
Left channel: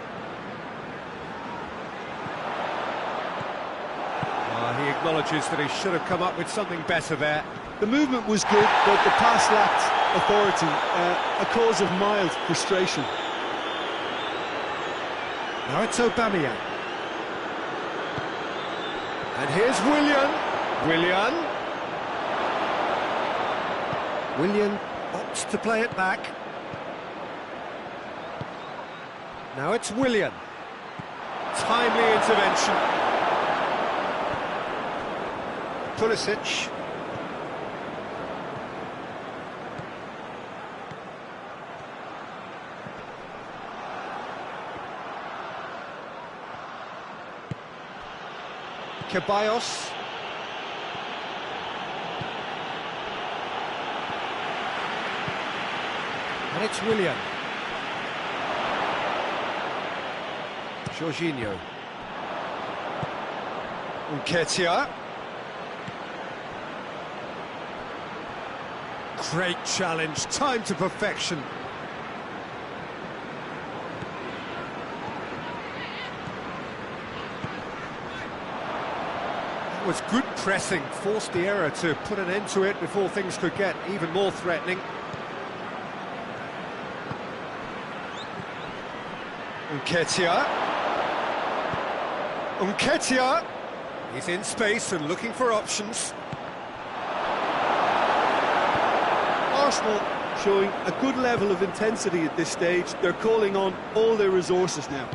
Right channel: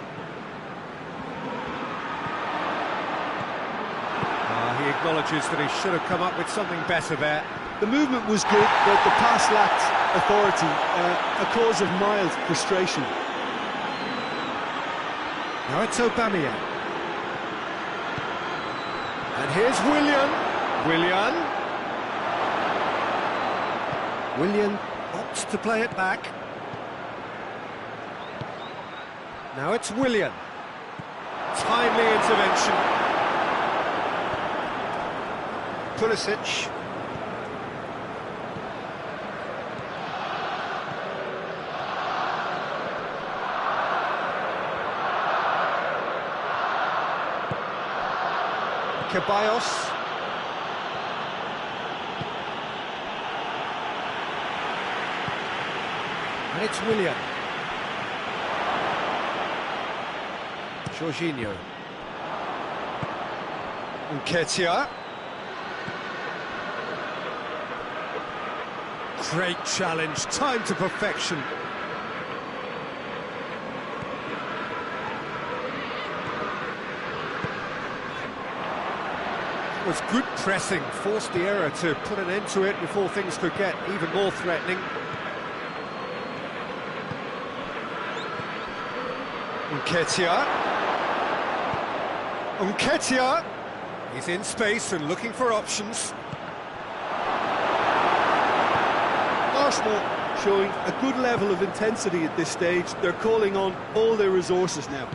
He acknowledges that he should have come up with something better there. The movement was good, but the pass lacked authority, a cause of mild frustration. Now it's Aubameyang. And here's Willian. Willian opts to play it back. Now it's Willian. Timely intervention. Pulisic. Ceballos. And it's Willian. Jorginho. Nketiah. Great challenge, time to perfection. It was good pressing, forced the error to put an end to it before things could get even more threatening. Nketiah. Nketiah. He's in space and looking for options. Arsenal showing a good level of intensity at this stage. They're calling on all their resources now.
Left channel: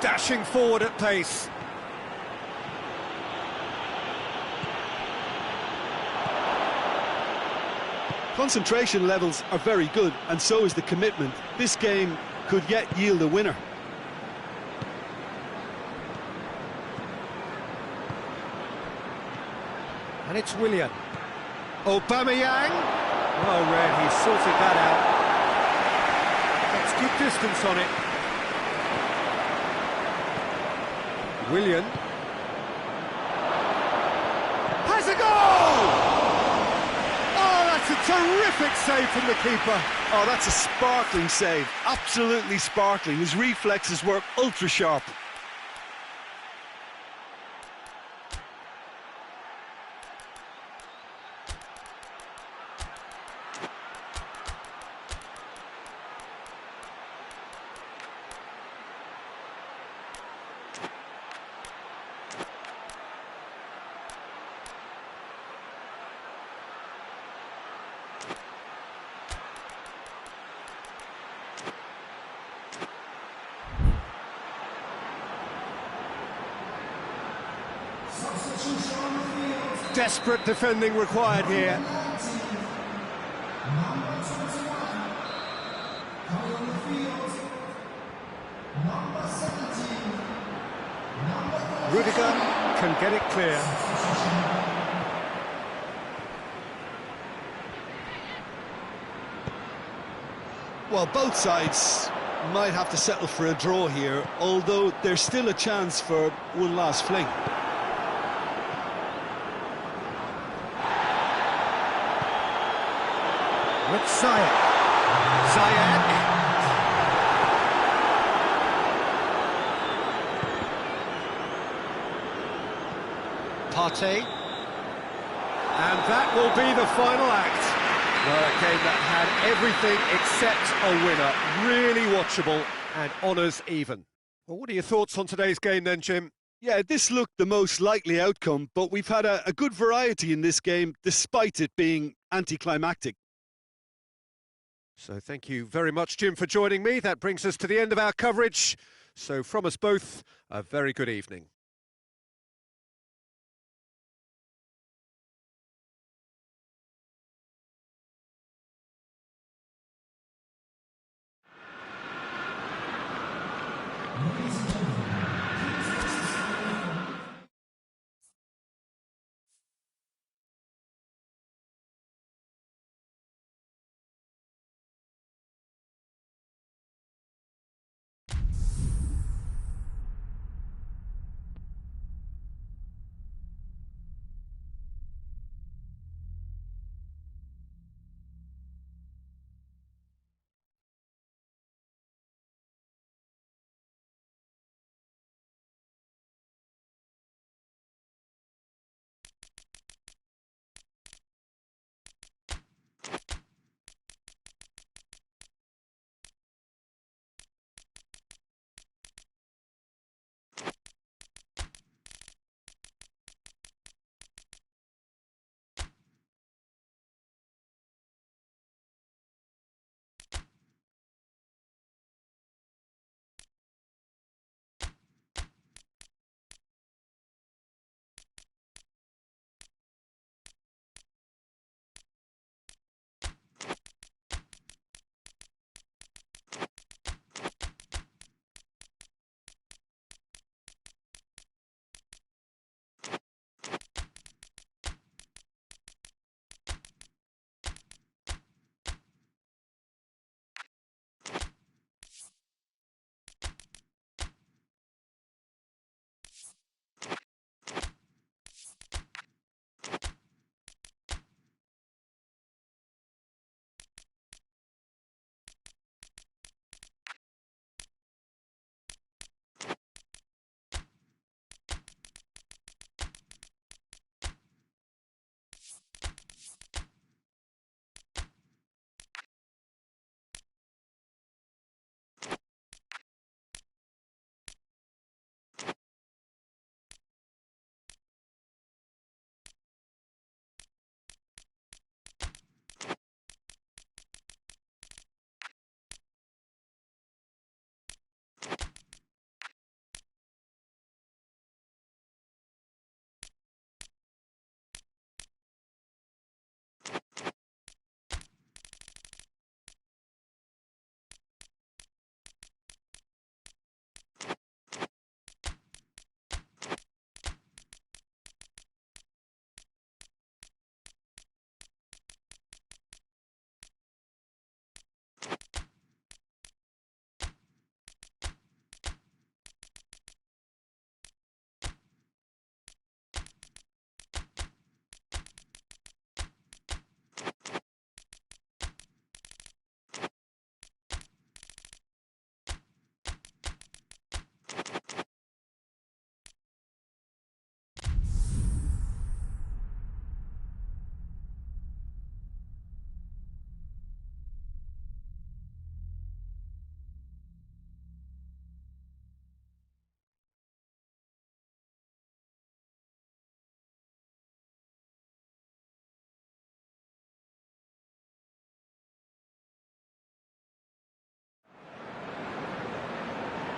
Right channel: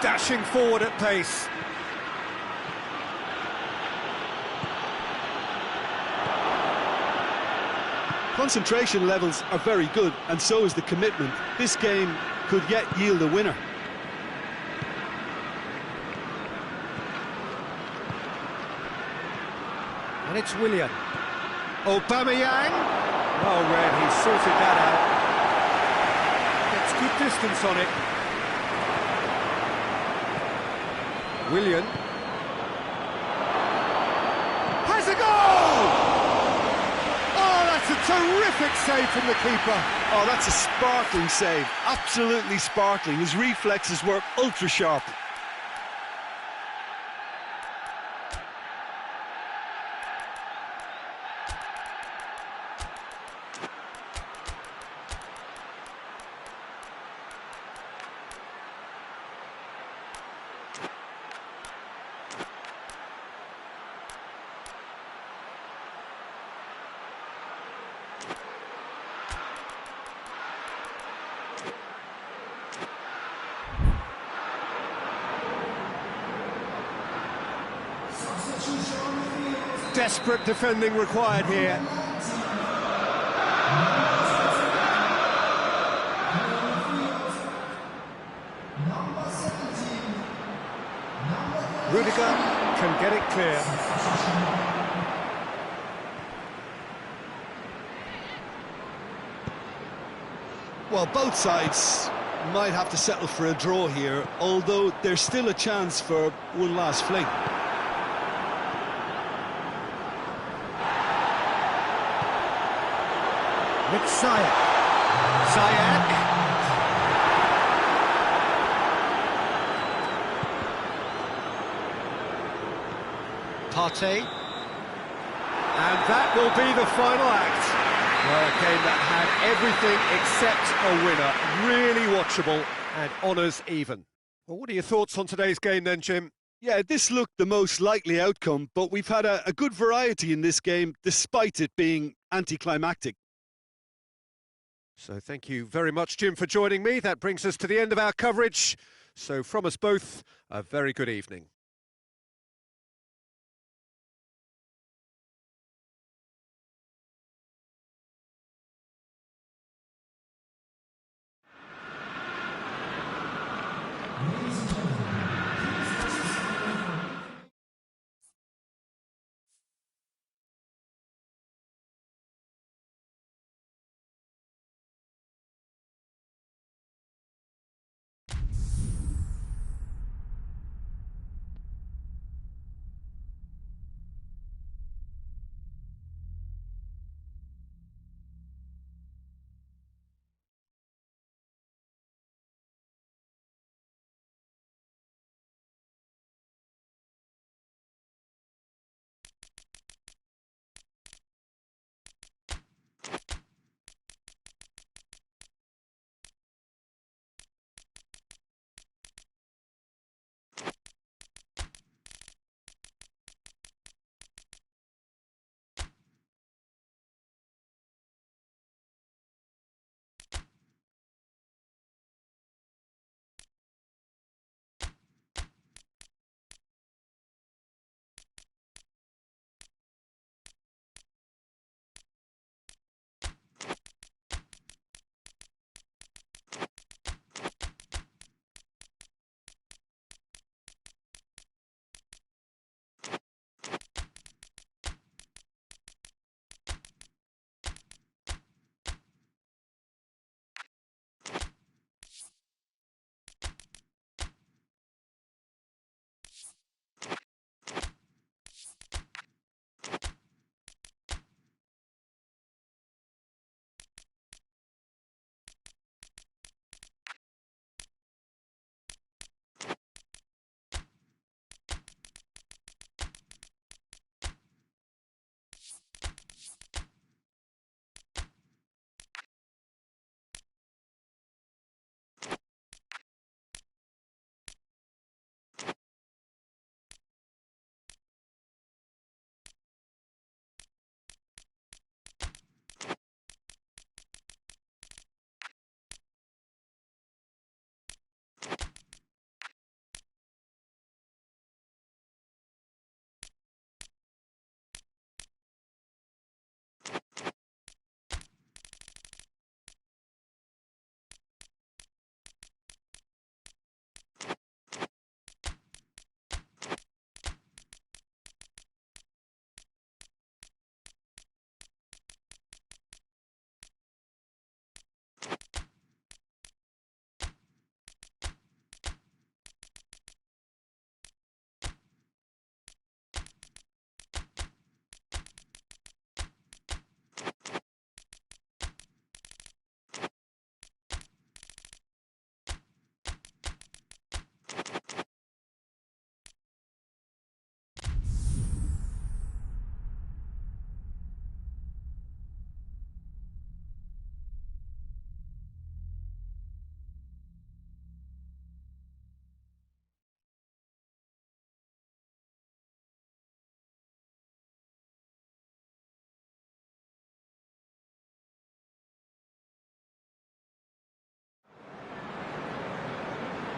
Dashing forward at pace. Concentration levels are very good, and so is the commitment. This game could yet yield a winner. And it's Willian. Aubameyang. Oh, Red, he sorted that out. Gets good distance on it. Willian. Has a goal! Oh, that's a terrific save from the keeper. Oh, that's a sparkling save. Absolutely sparkling. His reflexes were ultra sharp. Desperate defending required here. Rudiger can get it clear. Well, both sides might have to settle for a draw here, although there's still a chance for one last fling. With Ziyech. Ziyech. Partey. And that will be the final act. Well, a game that had everything except a winner. Really watchable and honours even. Well, what are your thoughts on today's game then, Jim? Yeah, this looked the most likely outcome, but we've had a good variety in this game, despite it being anticlimactic. So thank you very much, Jim, for joining me. That brings us to the end of our coverage. So from us both, a very good evening.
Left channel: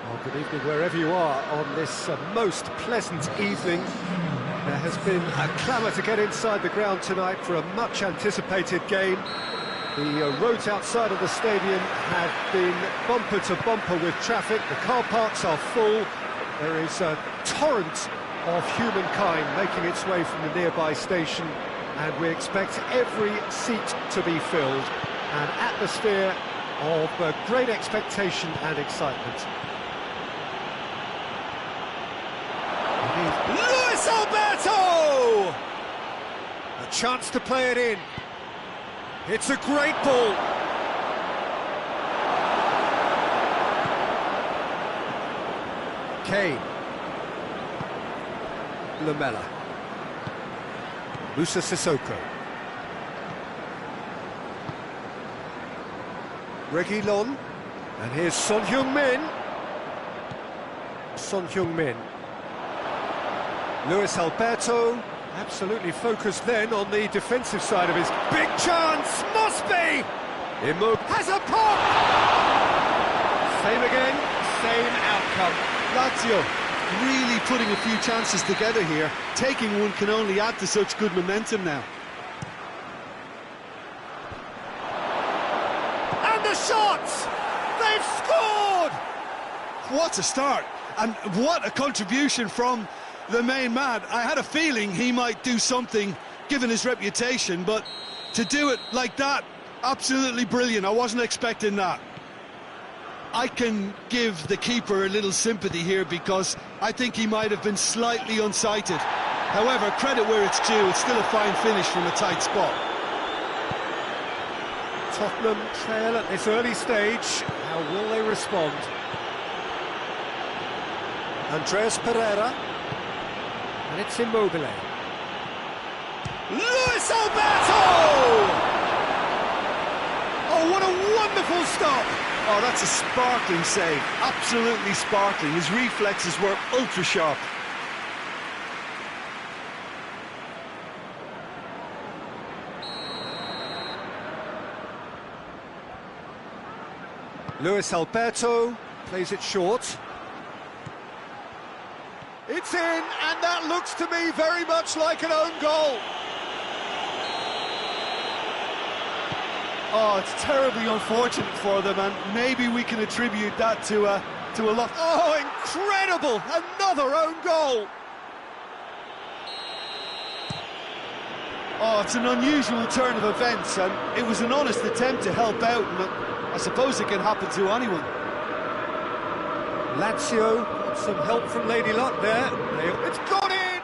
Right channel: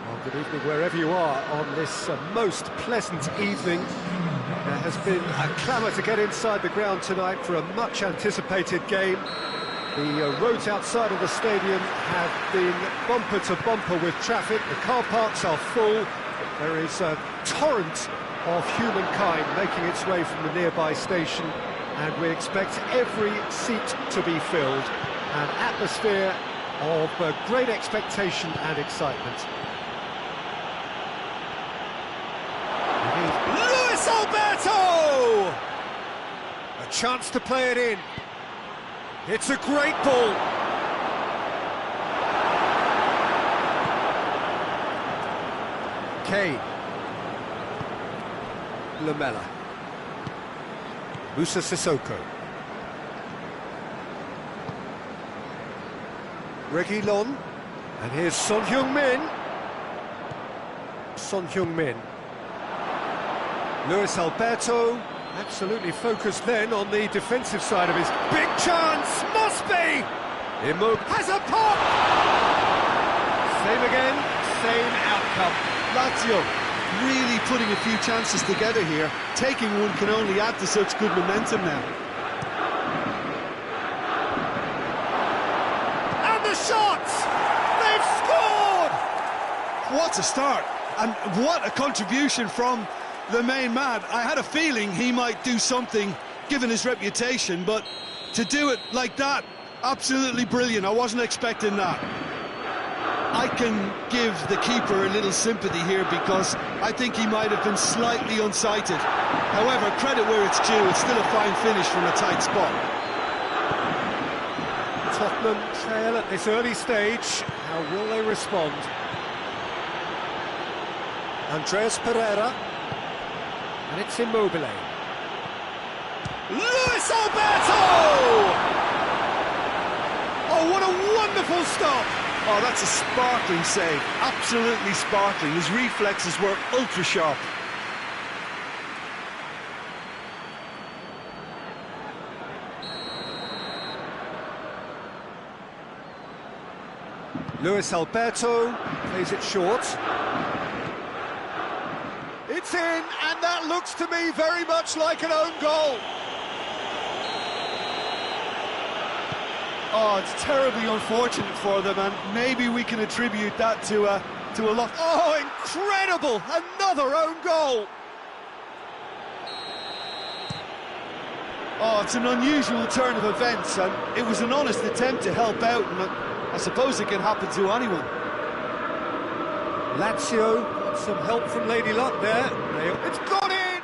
Well, good evening wherever you are on this most pleasant evening. There has been a clamour to get inside the ground tonight for a much anticipated game. The roads outside of the stadium have been bumper to bumper with traffic. The car parks are full. There is a torrent of humankind making its way from the nearby station, and we expect every seat to be filled. An atmosphere of great expectation and excitement. Luis Alberto! A chance to play it in. It's a great ball. Kane. Lamela. Musa Sissoko. Reguilon. And here's Son Heung-min. Son Heung-min. Luis Alberto, absolutely focused then on the defensive side of his big chance, must be! Immobile has a pop! Same again, same outcome. Lazio really putting a few chances together here. Taking one can only add to such good momentum now. And the shots! They've scored! What a start, and what a contribution from the main man. I had a feeling he might do something, given his reputation, but to do it like that, absolutely brilliant. I wasn't expecting that. I can give the keeper a little sympathy here because I think he might have been slightly unsighted. However, credit where it's due, it's still a fine finish from a tight spot. Tottenham trail at this early stage. How will they respond? Andreas Pereira. And it's Immobile. Luis Alberto! Oh, what a wonderful stop! Oh, that's a sparkling save, absolutely sparkling. His reflexes were ultra sharp. Luis Alberto plays it short. It's in, and that looks to me very much like an own goal. Oh, it's terribly unfortunate for them, and maybe we can attribute that to a lot. Oh, incredible! Another own goal. Oh, it's an unusual turn of events, and it was an honest attempt to help out, and I suppose it can happen to anyone. Lazio got some help from Lady Luck there. It's gone in!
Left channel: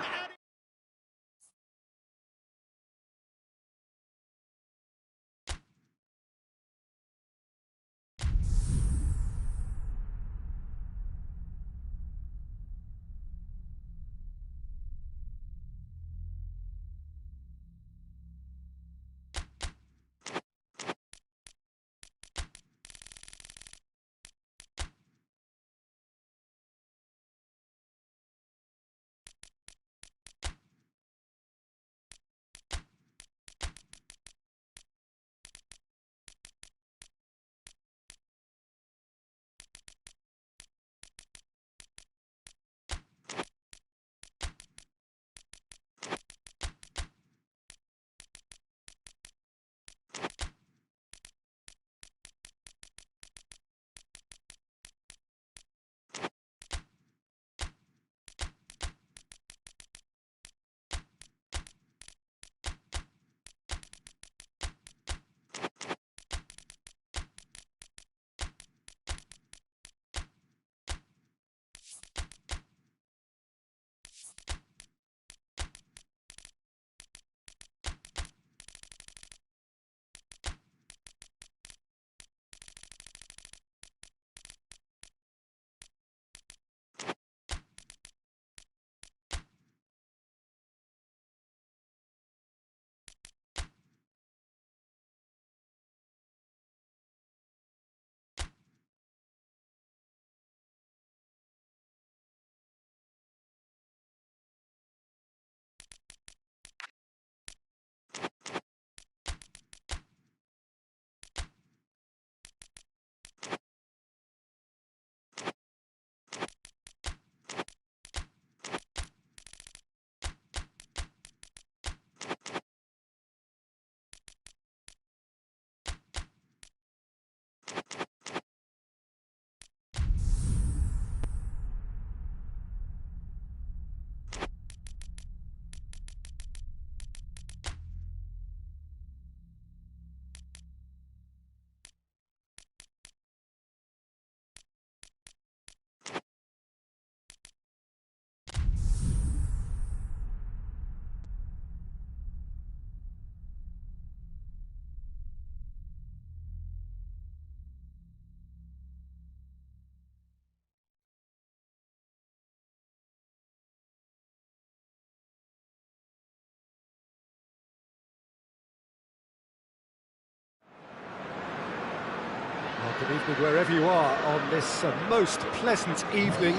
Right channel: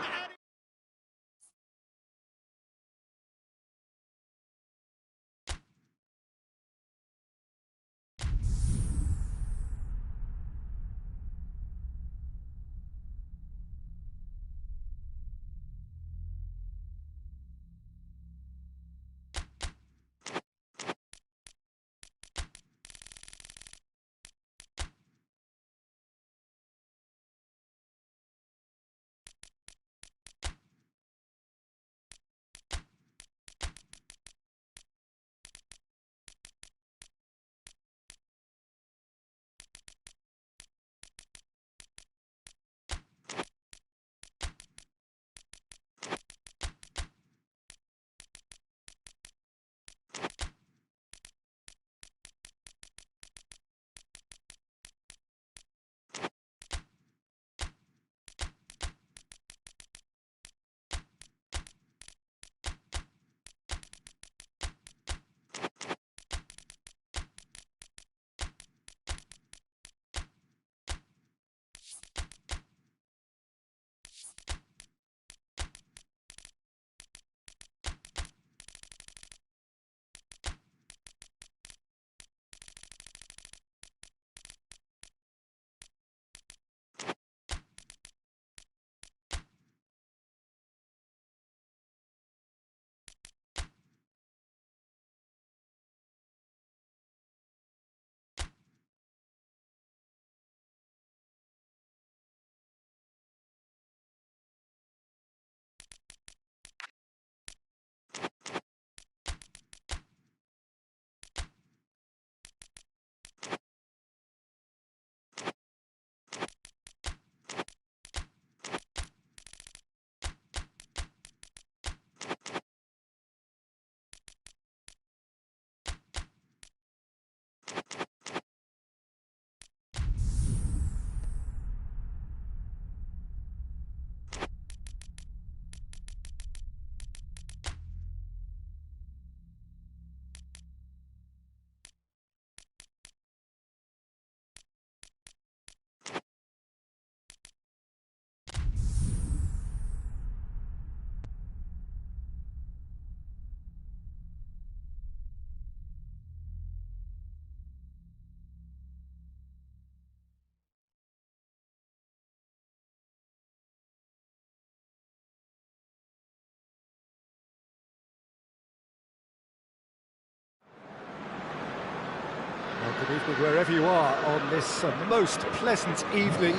Good evening wherever you are on this most pleasant evening.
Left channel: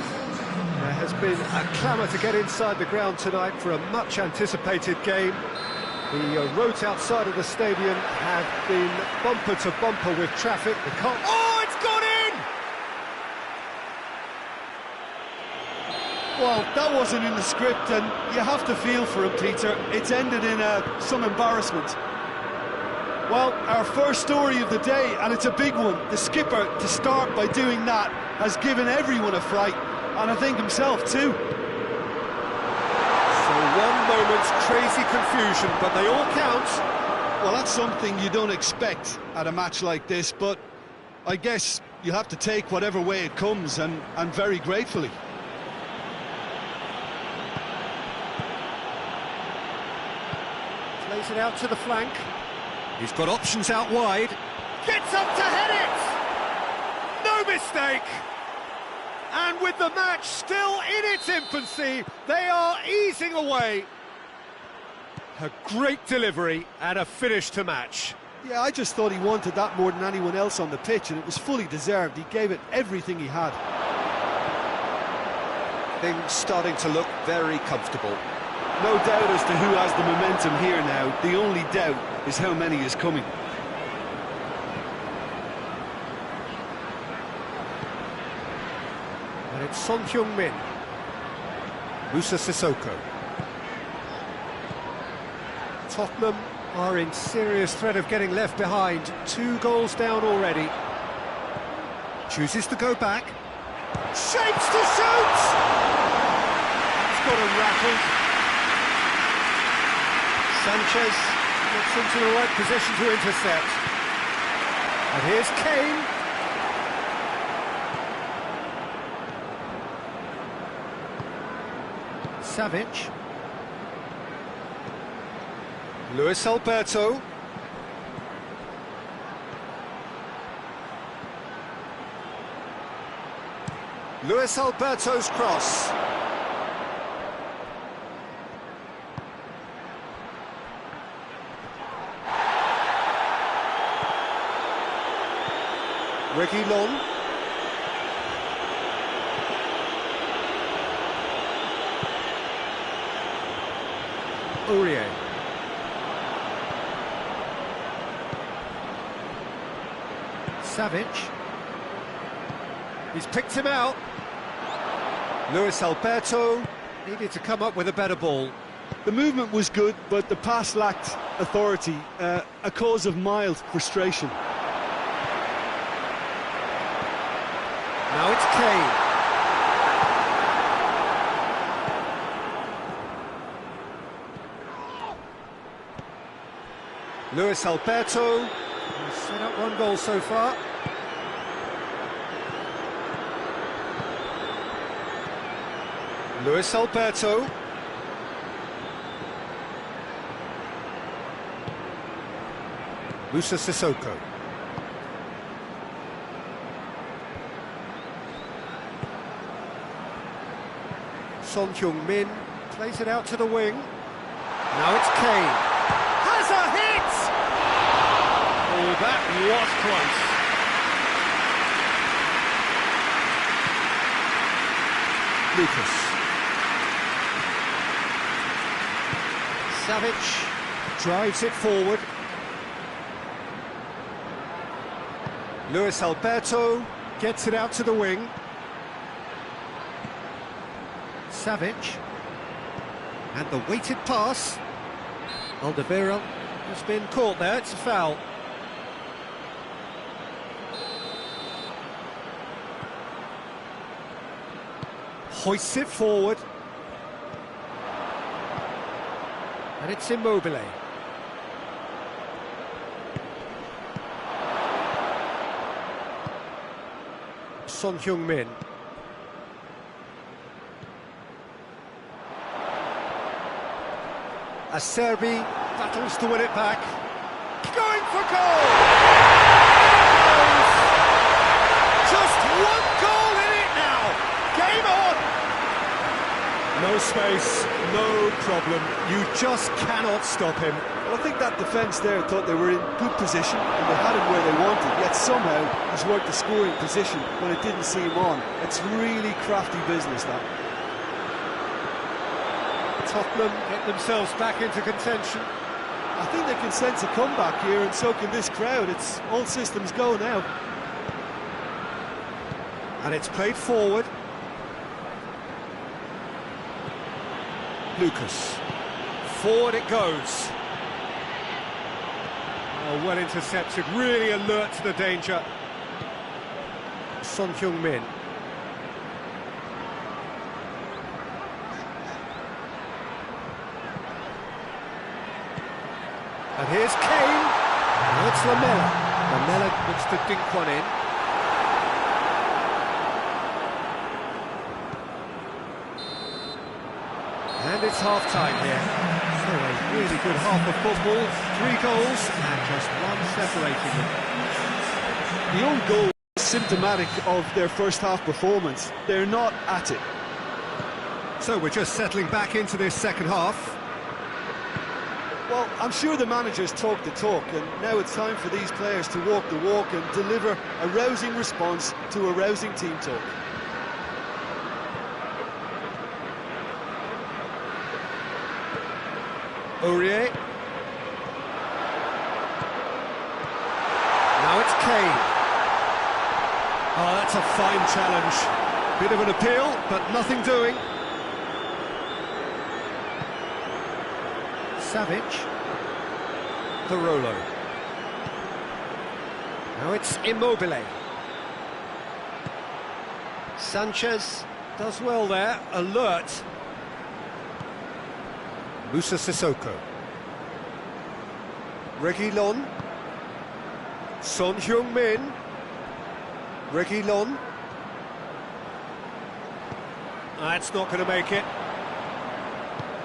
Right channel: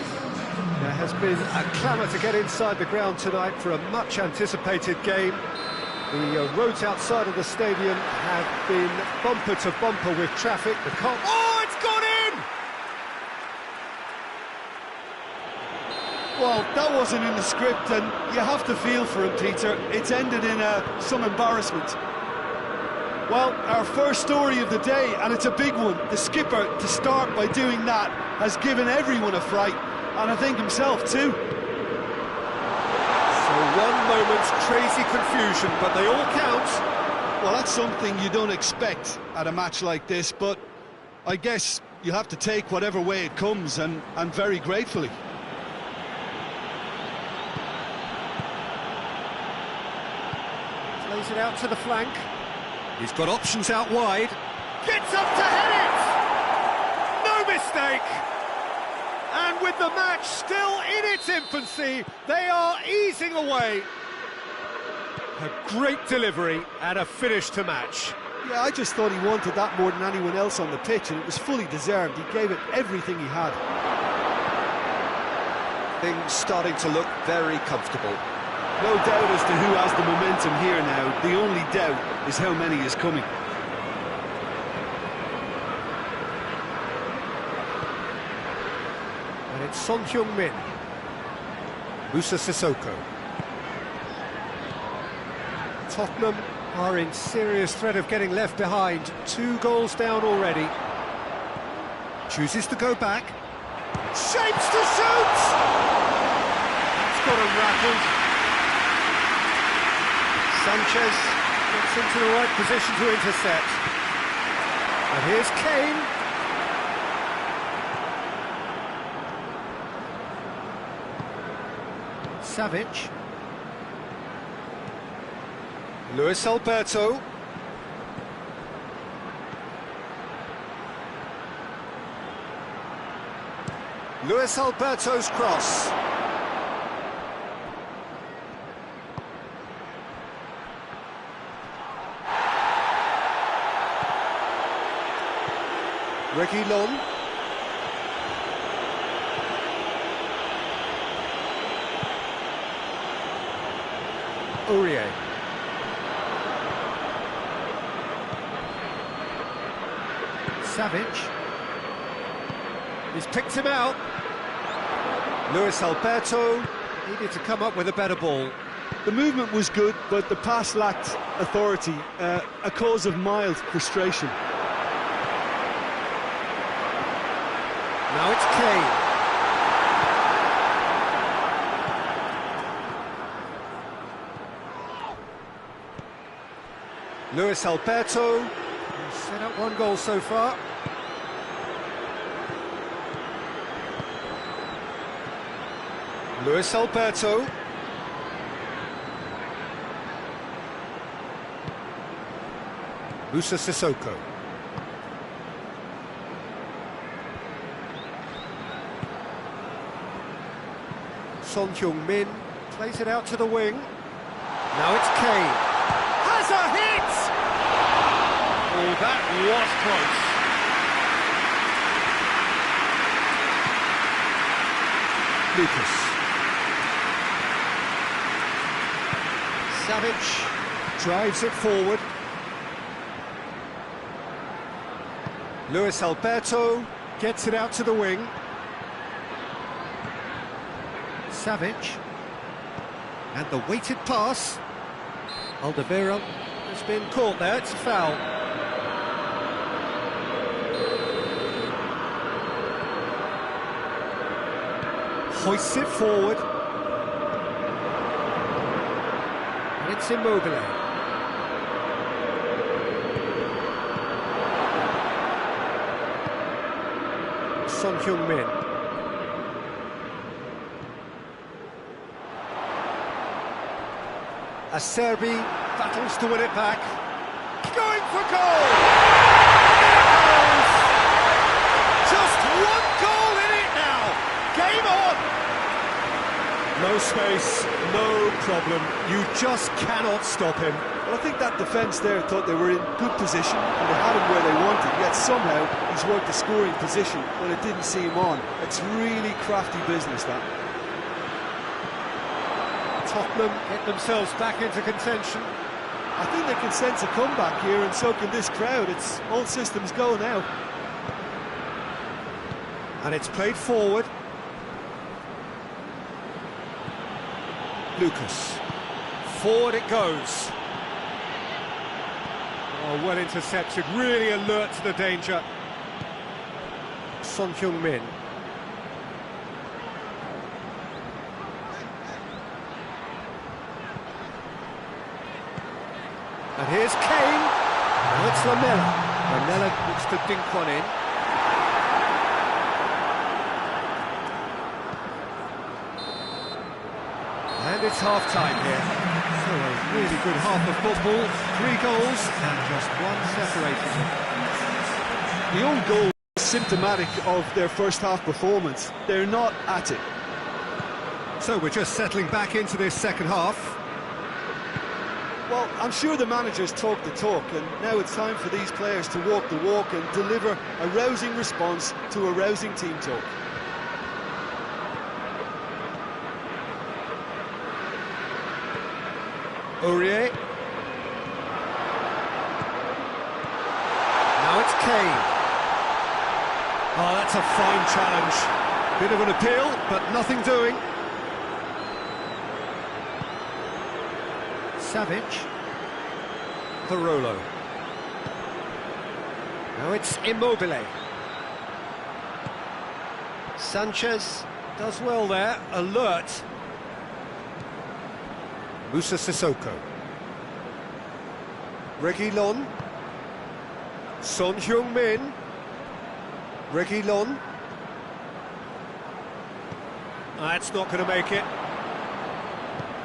There has been a clamour to get inside the ground tonight for a much anticipated game. The roads outside of the stadium have been bumper to bumper with traffic. Oh, it's gone in! Well, that wasn't in the script, and you have to feel for him, Peter. It's ended in some embarrassment. Well, our first story of the day, and it's a big one. The skipper, to start by doing that, has given everyone a fright, and I think himself too. So one moment's crazy confusion, but they all count. Well, that's something you don't expect at a match like this, but I guess you have to take whatever way it comes, and very gratefully. Plays it out to the flank. He's got options out wide. Gets up to head it! No mistake! And with the match still in its infancy, they are easing away. A great delivery and a finish to match. Yeah, I just thought he wanted that more than anyone else on the pitch, and it was fully deserved. He gave it everything he had. Things starting to look very comfortable. No doubt as to who has the momentum here now. The only doubt is how many is coming. And it's Son Heung-min. Musa Sissoko. Tottenham are in serious threat of getting left behind. 2 goals down already. Chooses to go back. Shapes to shoot! That's got him rattled. Sanchez gets into the right position to intercept. And here's Kane. Savic. Luis Alberto. Luis Alberto's cross. Reguilon. Aurier. Savic. He's picked him out. Luis Alberto needed to come up with a better ball. The movement was good, but the pass lacked authority, a cause of mild frustration. Now it's Kane. Luis Alberto, who's set up 1 goal so far. Luis Alberto. Musa Sissoko. Son Heung-min plays it out to the wing. Now it's Kane. Has a hit! Oh, that was close. Lucas. Savic drives it forward. Luis Alberto gets it out to the wing. Savic. And the weighted pass. Alderweireld has been caught there, it's a foul. Hoists it forward. And it's Immobile. Son Heung-min. Acerbi battles to win it back. Going for goal! In it goes! Just 1 goal in it now! Game on! No space, no problem. You just cannot stop him. Well, I think that defence there thought they were in good position and they had him where they wanted, yet somehow he's worked the scoring position when it didn't see him on. It's really crafty business, that. Tottenham get themselves back into contention. I think they can sense a comeback here, and so can this crowd. It's all systems go now. And it's played forward. Lucas. Forward it goes. Oh, well intercepted, really alert to the danger. Son Heung-min. And here's Kane. Now it's Lamela. Lamela looks to dink one in. And it's half-time here. So a really good half of football. 3 goals and just one separating them. The own goal is symptomatic of their first half performance. They're not at it. So we're just settling back into this second half. Well, I'm sure the managers talk the talk, and now it's time for these players to walk the walk and deliver a rousing response to a rousing team talk. Aurier. Now it's Kane. Oh, that's a fine challenge. Bit of an appeal, but nothing doing. Savic. Parolo. Now it's Immobile. Sanchez does well there, alert. Musa Sissoko. Reguilon. Son Heung-min. Reguilon. That's not going to make it.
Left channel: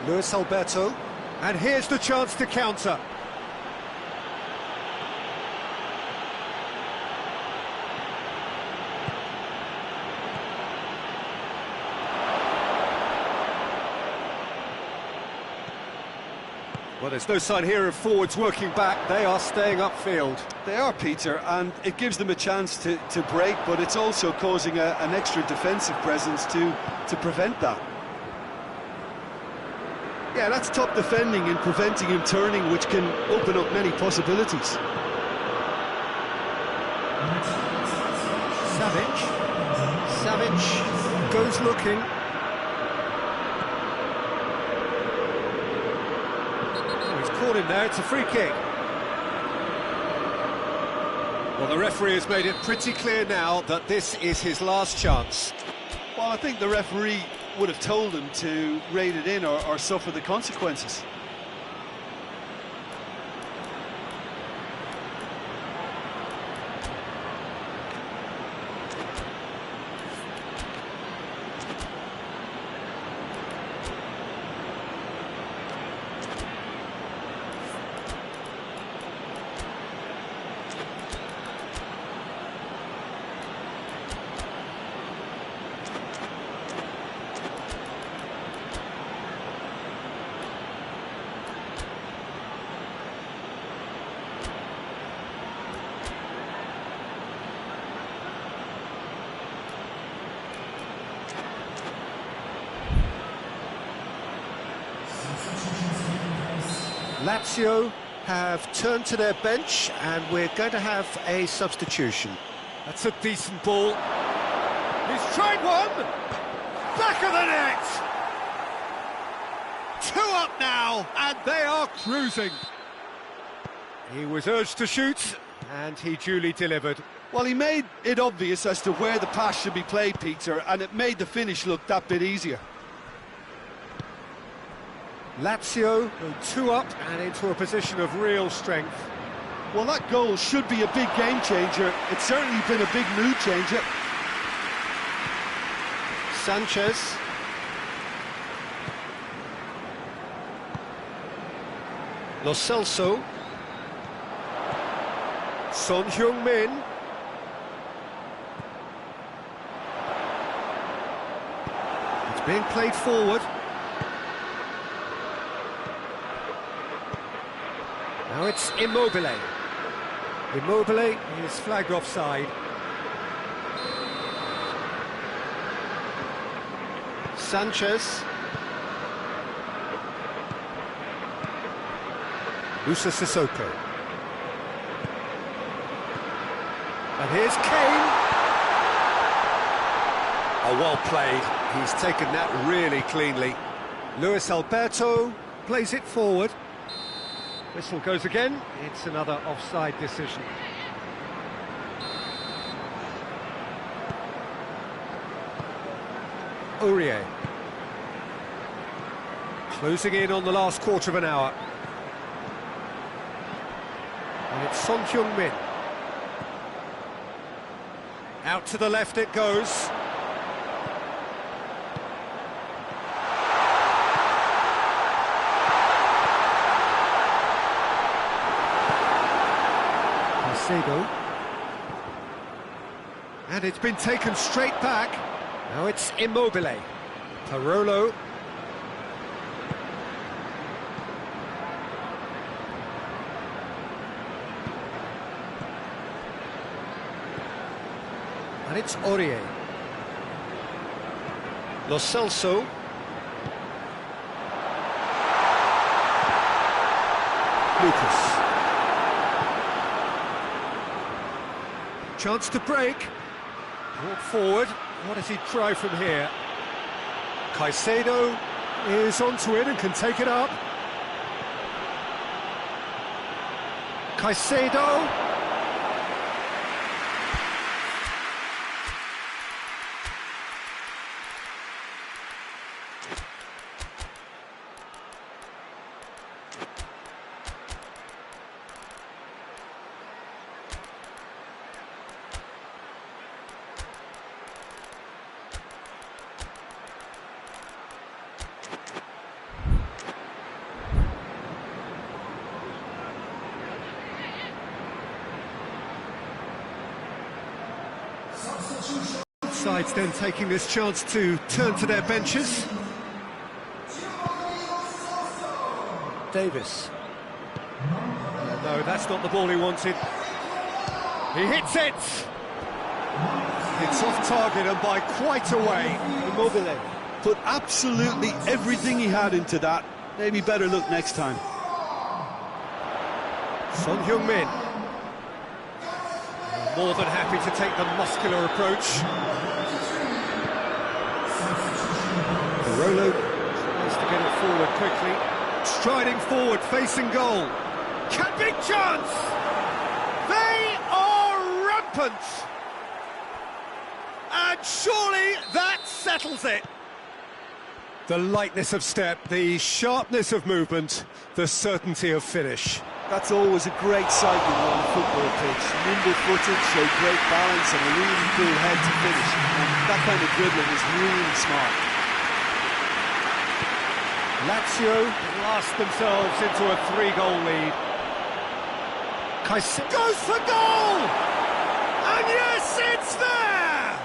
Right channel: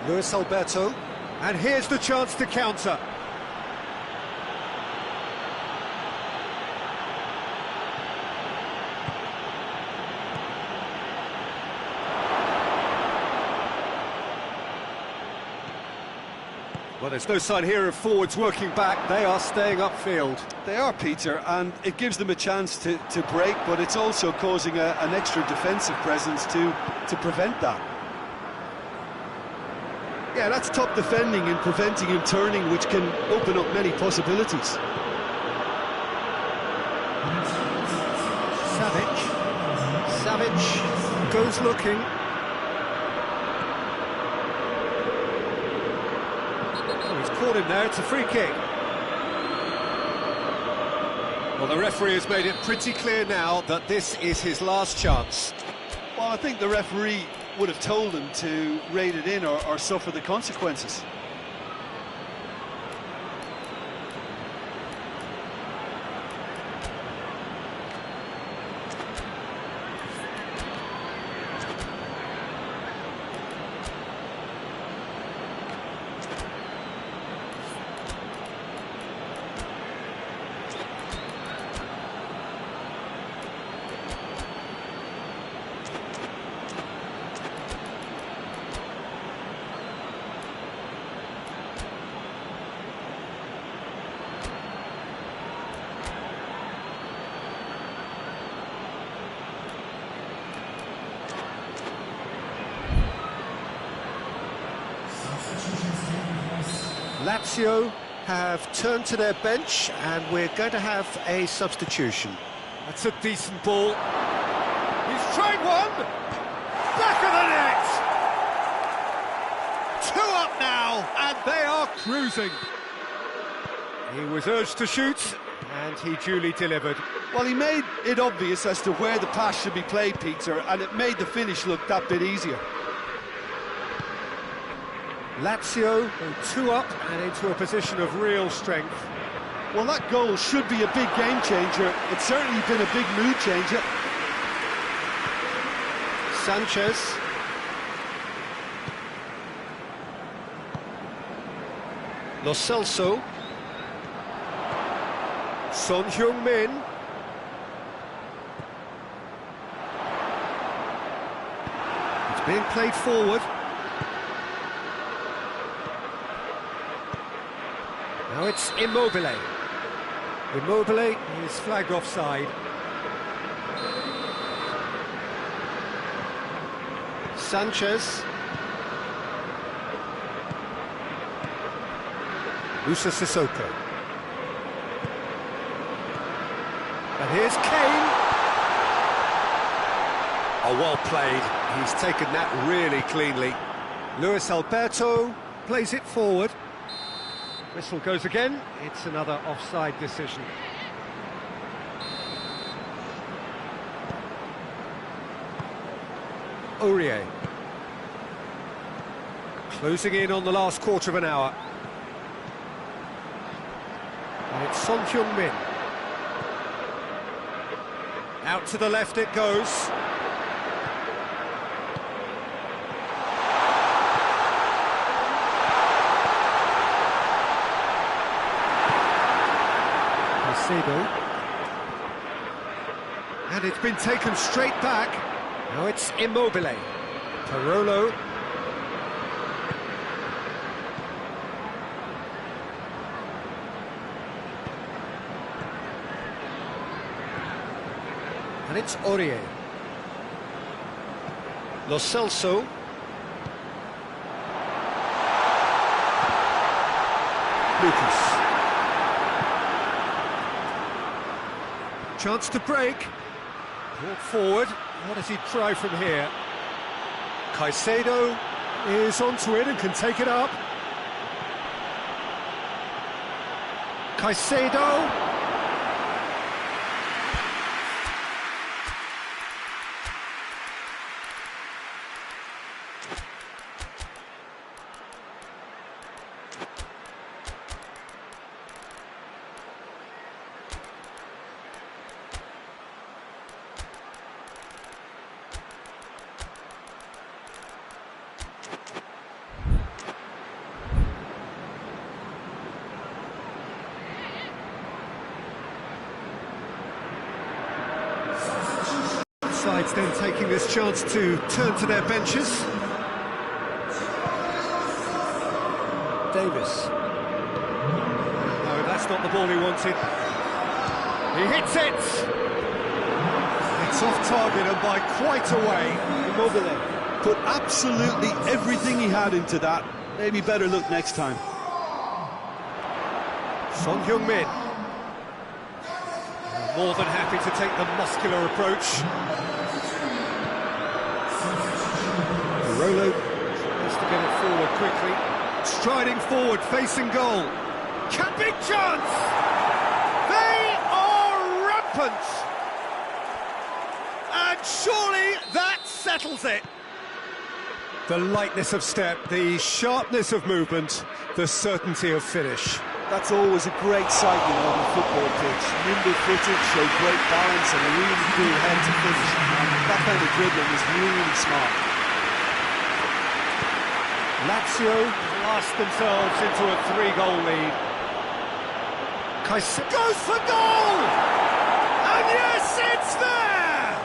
Luis Alberto. And here's the chance to counter. Well, there's no sign here of forwards working back. They are staying upfield. They are, Peter, and it gives them a chance to break, but it's also causing an extra defensive presence to prevent that. Yeah, that's top defending and preventing him turning, which can open up many possibilities. Savic goes looking. Oh, he's caught him there, it's a free kick. Well, the referee has made it pretty clear now that this is his last chance. Well, I think the referee would have told him to rate it in or suffer the consequences. Lazio have turned to their bench and we're going to have a substitution. That's a decent ball. He's tried one! Back of the net! 2 up now, and they are cruising. He was urged to shoot, and he duly delivered. Well, he made it obvious as to where the pass should be played, Peter, and it made the finish look that bit easier. Lazio go 2 up and into a position of real strength. Well, that goal should be a big game changer. It's certainly been a big mood changer. Sanchez. Lo Celso. Son Heung-min. It's being played forward. Now it's Immobile. Immobile is flagged offside. Sanchez. Musa Sissoko. And here's Kane. Oh, well played. He's taken that really cleanly. Luis Alberto plays it forward. Whistle goes again. It's another offside decision. Aurier. Closing in on the last quarter of an hour. And it's Son Heung-min. Out to the left it goes. Caicedo. And it's been taken straight back. Now it's Immobile. Parolo. And it's Aurier. Lo Celso. Lucas. Chance to break. Brought forward. What does he try from here? Caicedo is onto it and can take it up. Caicedo. Sides then taking this chance to turn to their benches. Davis. No, that's not the ball he wanted. He hits it! It's off target and by quite a way. Immobile put absolutely everything he had into that. Maybe better look next time. Son Heung-min. More than happy to take the muscular approach. Parolo tries to get it forward quickly. Striding forward, facing goal. Big chance! They are rampant! And surely that settles it. The lightness of step, the sharpness of movement, the certainty of finish. That's always a great sight, you know, on a football pitch. Nimble-footed, show great balance and a really cool head to finish. And that kind of dribbling is really smart. Lazio blast themselves into a 3-goal lead. Caicedo goes for goal! And yes, it's there!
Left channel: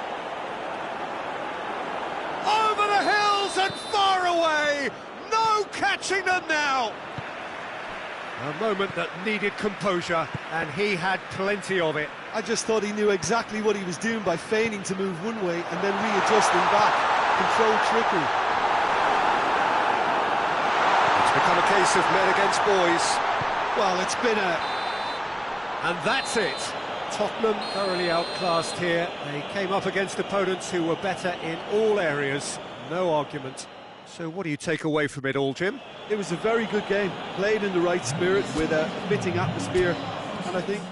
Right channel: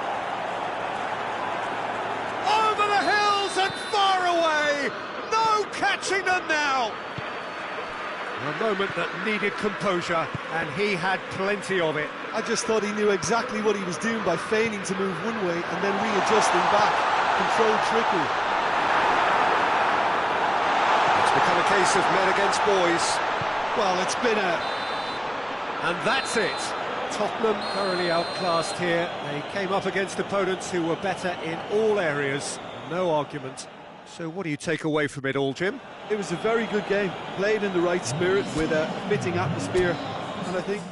Over the hills and far away! No catching them now! A moment that needed composure, and he had plenty of it. I just thought he knew exactly what he was doing by feigning to move one way and then readjusting back. Controlled trickery. It's become a case of men against boys. Well, it's been a... And that's it. Tottenham thoroughly outclassed here. They came up against opponents who were better in all areas. No argument. So what do you take away from it all, Jim? It was a very good game, played in the right spirit with a fitting atmosphere, and I think...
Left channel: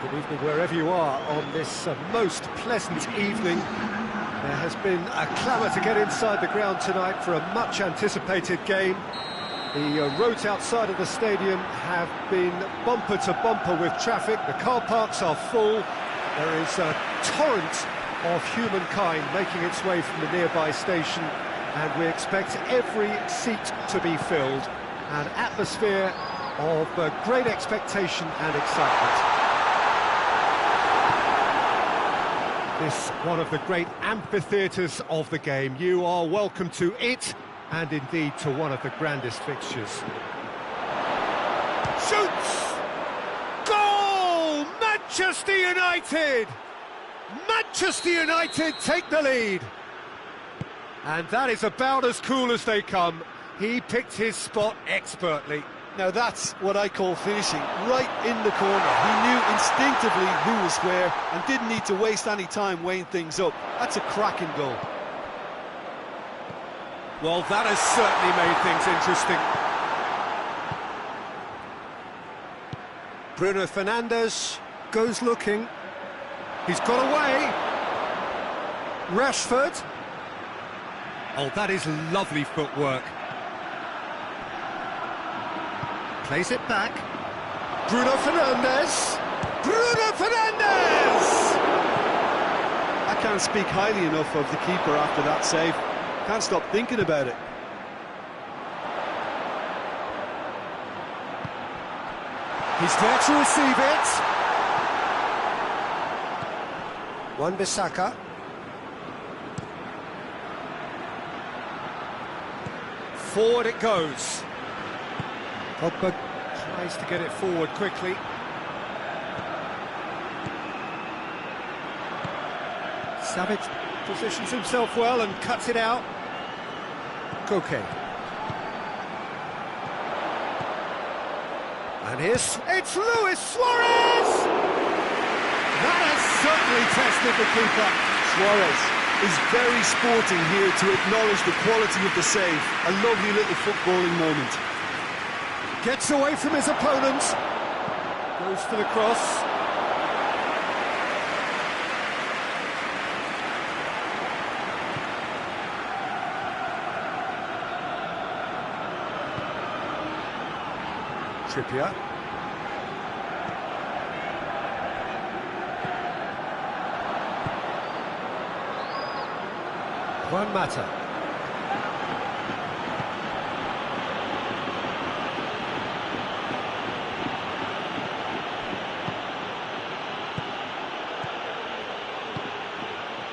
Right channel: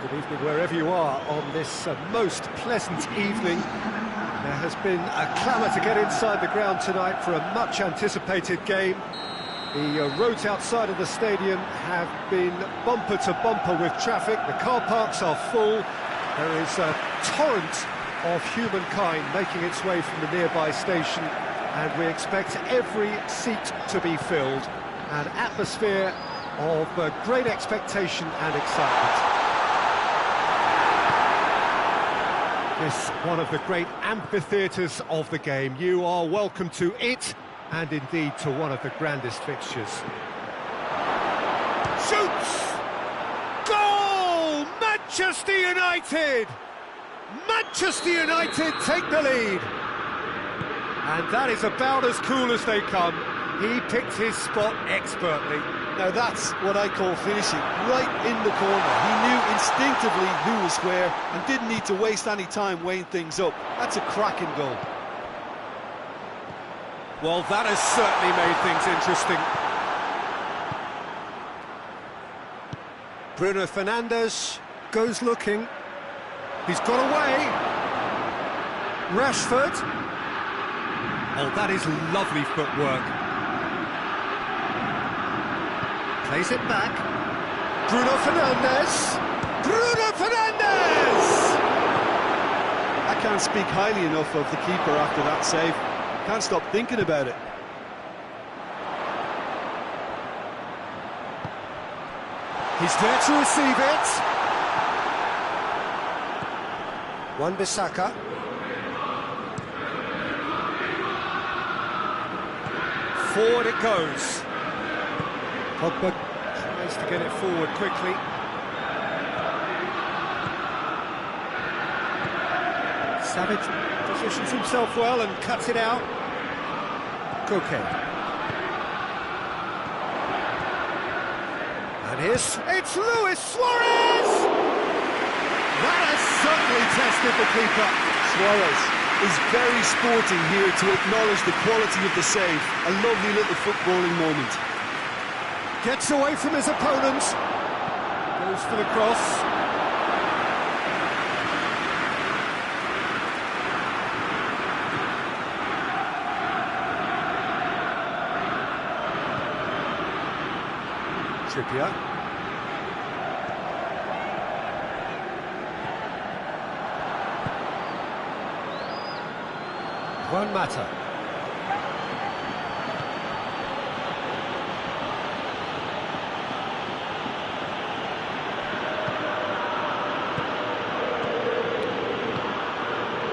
Good evening wherever you are on this most pleasant evening. There has been a clamour to get inside the ground tonight for a much-anticipated game. The roads outside of the stadium have been bumper to bumper with traffic. The car parks are full. There is a torrent of humankind making its way from the nearby station, and we expect every seat to be filled. An atmosphere of great expectation and excitement. This one of the great amphitheatres of the game. You are welcome to it, and indeed to one of the grandest fixtures. Shoots! Goal! Manchester United! Manchester United take the lead. And that is about as cool as they come. He picked his spot expertly. Now that's what I call finishing, right in the corner. He knew instinctively who was where and didn't need to waste any time weighing things up. That's a cracking goal. Well, that has certainly made things interesting. Bruno Fernandes goes looking. He's got away. Rashford. Oh, that is lovely footwork. Plays it back. Bruno Fernandes! Bruno Fernandes! I can't speak highly enough of the keeper after that save. Can't stop thinking about it. He's there to receive it. Wan-Bissaka. Forward it goes. Pogba tries to get it forward quickly. Savage positions himself well and cuts it out. Koke. And it's Luis Suarez! That has certainly tested the keeper. Suarez is very sporting here to acknowledge the quality of the save. A lovely little footballing moment. Gets away from his opponent. Goes for the cross. Trippier. Juan Mata.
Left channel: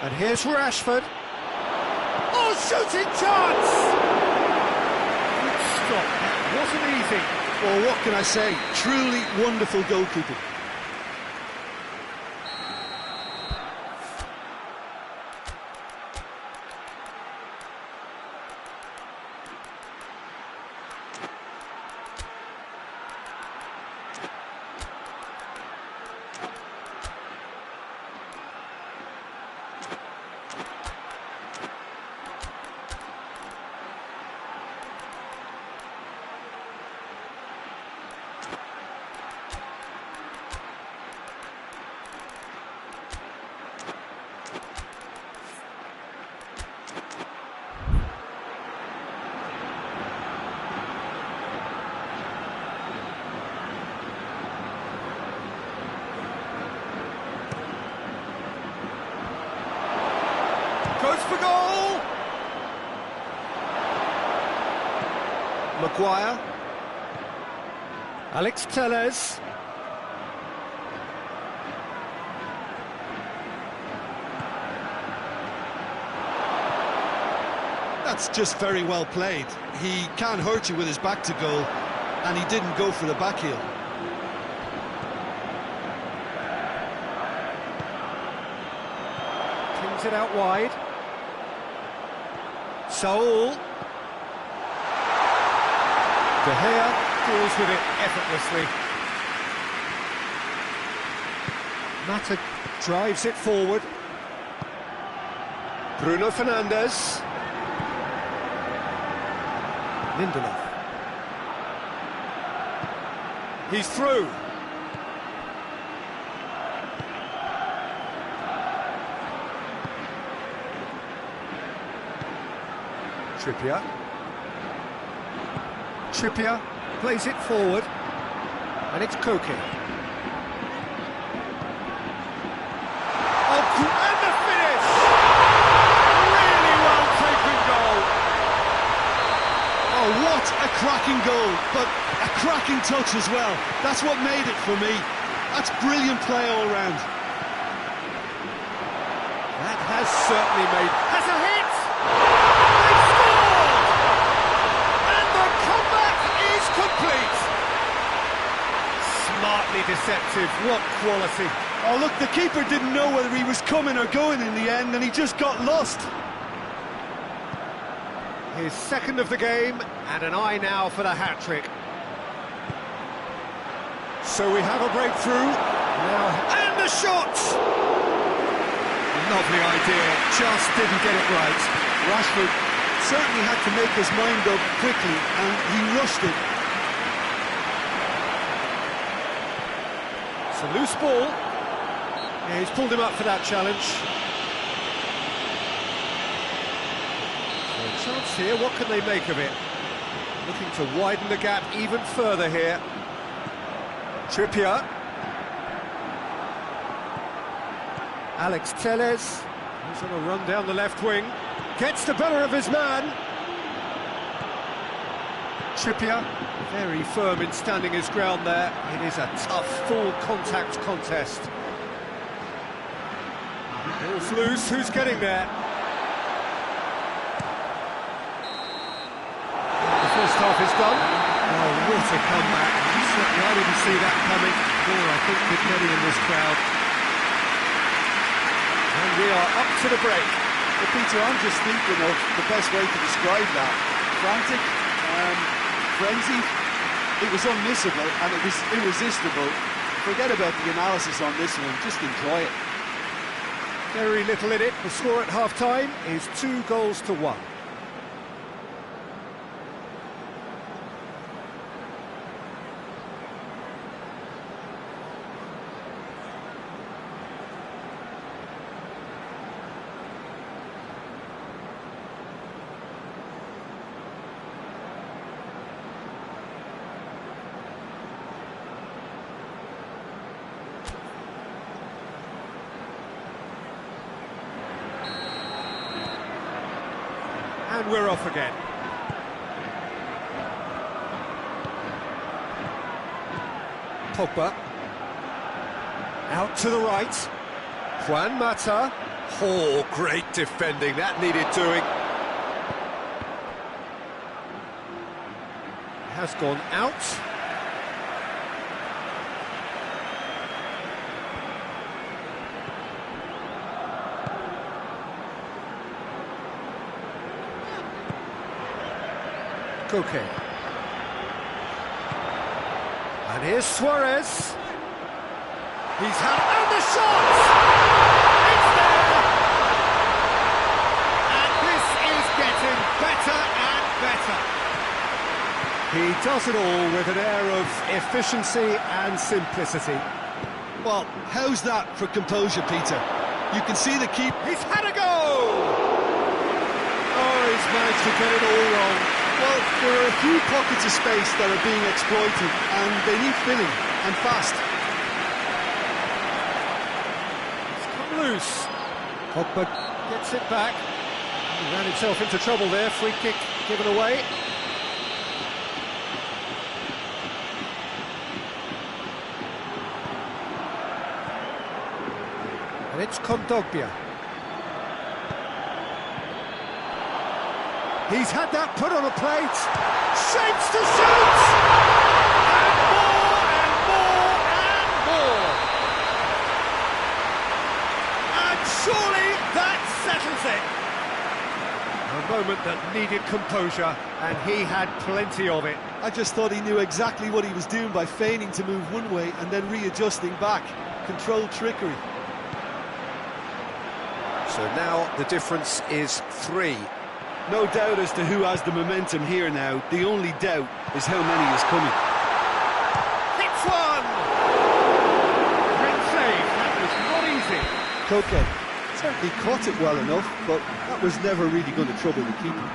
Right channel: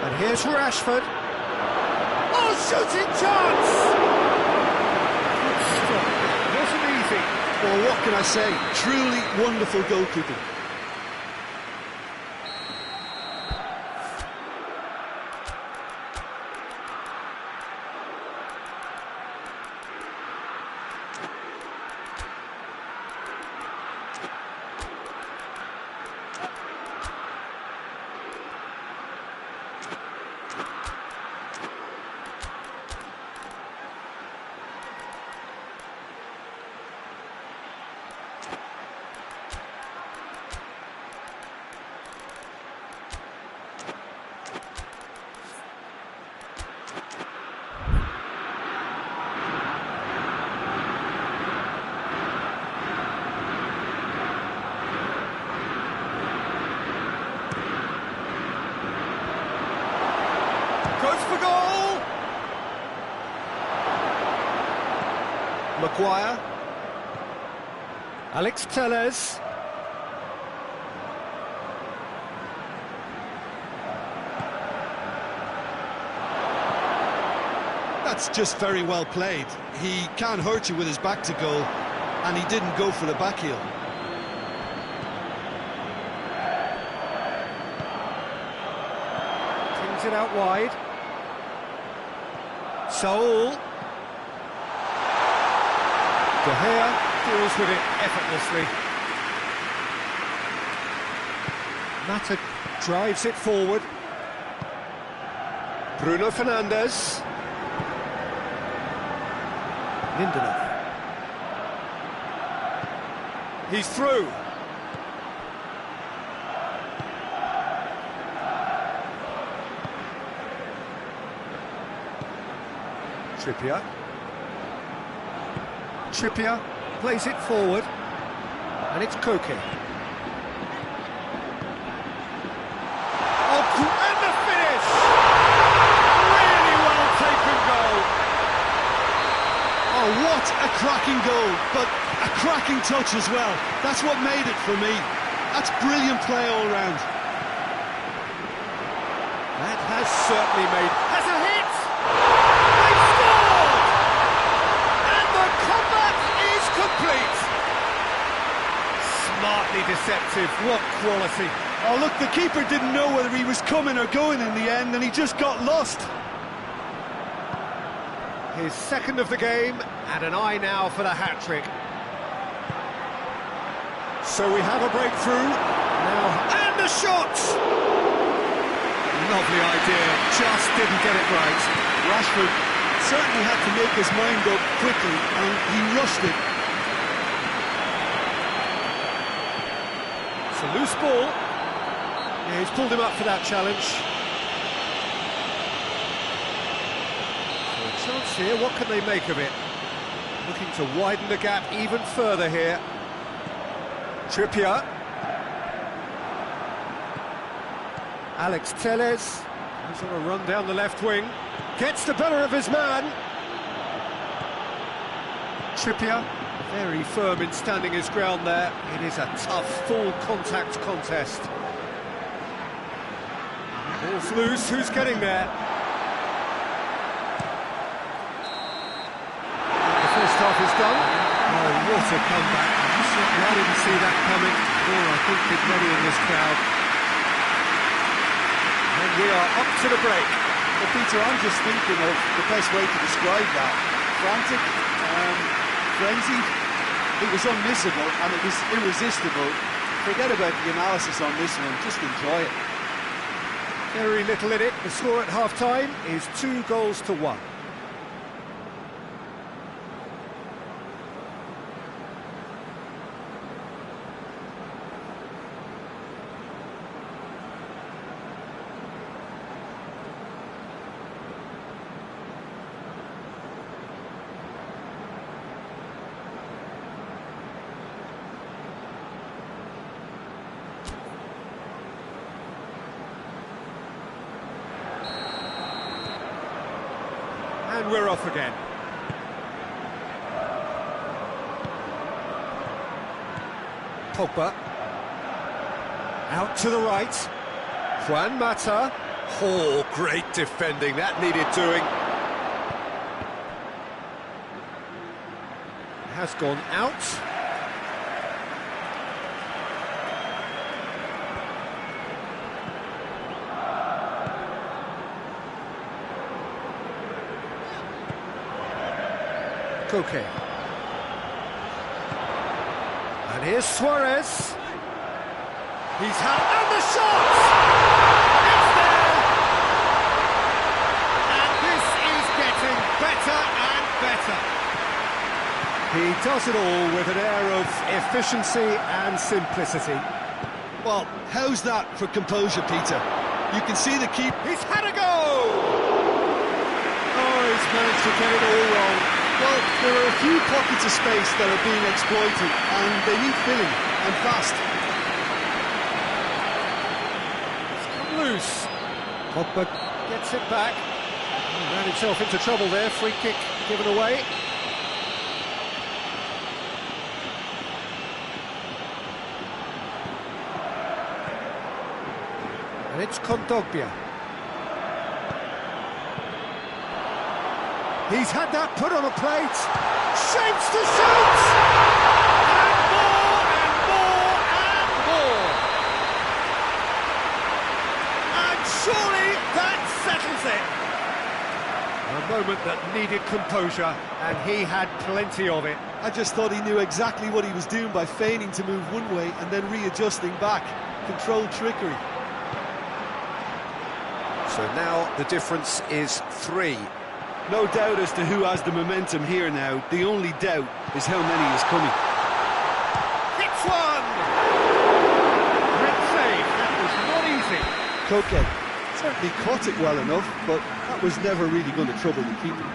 And here's Rashford. Oh, shooting chance! Good stop. That wasn't easy. Well, what can I say? Truly wonderful goalkeeping. Goes for goal! Maguire. Alex Telles. That's just very well played. He can't hurt you with his back to goal, and he didn't go for the back heel. Pings it out wide. Saul. De Gea deals with it effortlessly. Mata drives it forward. Bruno Fernandes. Lindelof. He's through. Trippier. Trippier plays it forward, and it's Koke. Oh, and the finish! Really well taken goal. Oh, what a cracking goal, but a cracking touch as well. That's what made it for me. That's brilliant play all round. That has certainly made... Has a hit! They've scored! And the comeback is complete! Smartly deceptive, what quality. Oh, look, the keeper didn't know whether he was coming or going in the end, and he just got lost. His second of the game, and an eye now for the hat-trick. So we have a breakthrough. Now, and the shot! Lovely idea, just didn't get it right. Rashford certainly had to make his mind up quickly, and he rushed it. It's a loose ball. Yeah, he's pulled him up for that challenge. So a chance here, what can they make of it? Looking to widen the gap even further here. Trippier. Alex Telles, he's on a run down the left wing, gets the better of his man. Trippier, very firm in standing his ground there. It is a tough, full contact contest. Ball's loose, who's getting there? And the first half is done. Oh, what a comeback. Certainly I didn't see that coming, nor I think did many in this crowd. And we are up to the break. Well, Peter, I'm just thinking of the best way to describe that. Frantic, frenzied. It was unmissable and it was irresistible. Forget about the analysis on this one, just enjoy it. Very little in it. The score at half-time is 2-1. And we're off again. Pogba. Out to the right. Juan Mata. Oh, great defending. That needed doing. Has gone out. Koke. And here's Suarez. He's had... And the shot! It's there! And this is getting better and better. He does it all with an air of efficiency and simplicity. Well, how's that for composure, Peter? You can see the keeper. He's had a go! Oh, he's managed to get it all wrong. Well, there are a few pockets of space that are being exploited, and they need filling, and fast. It's come loose. Pogba gets it back. He ran himself into trouble there. Free kick given away. And it's Kondogbia. He's had that put on a plate. Shapes to shoot! And more, and more, and more! And surely that settles it! A moment that needed composure, and he had plenty of it. I just thought he knew exactly what he was doing by feigning to move one way and then readjusting back. Controlled trickery. So now the difference is 3. No doubt as to who has the momentum here now. The only doubt is how many is coming. Hits one! Great save, that was not easy. Koke certainly caught it well enough, but that was never really going to trouble the keeper.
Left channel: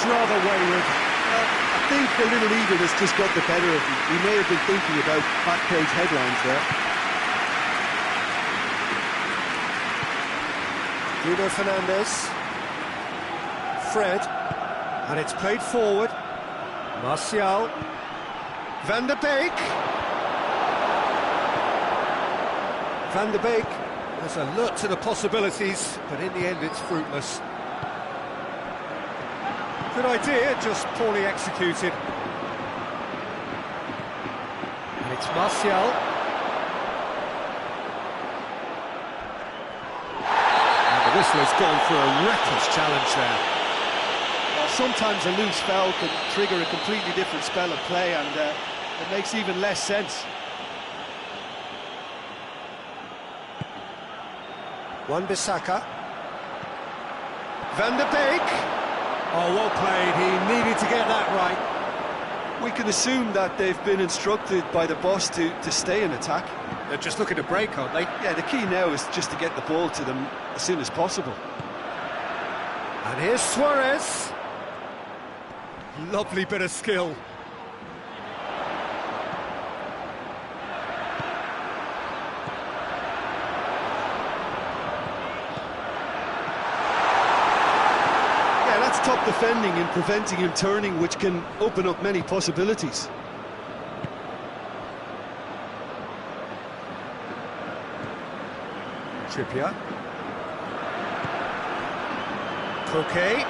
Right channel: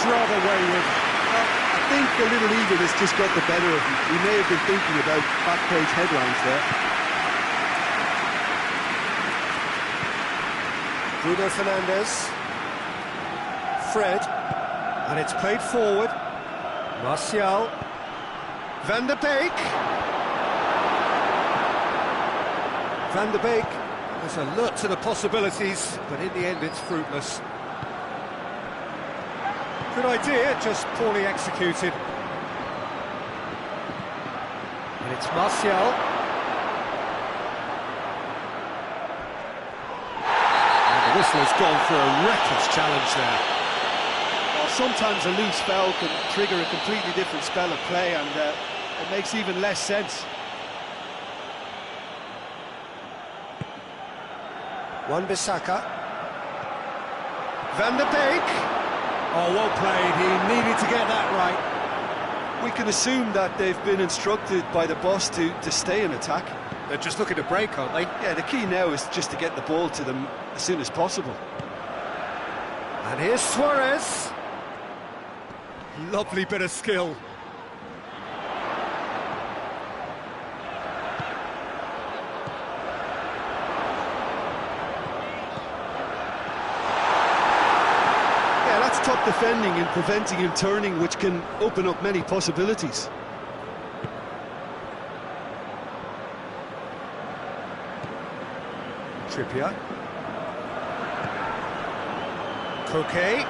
looks rather wayward. Well, I think a little eagerness just got the better of him. He may have been thinking about back page headlines there. Bruno Fernandes. Fred. And it's played forward. Martial. Van der Beek. Van der Beek was alert to the possibilities, but in the end it's fruitless. Good idea, just poorly executed. And it's Martial. And the whistle has gone for a reckless challenge there. Well, sometimes a loose foul can trigger a completely different spell of play, and it makes even less sense. Wan-Bissaka. Van der Beek. Oh, well played. He needed to get that right. We can assume that they've been instructed by the boss to stay in attack. They're just looking to break, aren't they? Yeah, the key now is just to get the ball to them as soon as possible. And here's Suarez. Lovely bit of skill. Yeah, that's top defending and preventing him turning, which can open up many possibilities. Trippier. Koke.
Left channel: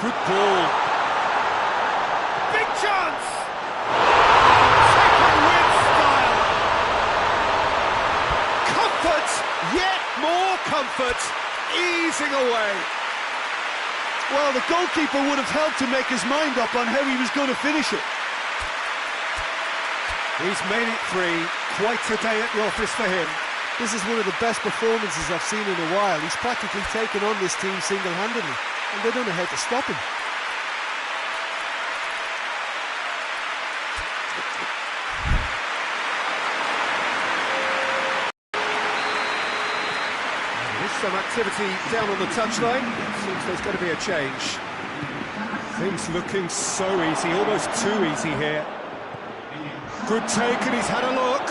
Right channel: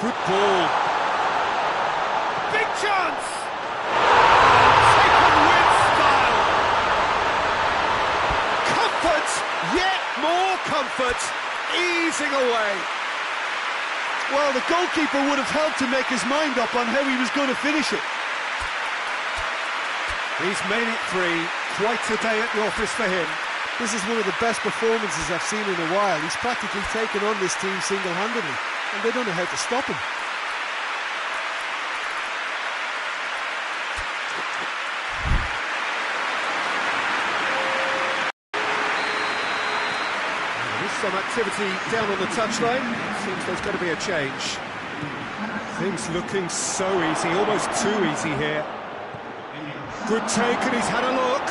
Good ball. Big chance! Oh, taken with style. Comfort, yet more comfort, easing away. Well, the goalkeeper would have helped to make his mind up on how he was going to finish it. He's made it 3. Quite a day at the office for him. This is one of the best performances I've seen in a while. He's practically taken on this team single-handedly, and they don't know how to stop him. There is some activity down on the touchline. It seems there's going to be a change. Things looking so easy, almost too easy here. Good take, and he's had a look.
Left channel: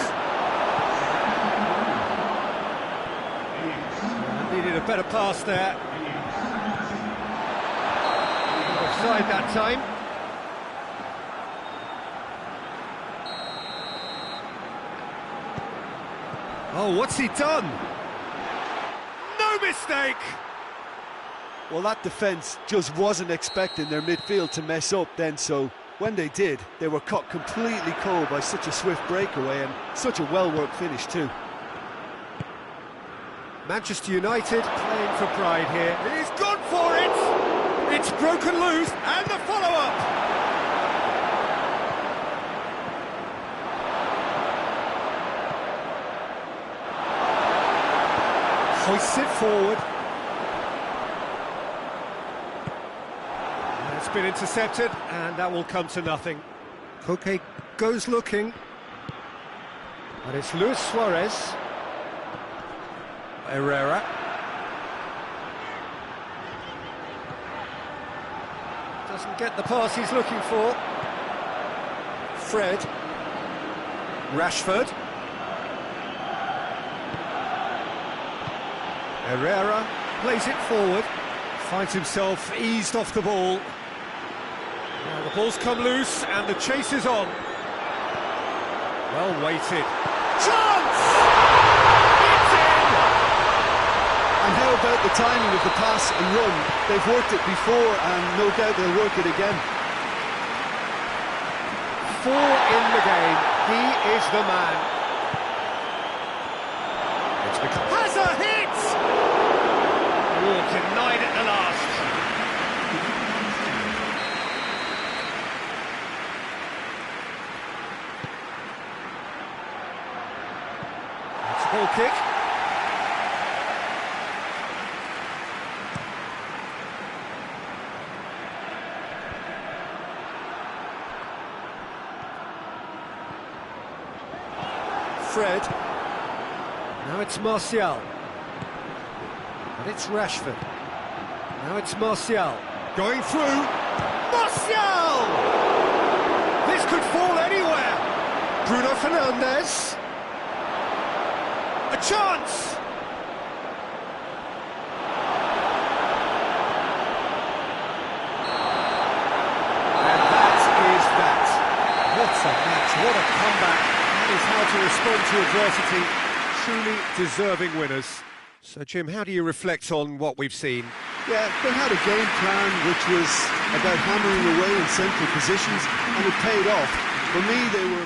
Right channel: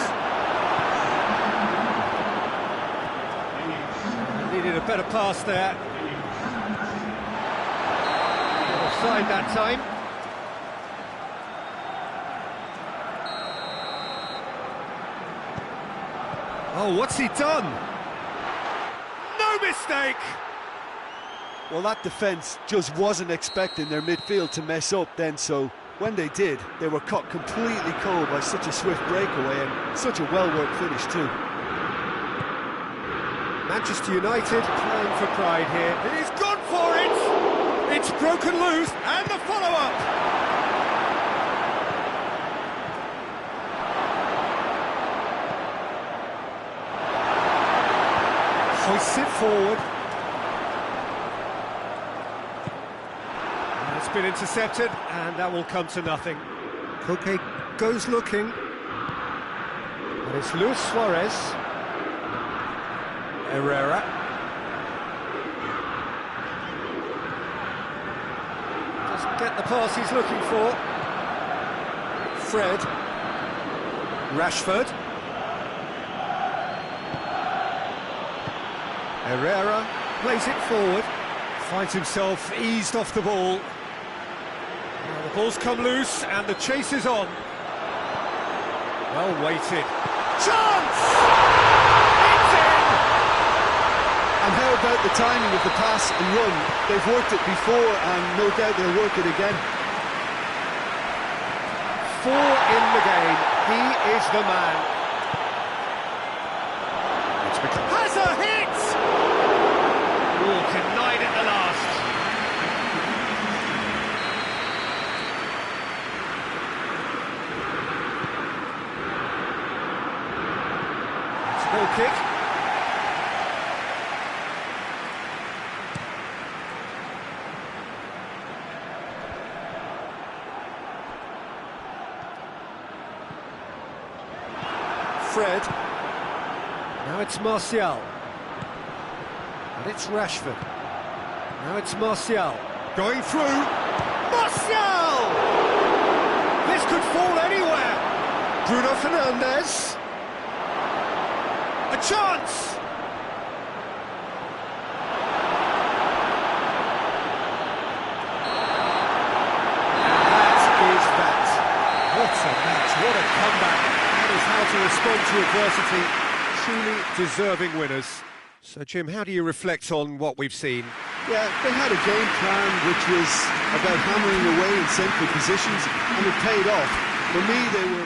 Needed a better pass there. Not offside that time. Oh, what's he done? No mistake! Well, that defence just wasn't expecting their midfield to mess up then, so when they did, they were caught completely cold by such a swift breakaway and such a well-worked finish too. Manchester United playing for pride here. He's gone for it! It's broken loose, and the follow-up! Hoists it forward. And it's been intercepted, and that will come to nothing. Koke goes looking. And it's Luis Suarez. Herrera. Doesn't get the pass he's looking for. Fred. Rashford. Herrera plays it forward. Finds himself eased off the ball. Now the ball's come loose and the chase is on. Well weighted. Chance! And how about the timing of the pass and run? They've worked it before and no doubt they'll work it again. 4 in the game. He is the man. It's become... Has a hit! Oh, denied at the last. It's a goal kick. Fred. Now it's Martial. And it's Rashford. Now it's Martial. Going through. Martial! This could fall anywhere. Bruno Fernandes. A chance! And that is that. What a match, what a comeback. That is how to respond to adversity. Truly deserving winners. So, Jim, how do you reflect on what we've seen? Yeah, they had a game plan which was about hammering away in central positions, and it paid off. For me, they were...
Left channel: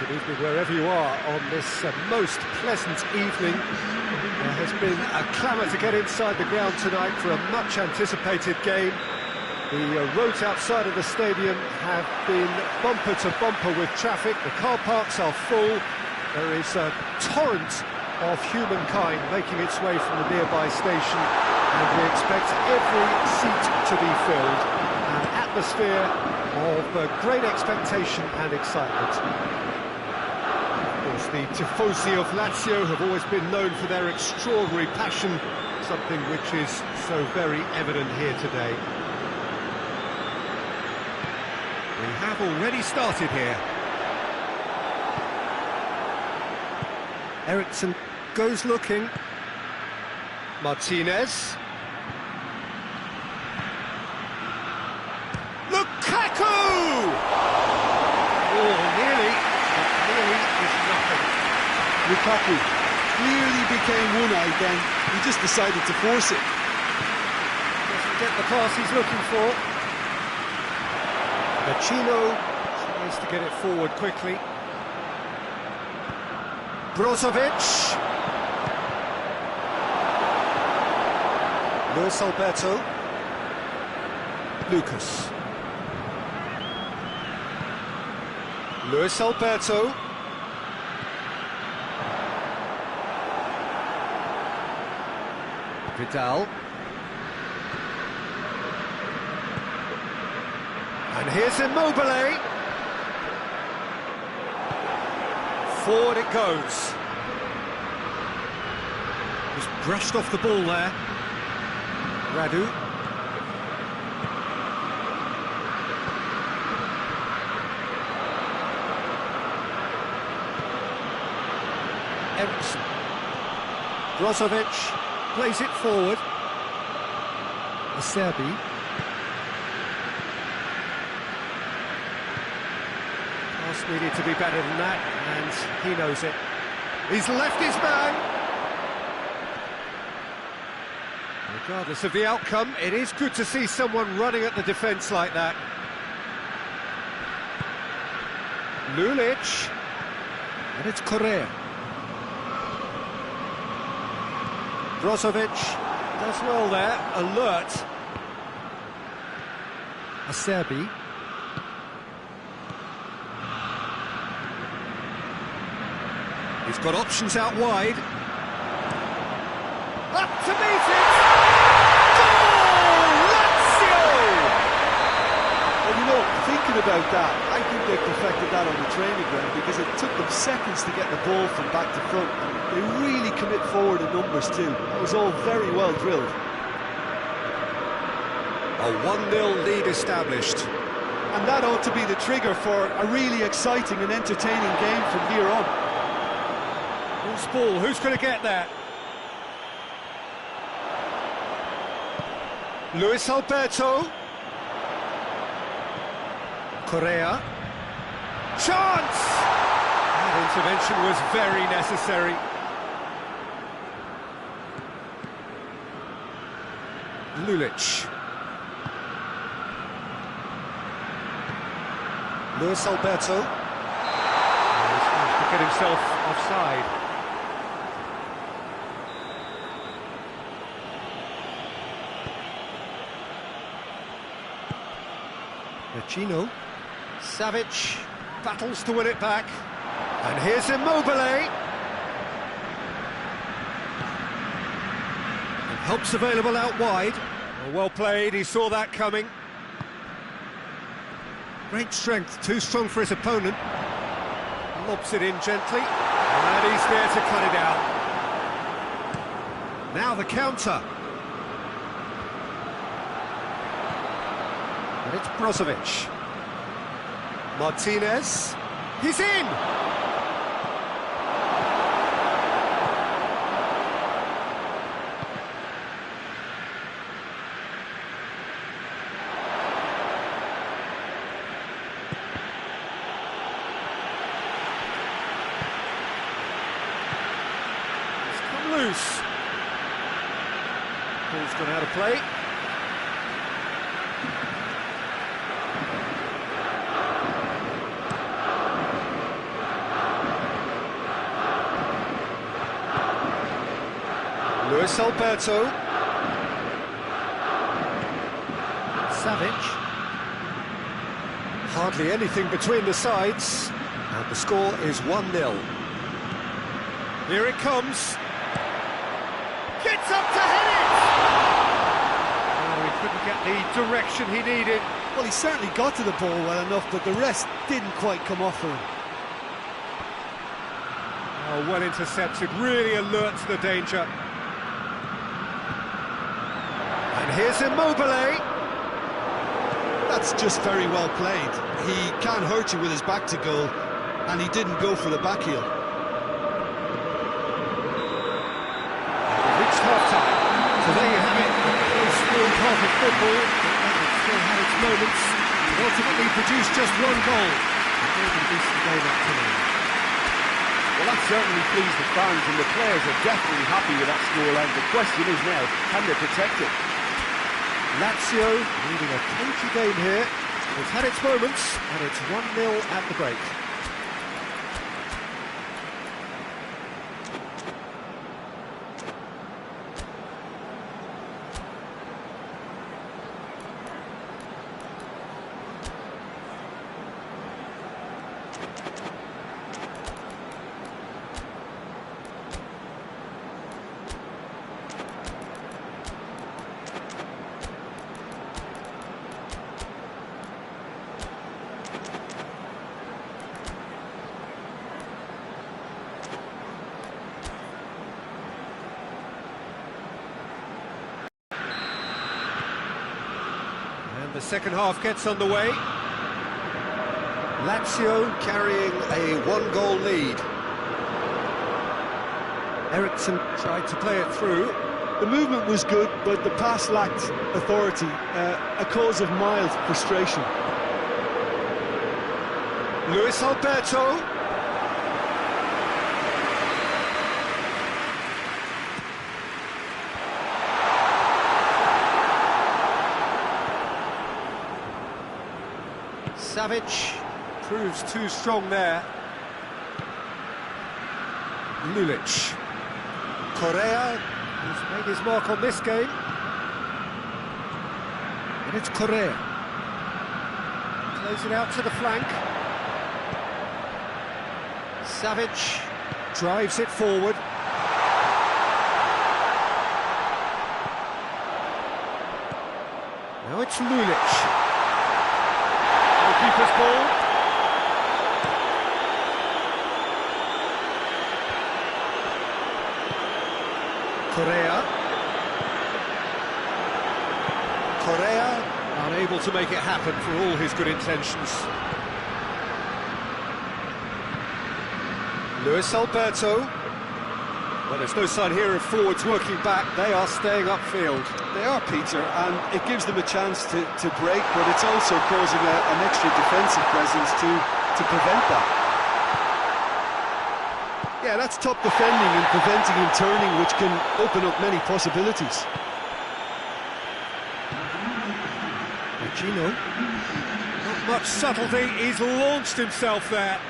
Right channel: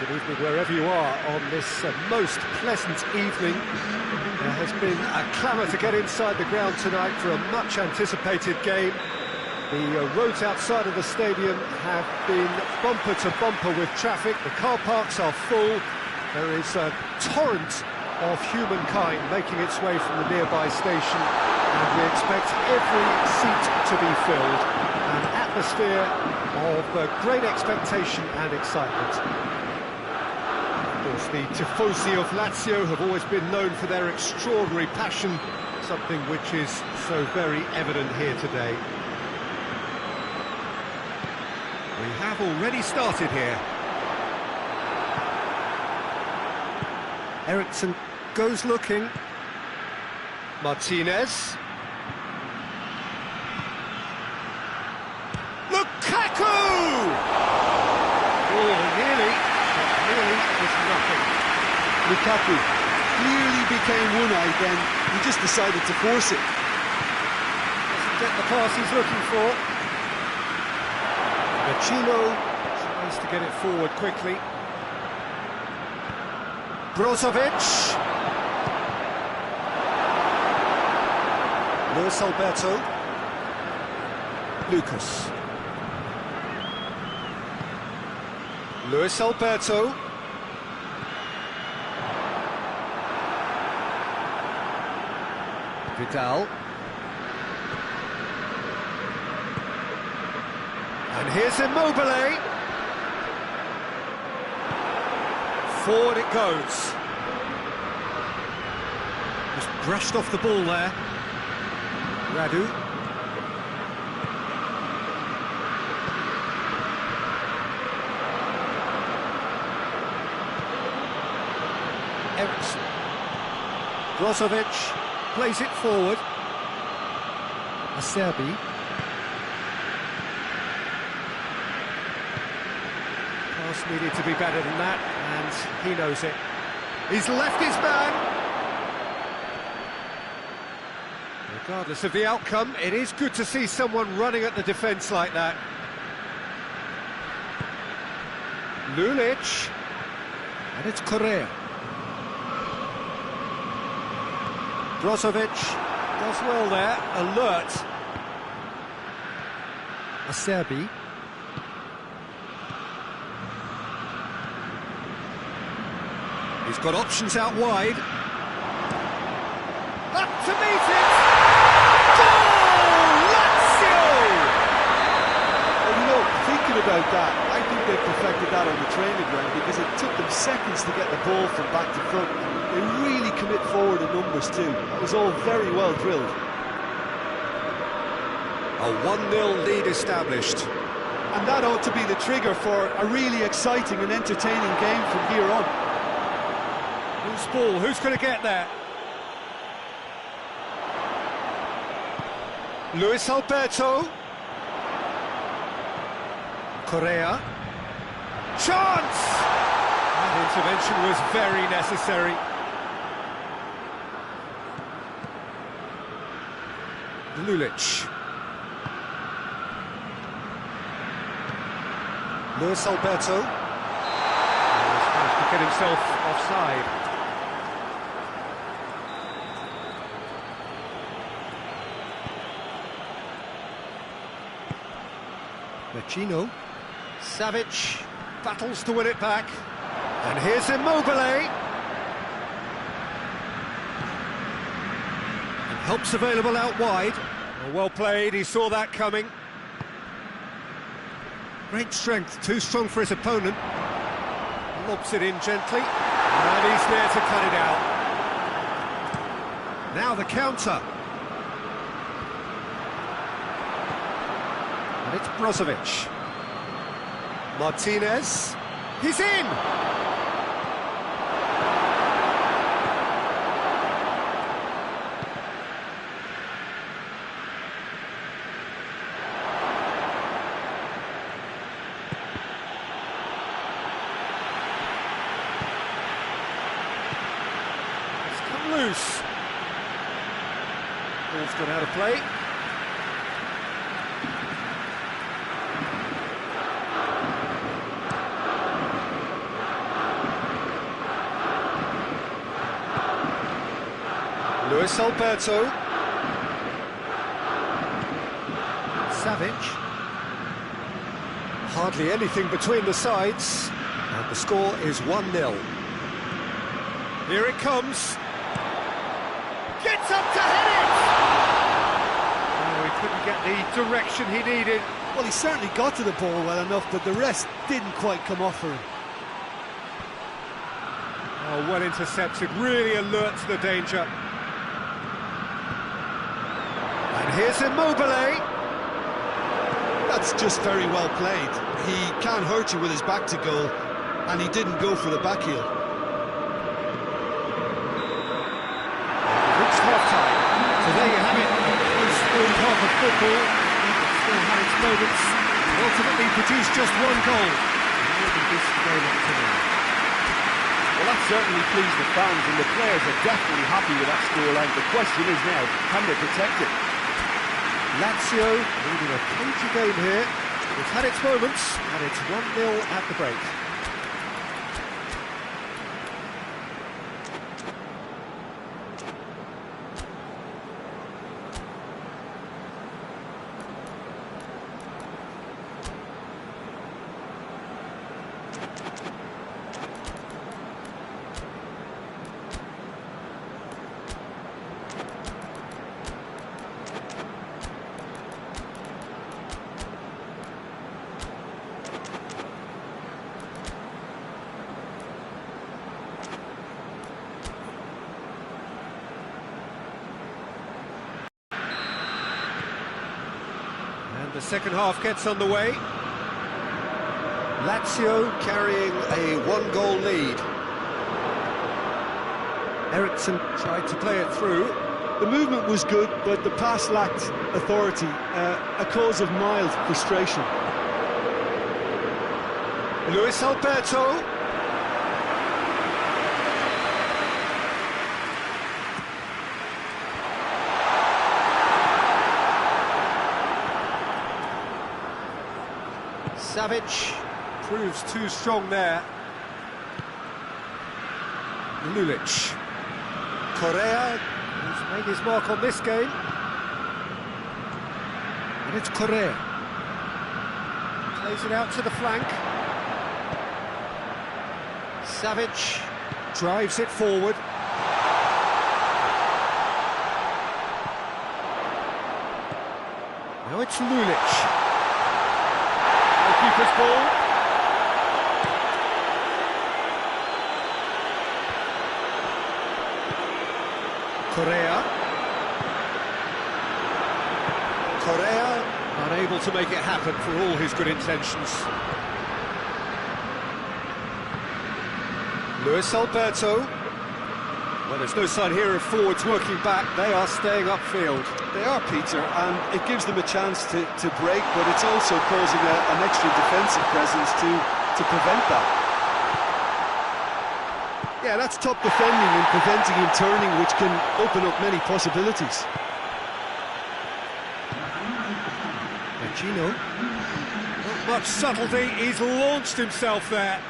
Good evening wherever you are on this most pleasant evening. There has been a clamour to get inside the ground tonight for a much anticipated game. The roads outside of the stadium have been bumper to bumper with traffic. The car parks are full. There is a torrent of humankind making its way from the nearby station, and we expect every seat to be filled. An atmosphere of great expectation and excitement. Of course, the tifosi of Lazio have always been known for their extraordinary passion, something which is so very evident here today. We have already started here. Eriksson goes looking. Martinez. Lukaku! Oh, nearly, but nearly is nothing. Lukaku clearly became one-eyed then. He just decided to force it. Doesn't get the pass he's looking for. Vecino tries to get it forward quickly. Brozovic. Luis Alberto. Lucas. Luis Alberto. Vidal. And here's Immobile. Forward it goes. Just brushed off the ball there. Radu. Eriksson. Brozovic plays it forward. Acerbi. Pass needed to be better than that, and he knows it. He's left his man. Regardless of the outcome, it is good to see someone running at the defence like that. Lulic. And it's Correa. Brozovic does well there, alert. Acerbi. He's got options out wide. Up to meet it! Goal! Lazio! Well, you know, thinking about that, I think they perfected that on the training ground because it took them seconds to get the ball from back to front, and they really commit forward in numbers too. That was all very well drilled. A 1-0 lead established. And that ought to be the trigger for a really exciting and entertaining game from here on. Who's ball? Who's going to get there? Luis Alberto. Correa. Chance! That intervention was very necessary. Lulic. Luis Alberto. He's managed to get himself offside. Vecino. Savic battles to win it back. And here's Immobile. And help's available out wide. Well played, he saw that coming. Great strength, too strong for his opponent. Lobs it in gently. And he's there to cut it out. Now the counter. And it's Brozovic. Martinez. He's in! It's come loose. Ball's gone out of play. Luis Alberto. Savic. Hardly anything between the sides, and the score is 1-0. Here it comes. Gets up to head it! Oh, he couldn't get the direction he needed. Well, he certainly got to the ball well enough, but the rest didn't quite come off for him. Oh, well intercepted, really alert to the danger. And here's Immobile. That's just very well played. He can't hurt you with his back to goal, and he didn't go for the back heel. We've reached half-time, so there you have it, a close-fought half of football, but it still had its moments, and ultimately produced just one goal. A more than decent game up to now. Well, that certainly pleased the fans, and the players are definitely happy with that scoreline. The question is now, can they protect it? Lazio leading a cagey game here. It's had its moments, and it's 1-0 at the break. And the second half gets underway. Lazio carrying a one-goal lead. Eriksson tried to play it through. The movement was good, but the pass lacked authority, a cause of mild frustration. Luis Alberto. Savic proves too strong there. Lulic. Correa, who's made his mark on this game. And it's Correa. Plays it out to the flank. Savic drives it forward. Now it's Lulic. Goalkeeper's ball. Correa unable to make it happen for all his good intentions. Luis Alberto. Well, there's no sign here of forwards working back. They are staying upfield. They are, Peter, and it gives them a chance to break, but it's also causing an extra defensive presence to prevent that. Yeah, that's top defending and preventing him turning, which can open up many possibilities. Gino, not much subtlety, he's launched himself there.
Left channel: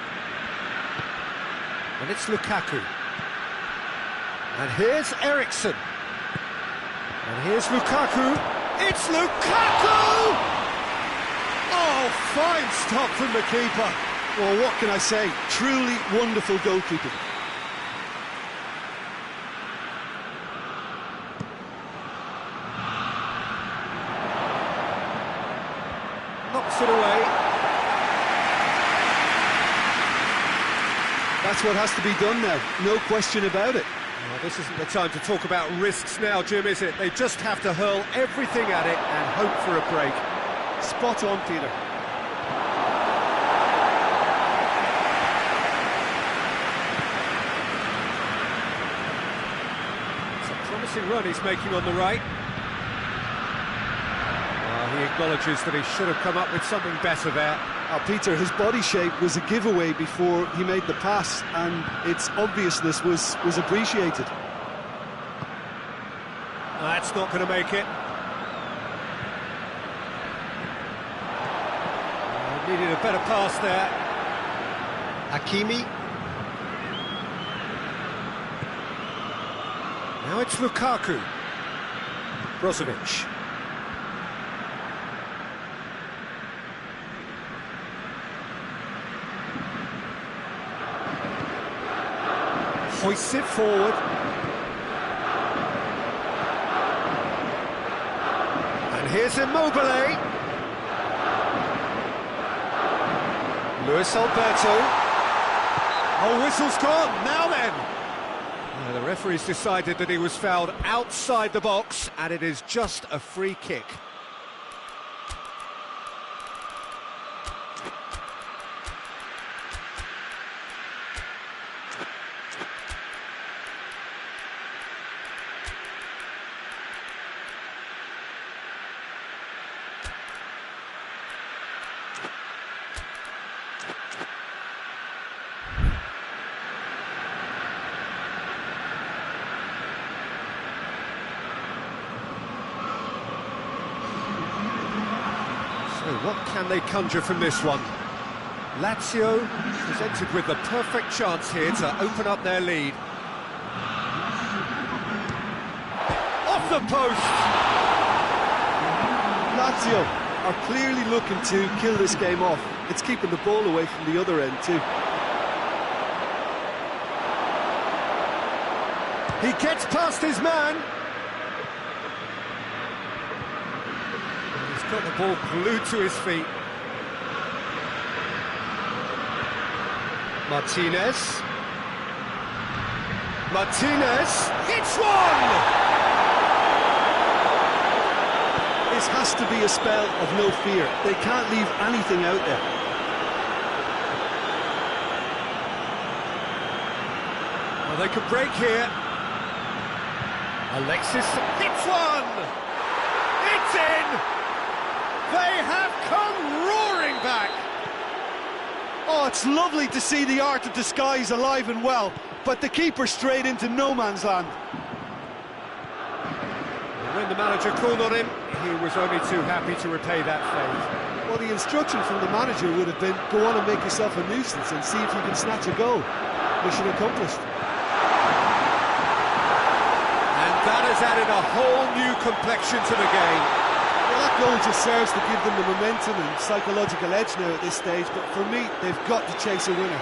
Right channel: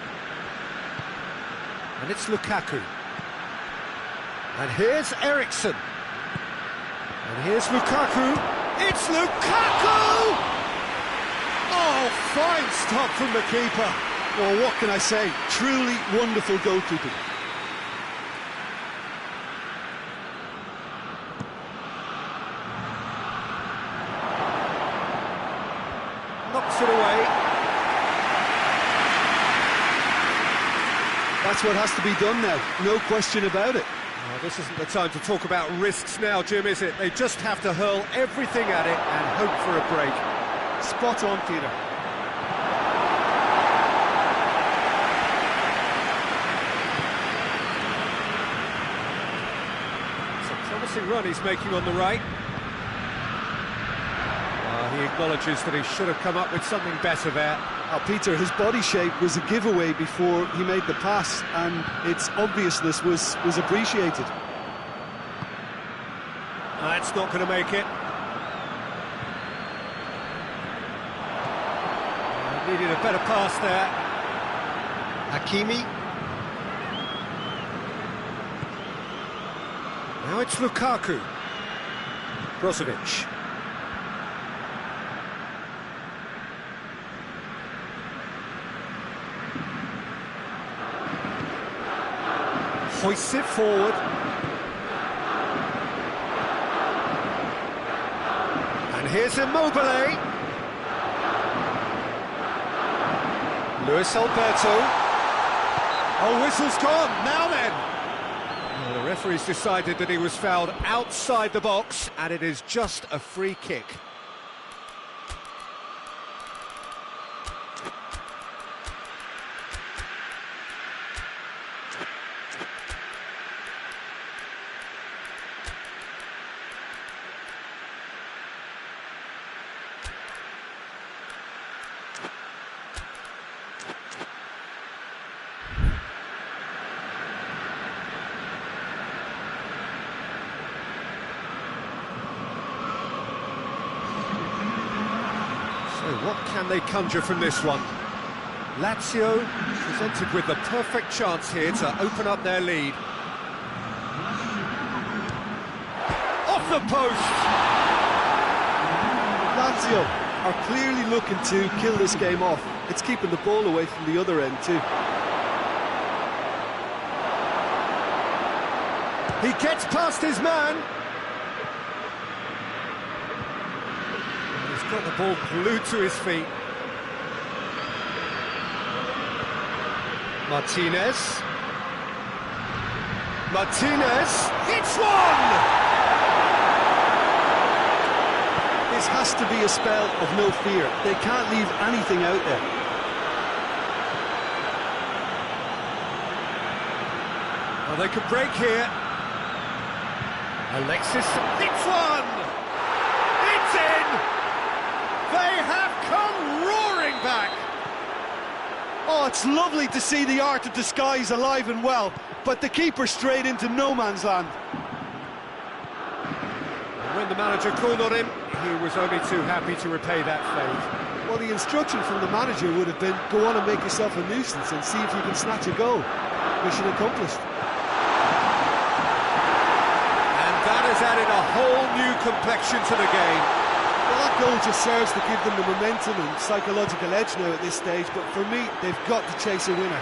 And it's Lukaku. And here's Eriksson. And here's Lukaku. It's Lukaku! Oh, fine stop from the keeper. Well, what can I say? Truly wonderful goalkeeping. Knocks it away. That's what has to be done now, no question about it. Oh, this isn't the time to talk about risks now, Jim, is it? They just have to hurl everything at it and hope for a break. Spot on, Peter. It's a promising run he's making on the right. He acknowledges that he should have come up with something better there. Peter, his body shape was a giveaway before he made the pass, and its obviousness was appreciated. That's not going to make it. Needed a better pass there. Hakimi. Now it's Lukaku. Brozovic. Hoists it forward. And here's Immobile. Luis Alberto. Oh, whistle's gone. Now then. The referee's decided that he was fouled outside the box, and it is just a free kick. So what can they conjure from this one? Lazio presented with the perfect chance here to open up their lead. Off the post! Lazio are clearly looking to kill this game off. It's keeping the ball away from the other end too. He gets past his man. He's got the ball glued to his feet. Martinez. Martinez hits one! This has to be a spell of no fear. They can't leave anything out there. Well, they could break here. Alexis hits one! It's in! They have come roaring back! Oh, it's lovely to see the art of disguise alive and well, but the keeper straight into no man's land. And when the manager called on him, he was only too happy to repay that favour. Well, the instruction from the manager would have been, go on and make yourself a nuisance and see if you can snatch a goal. Mission accomplished. And that has added a whole new complexion to the game. Well, that goal just serves to give them the momentum and psychological edge now at this stage, but for me, they've got to chase a winner.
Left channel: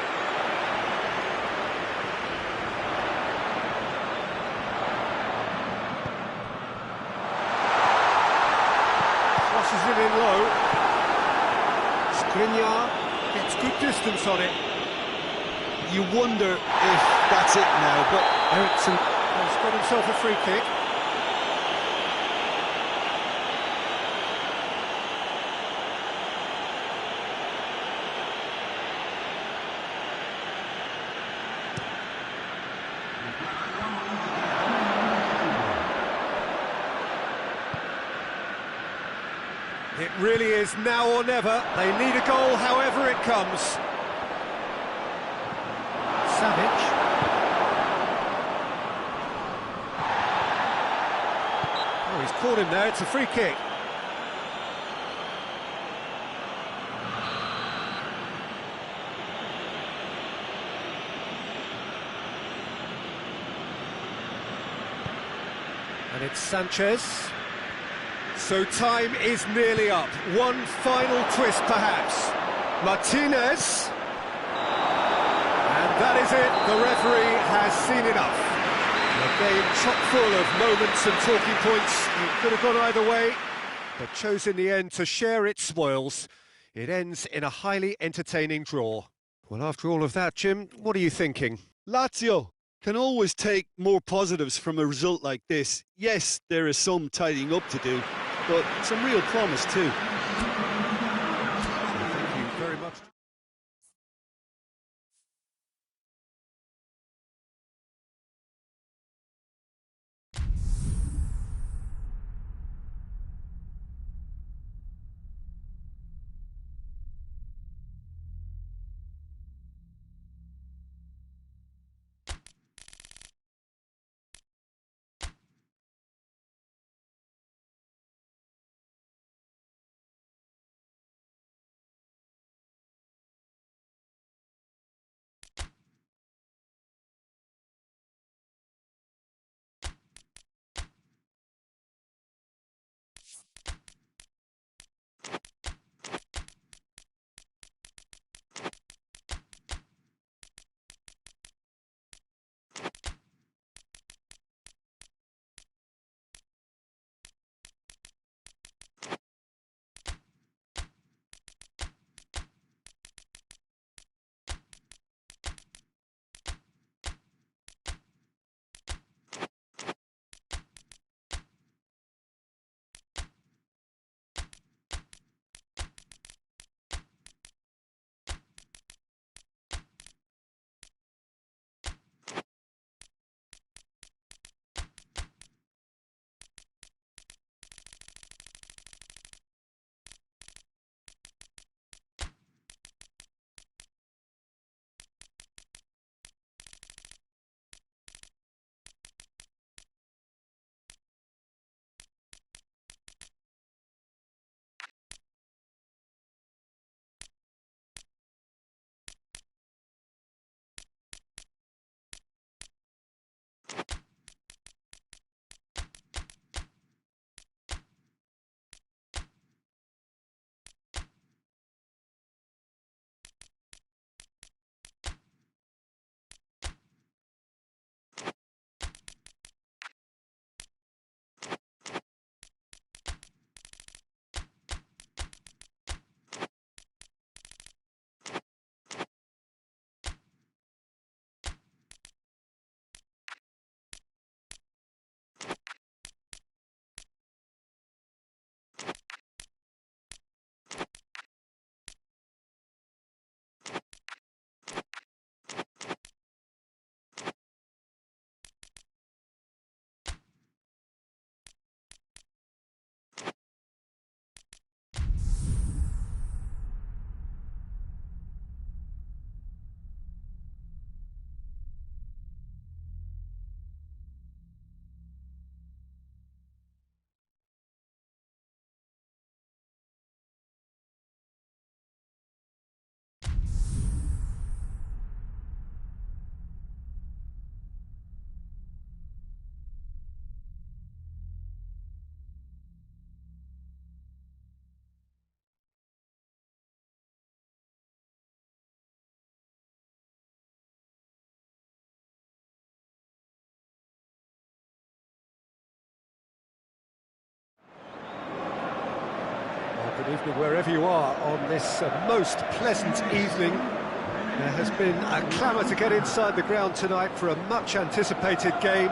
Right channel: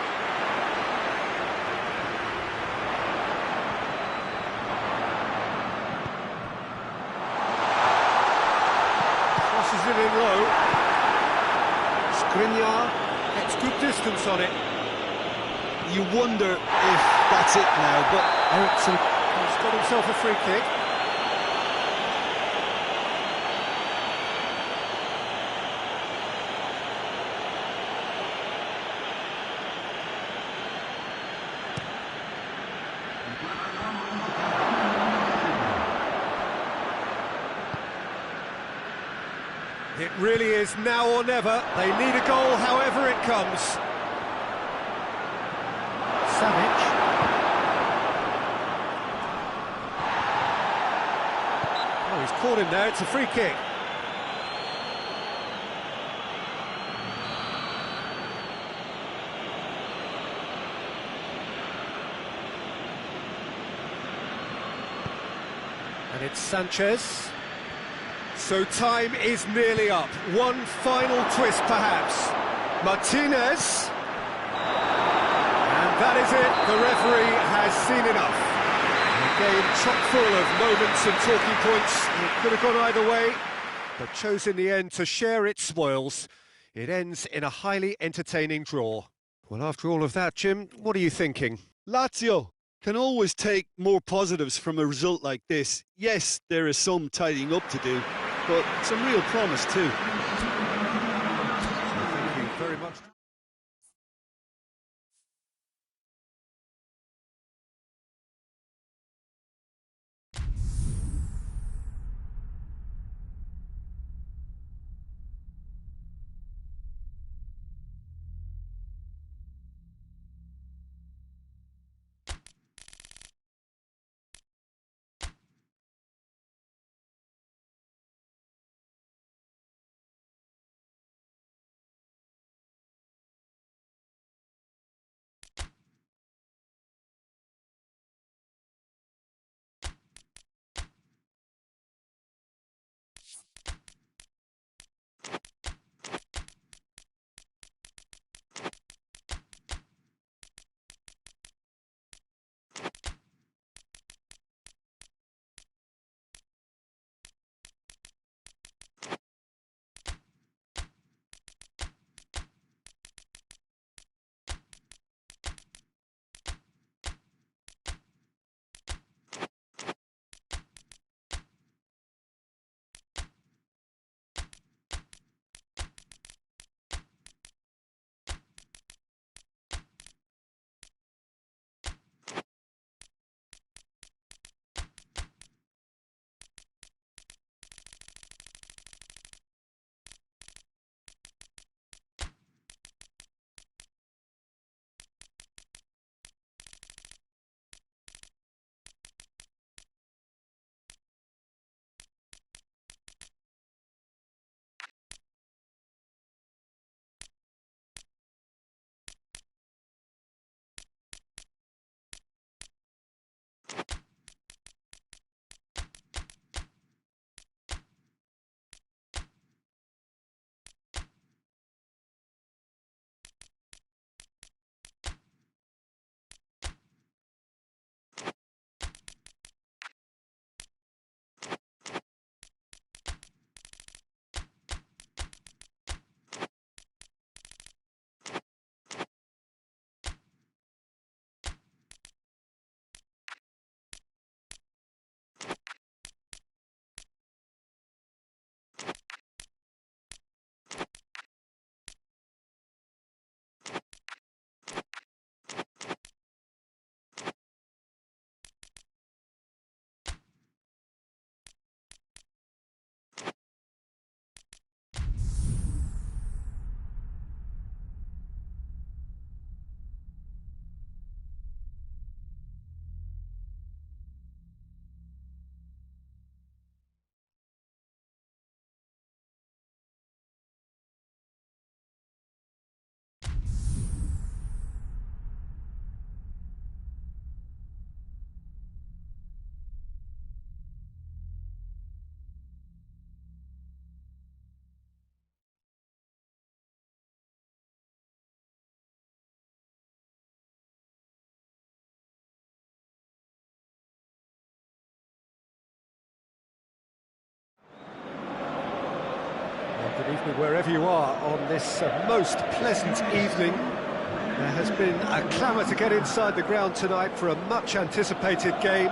Crosses it in low. Skriniar gets good distance on it. You wonder if that's it now, but Eriksson has got himself a free kick. It really is now or never. They need a goal however it comes. Savic. Oh, he's caught him there. It's a free kick. And it's Sanchez. So time is nearly up. One final twist, perhaps. Martinez. And that is it. The referee has seen enough. A game chock full of moments and talking points. It could have gone either way, but chose in the end to share its spoils. It ends in a highly entertaining draw. Well, after all of that, Jim, what are you thinking? Lazio can always take more positives from a result like this. Yes, there is some tidying up to do, but some real promise too. So thank you very much. Good evening wherever you are on this most pleasant evening. There has been a clamour to get inside the ground tonight for a much anticipated game.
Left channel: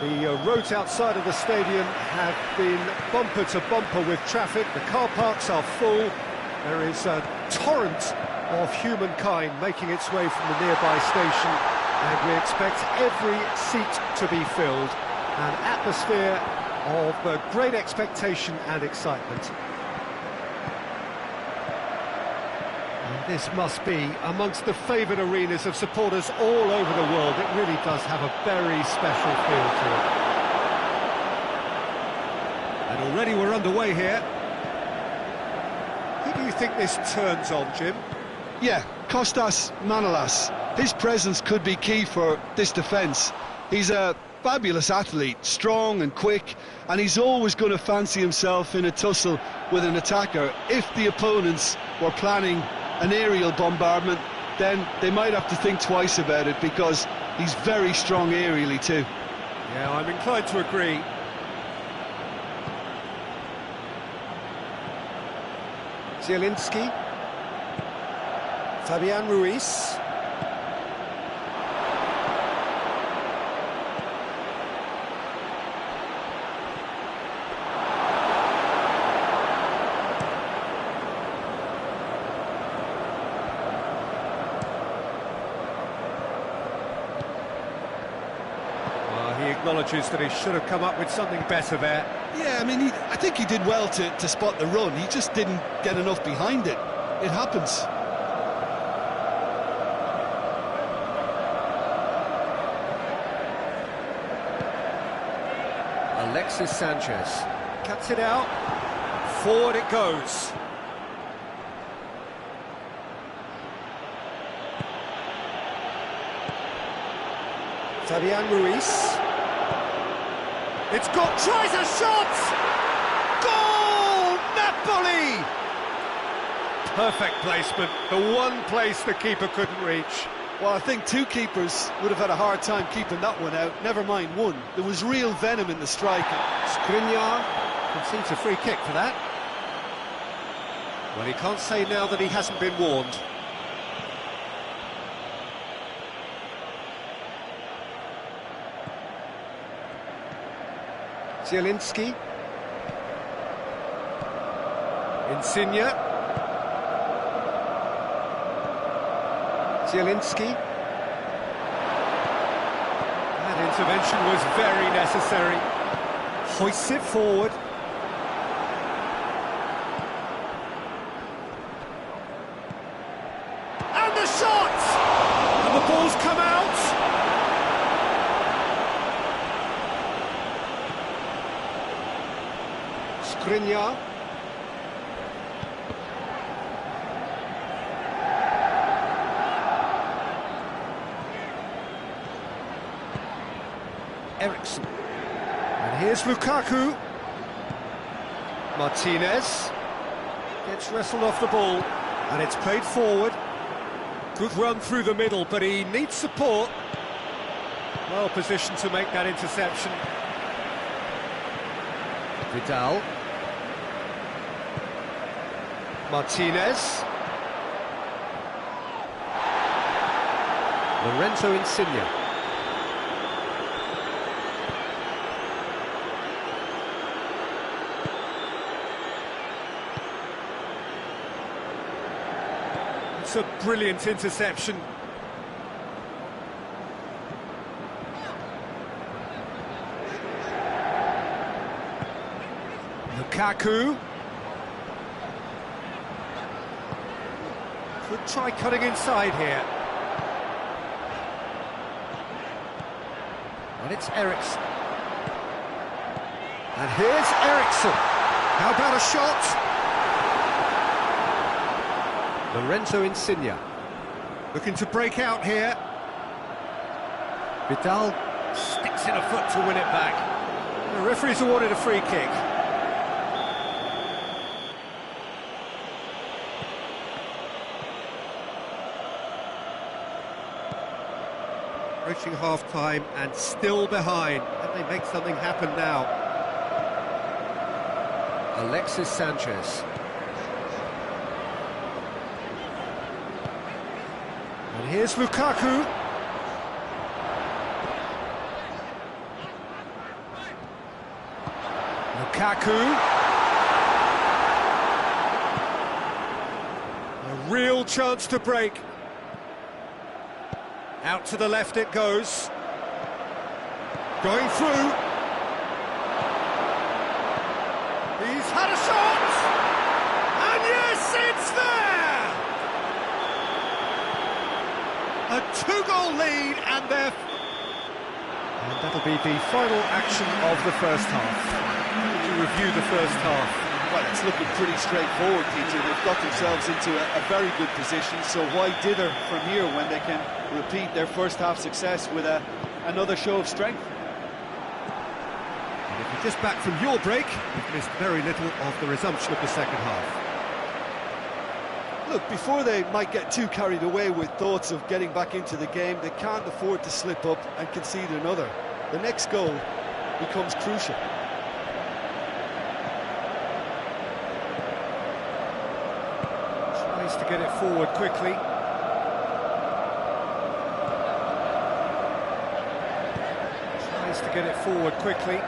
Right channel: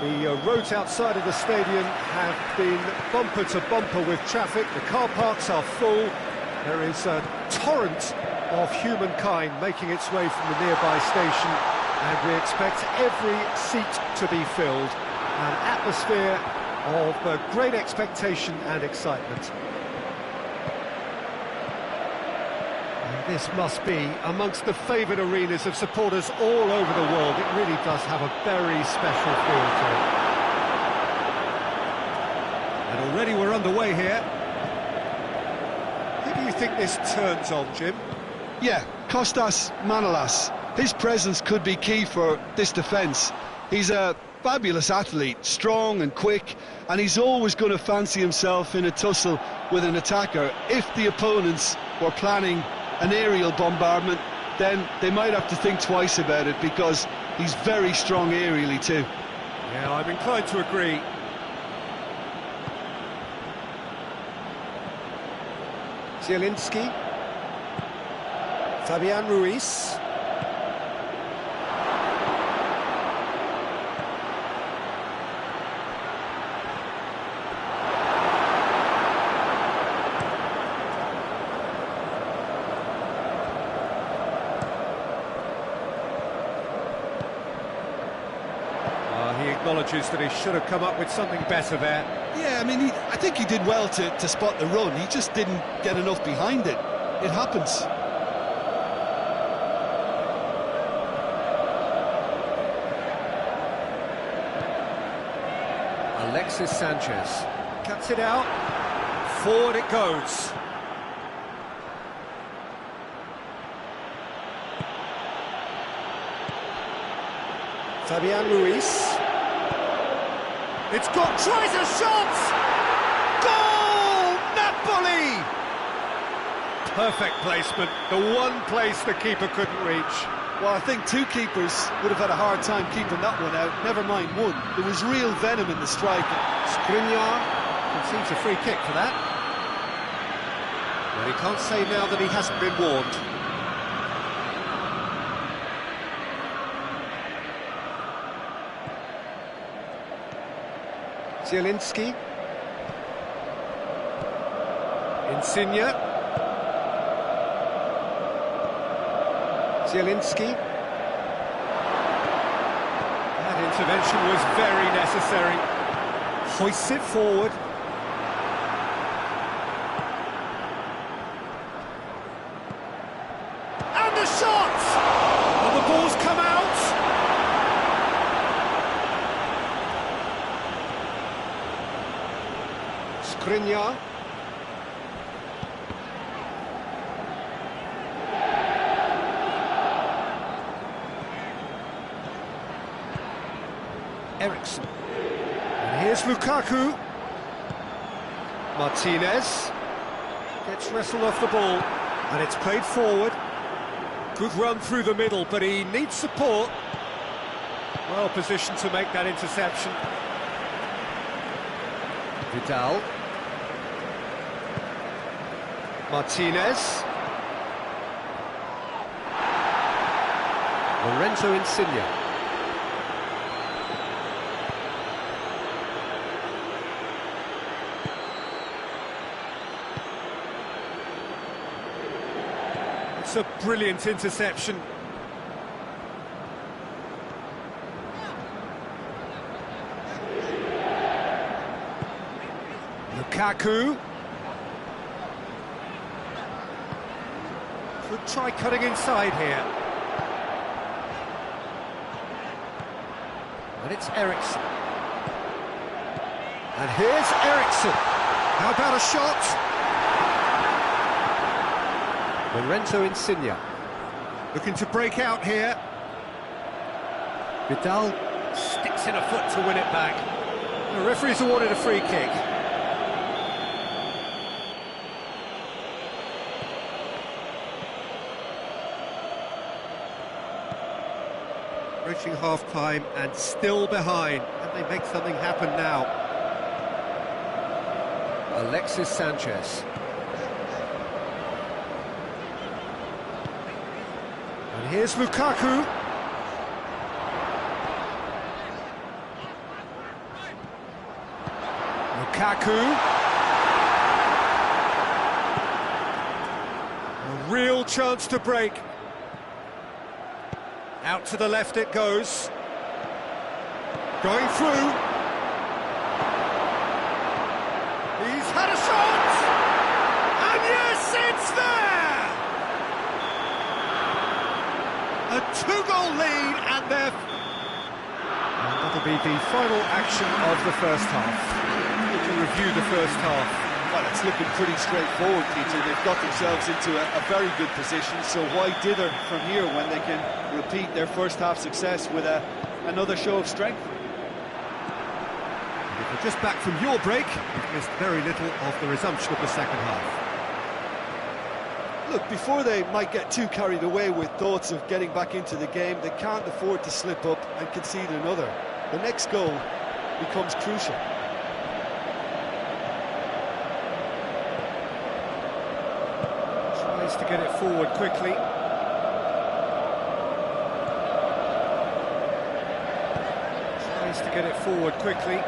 The roads outside of the stadium have been bumper to bumper with traffic. The car parks are full. There is a torrent of humankind making its way from the nearby station, and we expect every seat to be filled. An atmosphere of great expectation and excitement. And this must be amongst the favoured arenas of supporters all over the world. It really does have a very special feel to it. And already we're underway here. Who do you think this turns on, Jim? Yeah, Kostas Manolas. His presence could be key for this defence. He's a fabulous athlete, strong and quick, and he's always going to fancy himself in a tussle with an attacker. If the opponents were planning an aerial bombardment, then they might have to think twice about it, because he's very strong aerially too. Yeah, I'm inclined to agree. Zielinski. Fabian Ruiz. He acknowledges that he should have come up with something better there. Yeah, I mean, I think he did well to spot the run. He just didn't get enough behind it. It happens. Alexis Sanchez cuts it out. Forward it goes. Fabian Ruiz. It's got, tries a shot! Goal! Napoli! Perfect placement, the one place the keeper couldn't reach. Well, I think two keepers would have had a hard time keeping that one out, never mind one. There was real venom in the strike. Skriniar concedes a free kick for that. Well, he can't say now that he hasn't been warned. Zielinski. Insigne. Zielinski. That intervention was very necessary. Hoists it forward. And the shot! And the ball's come out! Skriniar. Eriksson. And here's Lukaku. Martinez gets wrestled off the ball, and it's played forward. Good run through the middle, but he needs support. Well positioned to make that interception. Vidal. Martinez. Lorenzo Insigne. It's a brilliant interception. Lukaku. Could try cutting inside here. And it's Eriksson. And here's Eriksson. How about a shot? Lorenzo Insigne. Looking to break out here. Vidal sticks in a foot to win it back. The referee's awarded a free kick. Approaching half-time and still behind. Can they make something happen now? Alexis Sanchez. And here's Lukaku. Lukaku. A real chance to break. Out to the left it goes. Going through. He's had a shot! And yes, it's there! A two-goal lead, and that'll be the final action of the first half. Would you review the first half? Well, it's looking pretty straightforward, Peter. They've got themselves into a very good position, so why dither from here when they can repeat their first half success with another show of strength? And if you're just back from your break, you've missed very little of the resumption of the second half. Look, before they might get too carried away with thoughts of getting back into the game, they can't afford to slip up and concede another. The next goal becomes crucial. Tries to get it forward quickly. Tries to get it forward quickly.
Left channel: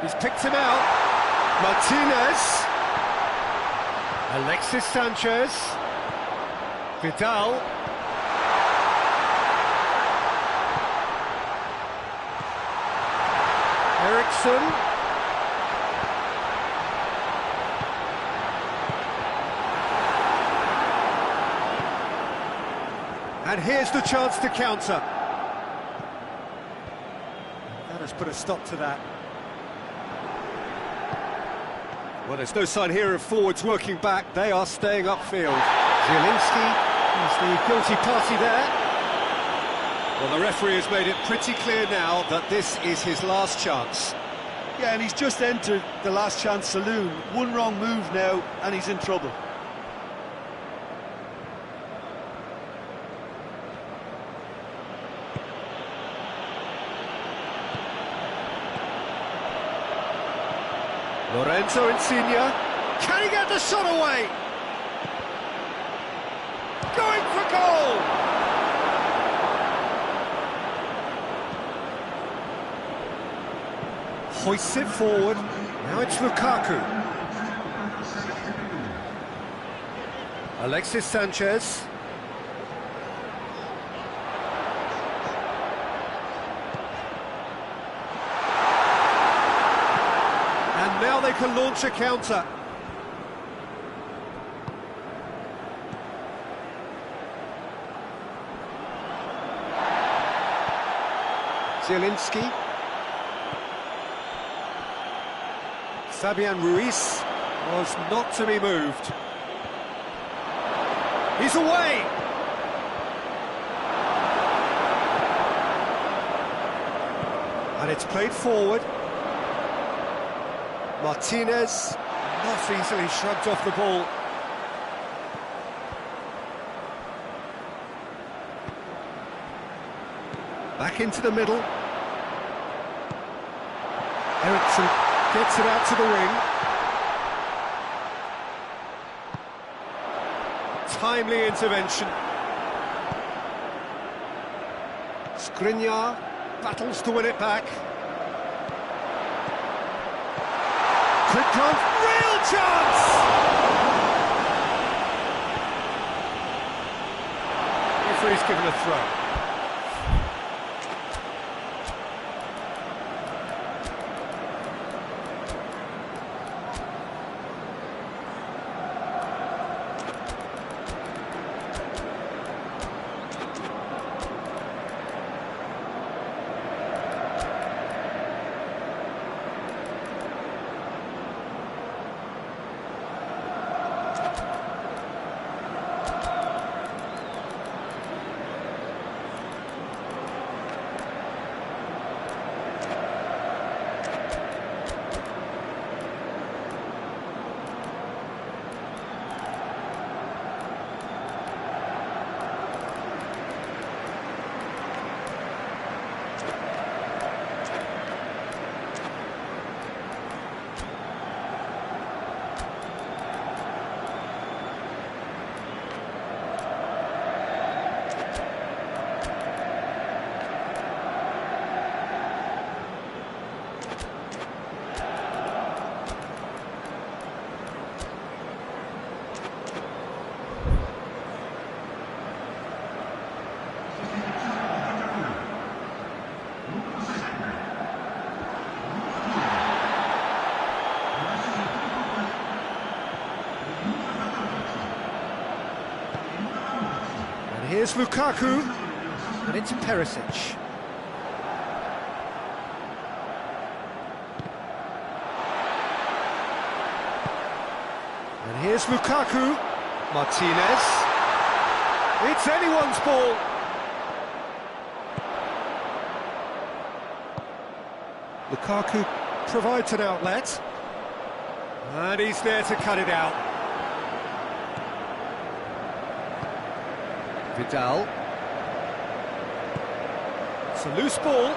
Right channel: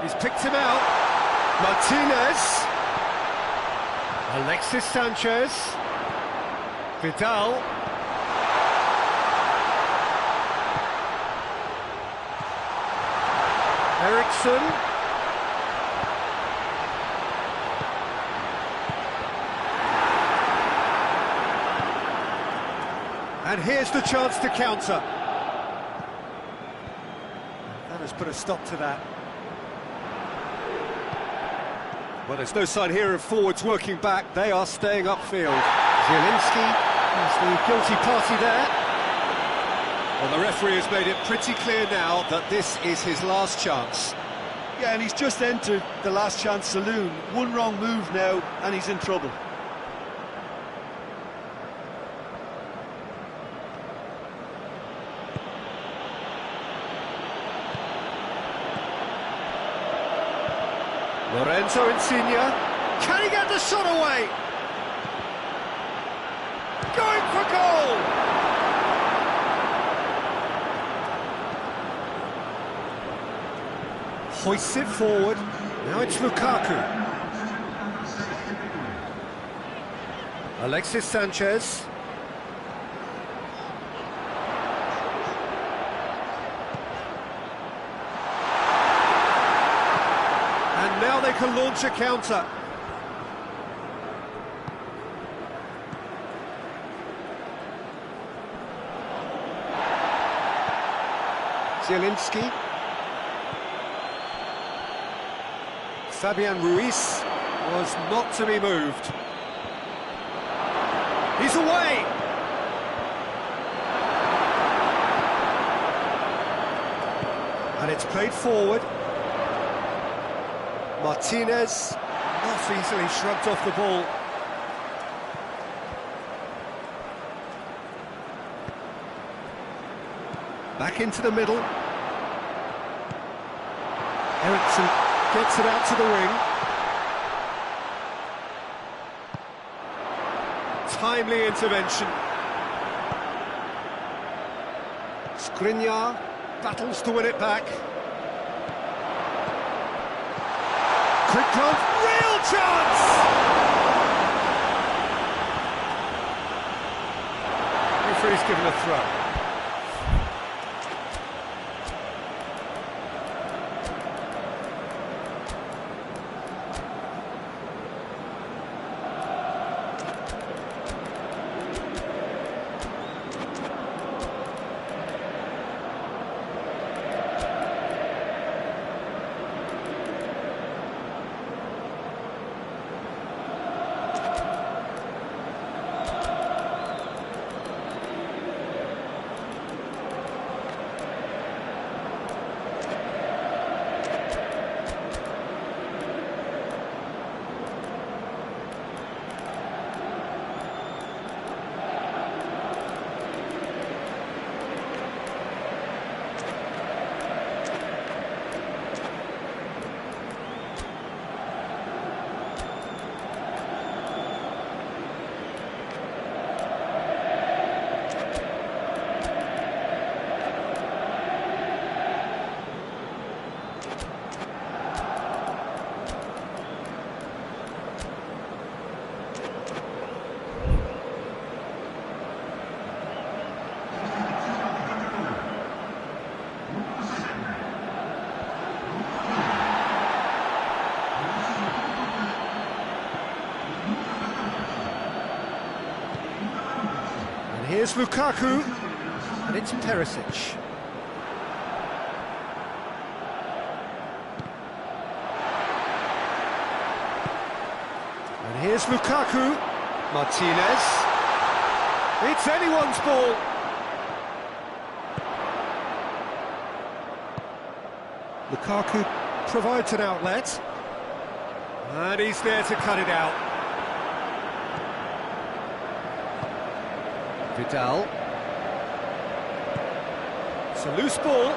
He's picked him out. Martinez. Alexis Sanchez. Vidal. Eriksson. And here's the chance to counter. That has put a stop to that. Well, there's no sign here of forwards working back. They are staying upfield. Zielinski is the guilty party there. Well, the referee has made it pretty clear now that this is his last chance. Yeah, and he's just entered the last chance saloon. One wrong move now, and he's in trouble. Lorenzo Insigne. Can he get the shot away? Going for goal! Hoists it forward. Now it's Lukaku. Alexis Sanchez. And now they can launch a counter. Zielinski. Fabian Ruiz was not to be moved. He's away! And it's played forward. Martinez, not easily shrugged off the ball. Back into the middle. Eriksson gets it out to the wing. Timely intervention. Skriniar battles to win it back. Quick glance, real chance! Referee's given a throw. here's Lukaku, and it's Perisic. And here's Lukaku, Martinez. It's anyone's ball. Lukaku provides an outlet. And he's there to cut it out. Vidal. It's a loose ball.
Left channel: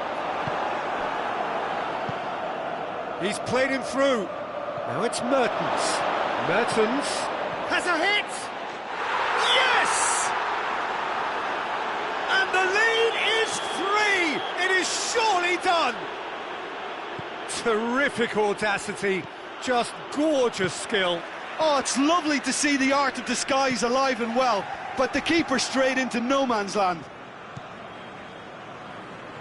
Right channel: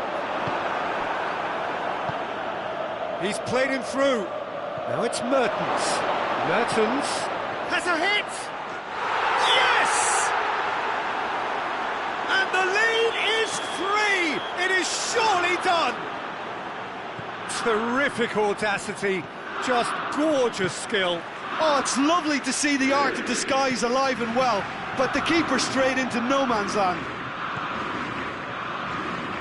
He's played him through. Now it's Mertens. Mertens has a hit! Yes! And the lead is 3! It is surely done! Terrific audacity, just gorgeous skill. Oh, it's lovely to see the art of disguise alive and well, but the keeper straight into no man's land.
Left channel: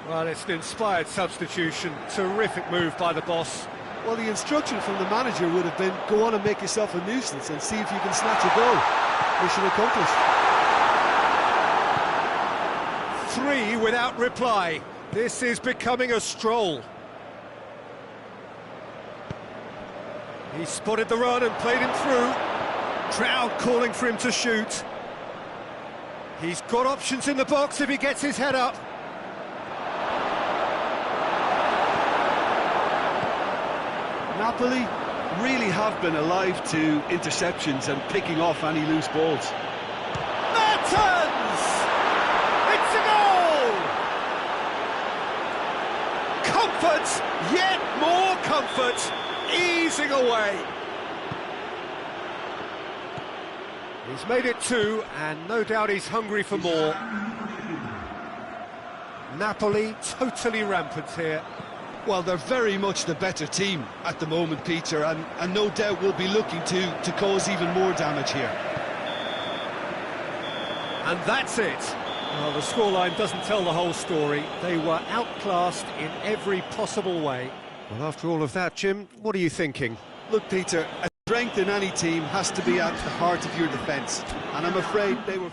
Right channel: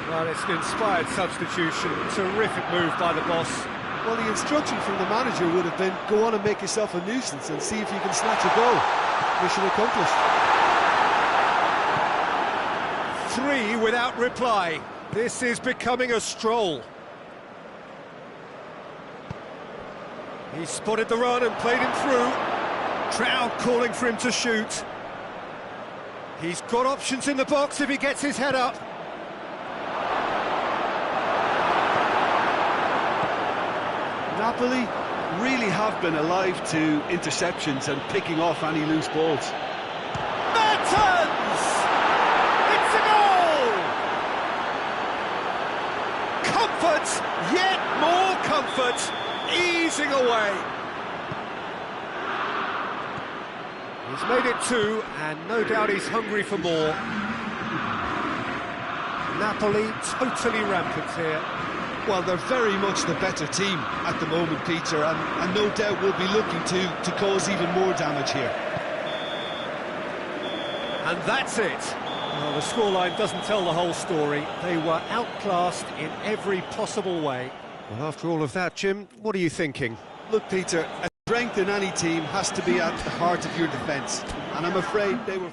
Well, it's an inspired substitution, terrific move by the boss. Well, the instruction from the manager would have been, go on and make yourself a nuisance and see if you can snatch a goal. Mission accomplished. 3 without reply. This is becoming a stroll. He spotted the run and played him through. Crowd calling for him to shoot. He's got options in the box if he gets his head up. Napoli really have been alive to interceptions and picking off any loose balls. Mertens! It's a goal! Comfort, yet more comfort, easing away. He's made it 2, and no doubt he's hungry for more. Napoli totally rampant here. Well, they're very much the better team at the moment, Peter, and no doubt will be looking to cause even more damage here. And that's it. Well, the scoreline doesn't tell the whole story. They were outclassed in every possible way. Well, after all of that, Jim, what are you thinking? Look, Peter, a strength in any team has to be at the heart of your defence, and I'm afraid they were...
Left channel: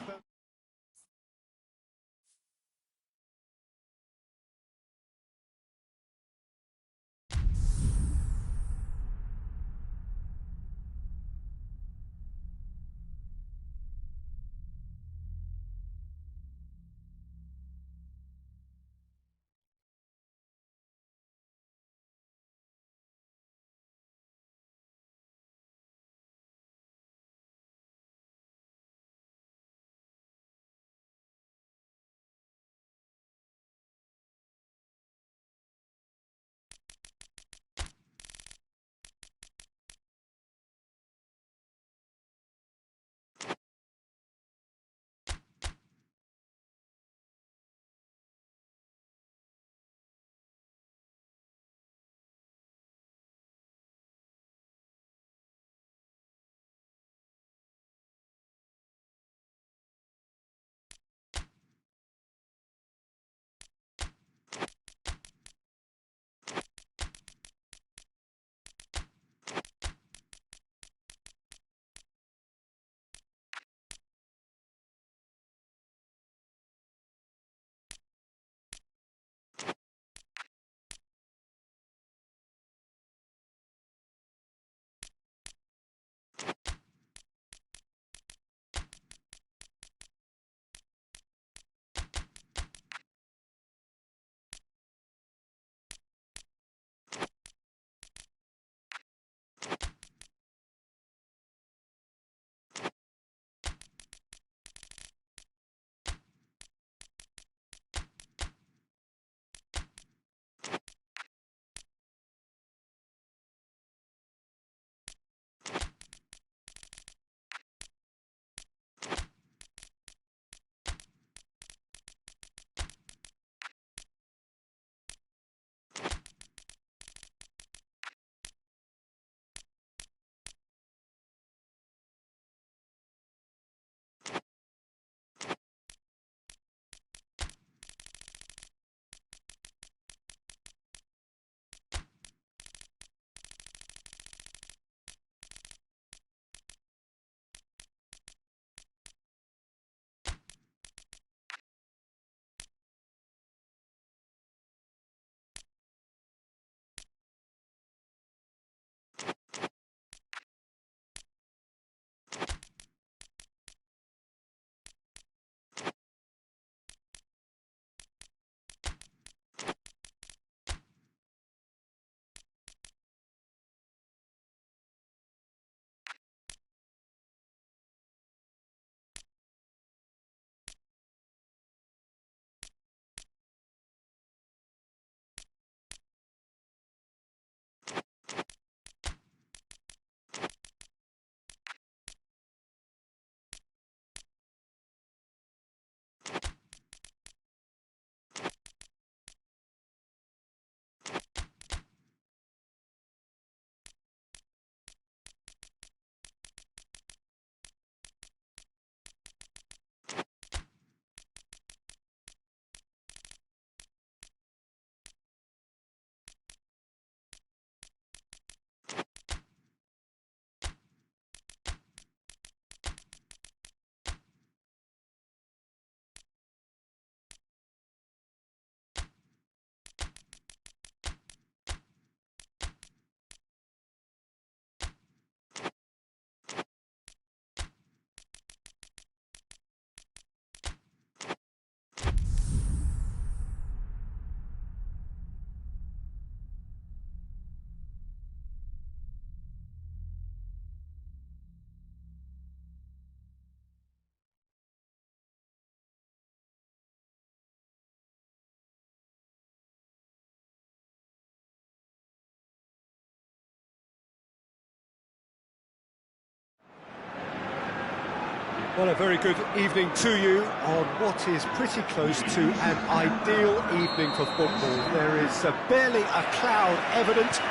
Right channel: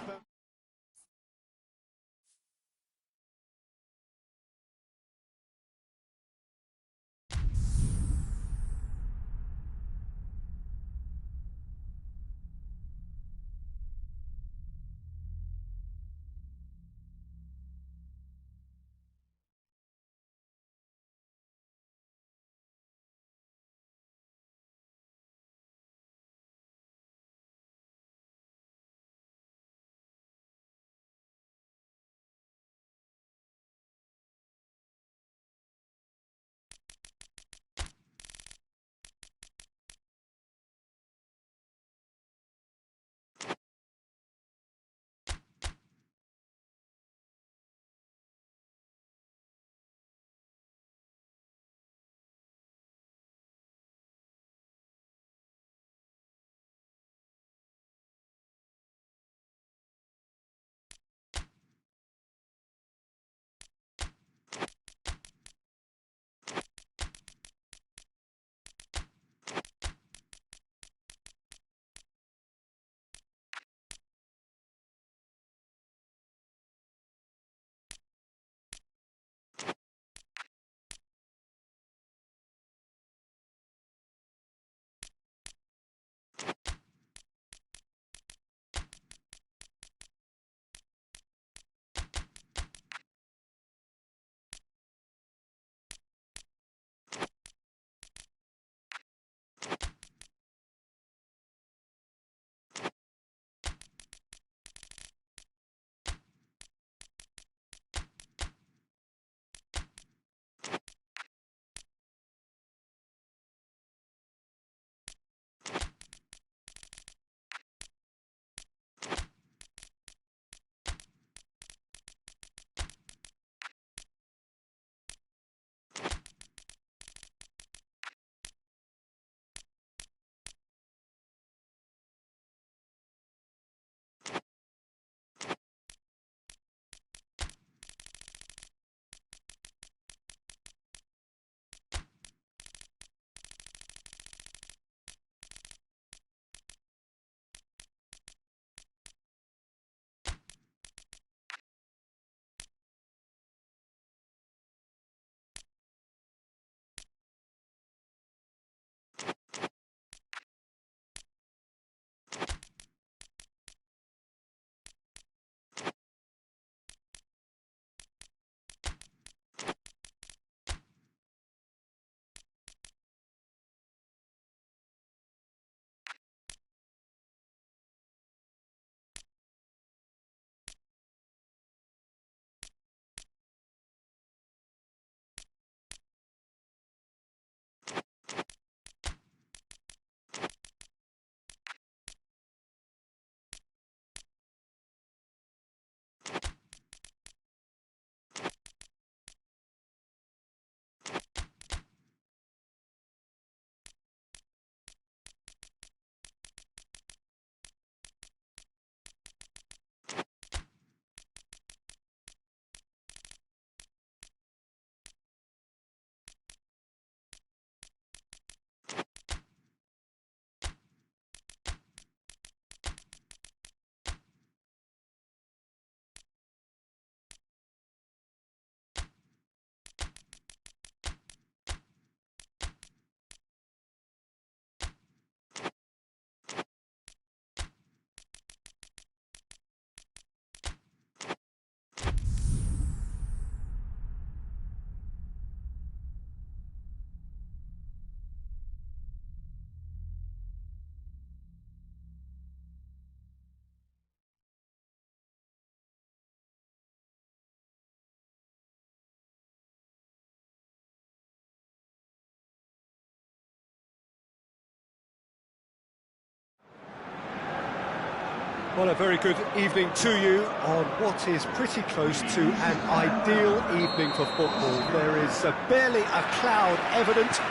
Well, a very good evening to you on what is pretty close to an ideal evening for football. There is barely a cloud evident.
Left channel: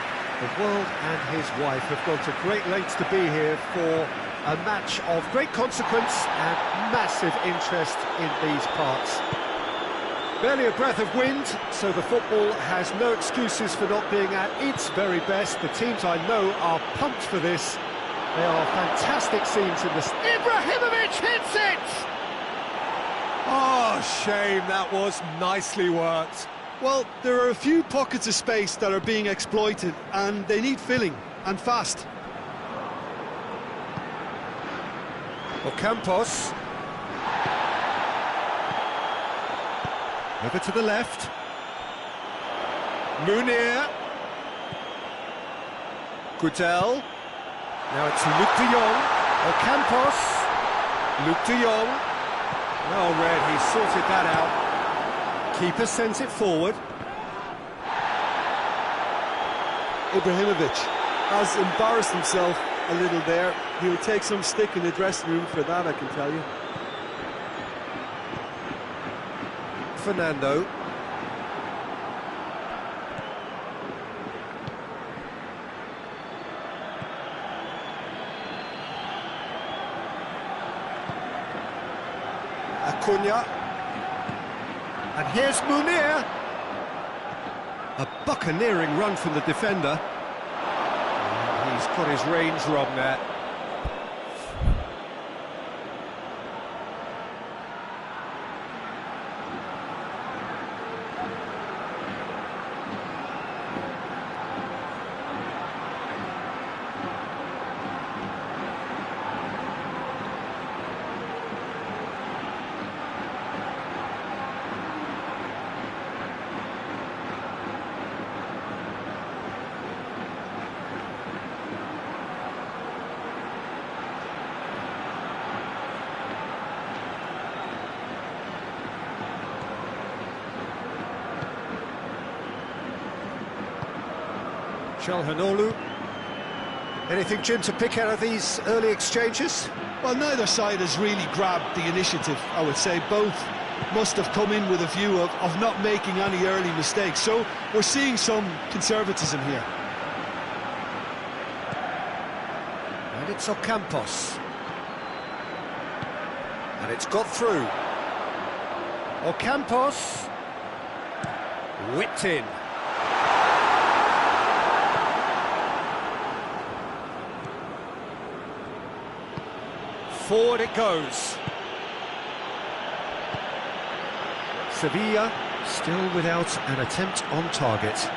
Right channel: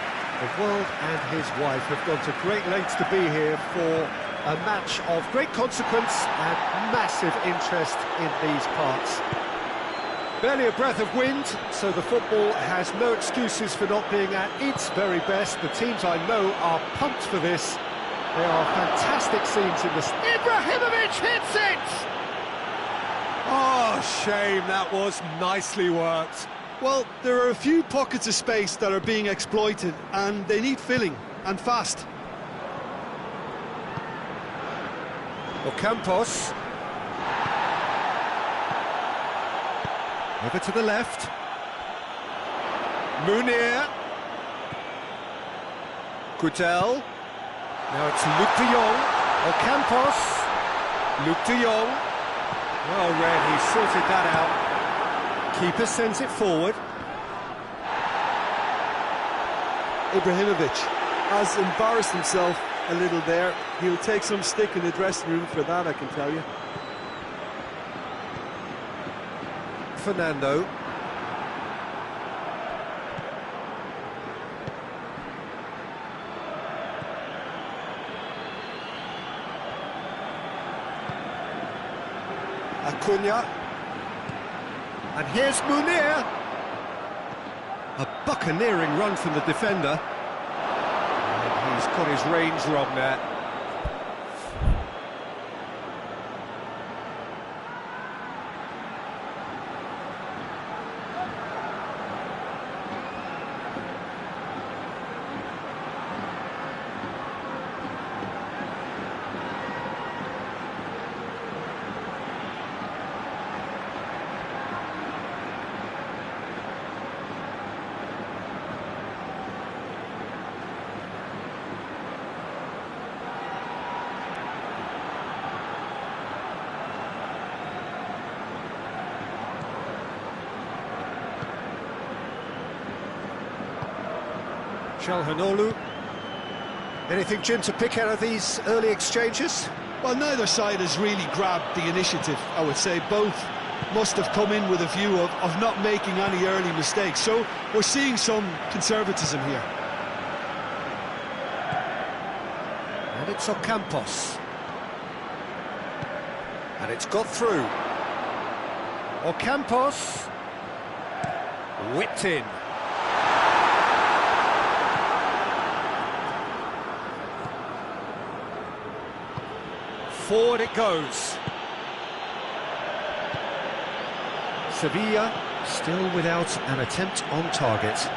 The world and his wife have gone to great lengths to be here for a match of great consequence and massive interest in these parts. Barely a breath of wind, so the football has no excuses for not being at its very best. The teams I know are pumped for this. They are fantastic scenes in this. Ibrahimovic hits it! Oh, shame, that was nicely worked. Well, there are a few pockets of space that are being exploited, and they need filling, and fast. Ocampos. Over to the left. Munir. Gudel. Now it's Luc de Jong. Ocampos. Luc de Jong. Well read, he sorted that out. Keeper sends it forward. Ibrahimovic has embarrassed himself a little there. He'll take some stick in the dressing room for that, I can tell you. Fernando. Acuna. And here's Munir. A buccaneering run from the defender. And he's got his range wrong there. Çalhanoğlu. Anything, Jim, to pick out of these early exchanges? Well, neither side has really grabbed the initiative, I would say. Both must have come in with a view of not making any early mistakes. So we're seeing some conservatism here. And it's Ocampos. And it's got through. Ocampos. Whipped in. Forward it goes. Sevilla still without an attempt on target.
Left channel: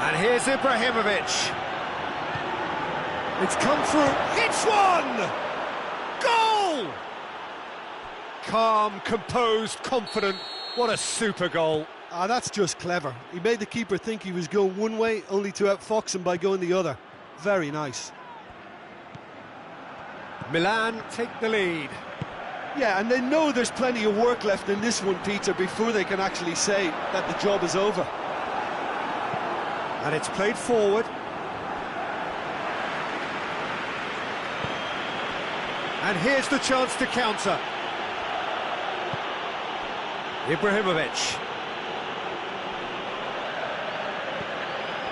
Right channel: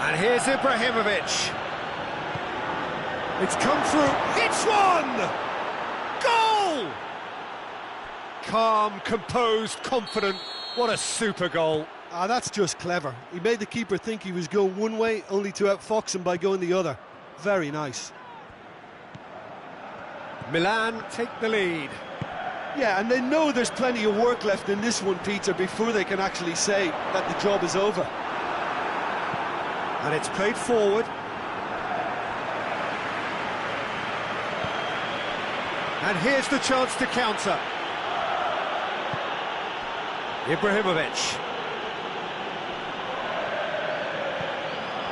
And here's Ibrahimovic. It's come through. It's one! Goal! Calm, composed, confident. What a super goal. Ah, that's just clever. He made the keeper think he was going one way, only to outfox him by going the other. Very nice. Milan take the lead. Yeah, and they know there's plenty of work left in this one, Peter, before they can actually say that the job is over. And it's played forward. And here's the chance to counter. Ibrahimovic.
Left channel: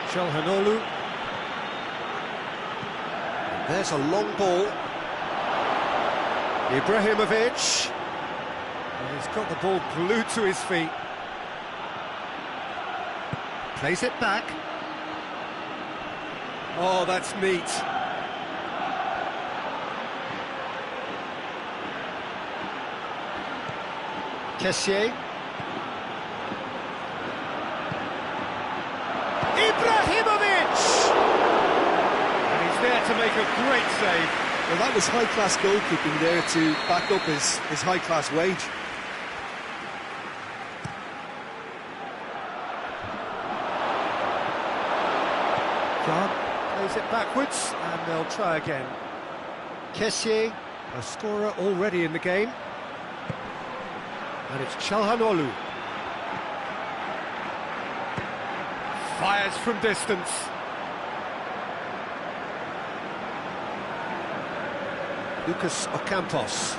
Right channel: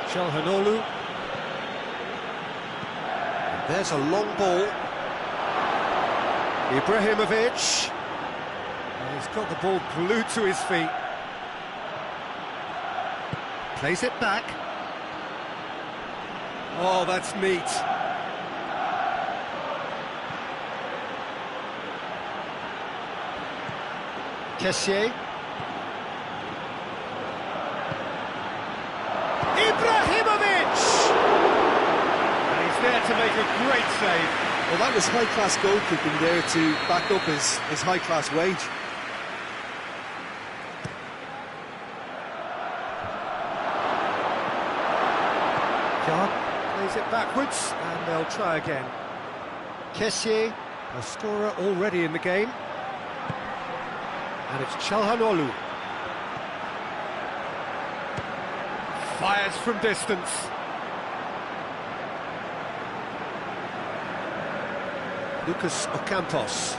Çalhanoğlu. And there's a long ball. Ibrahimovic. Well, he's got the ball glued to his feet. Plays it back. Oh, that's neat. Kessié. Ibrahimovic! And he's there to make a great save. Well, that was high-class goalkeeping there to back up his high-class wage. Yard plays it backwards, and they'll try again. Kessié, a scorer already in the game. And it's Çalhanoğlu. Fires from distance. Lucas Ocampos.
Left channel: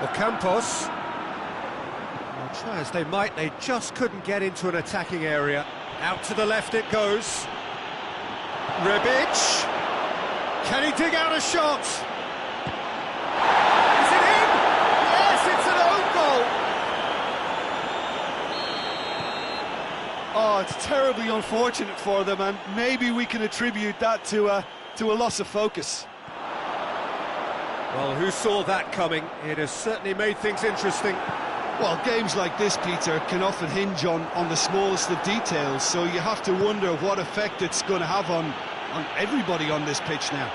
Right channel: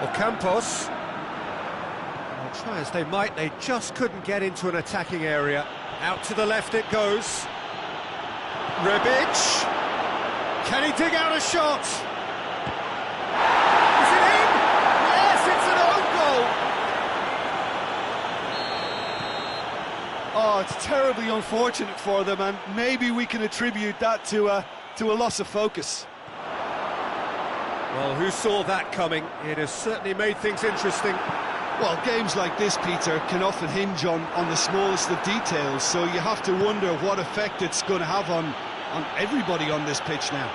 Ocampos. Well, try as they might, they just couldn't get into an attacking area. Out to the left it goes. Rebic. Can he dig out a shot? Is it in? Yes, it's an own goal. Oh, it's terribly unfortunate for them, and maybe we can attribute that to a loss of focus. Well, who saw that coming? It has certainly made things interesting. Well, games like this, Peter, can often hinge on the smallest of details, so you have to wonder what effect it's going to have on everybody on this pitch now.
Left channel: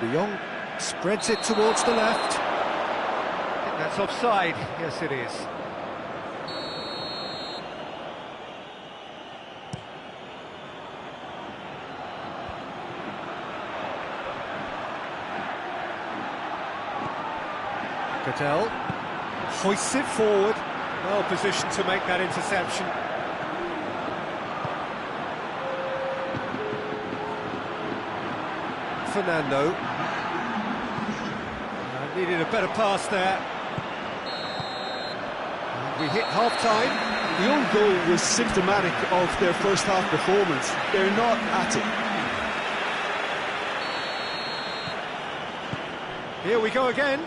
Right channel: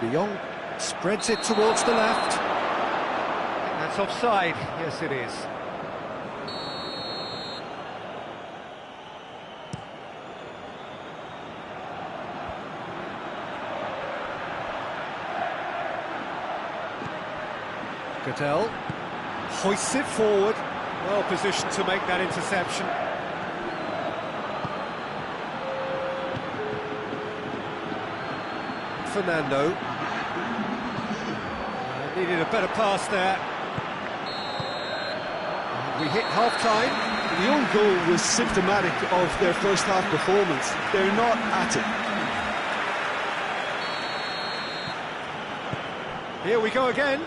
De Jong spreads it towards the left. I think that's offside. Yes, it is. Cadell hoists it forward. Well positioned to make that interception. Fernando. Needed a better pass there. And we hit half-time. The own goal was symptomatic of their first half performance. They're not at it. Here we go again.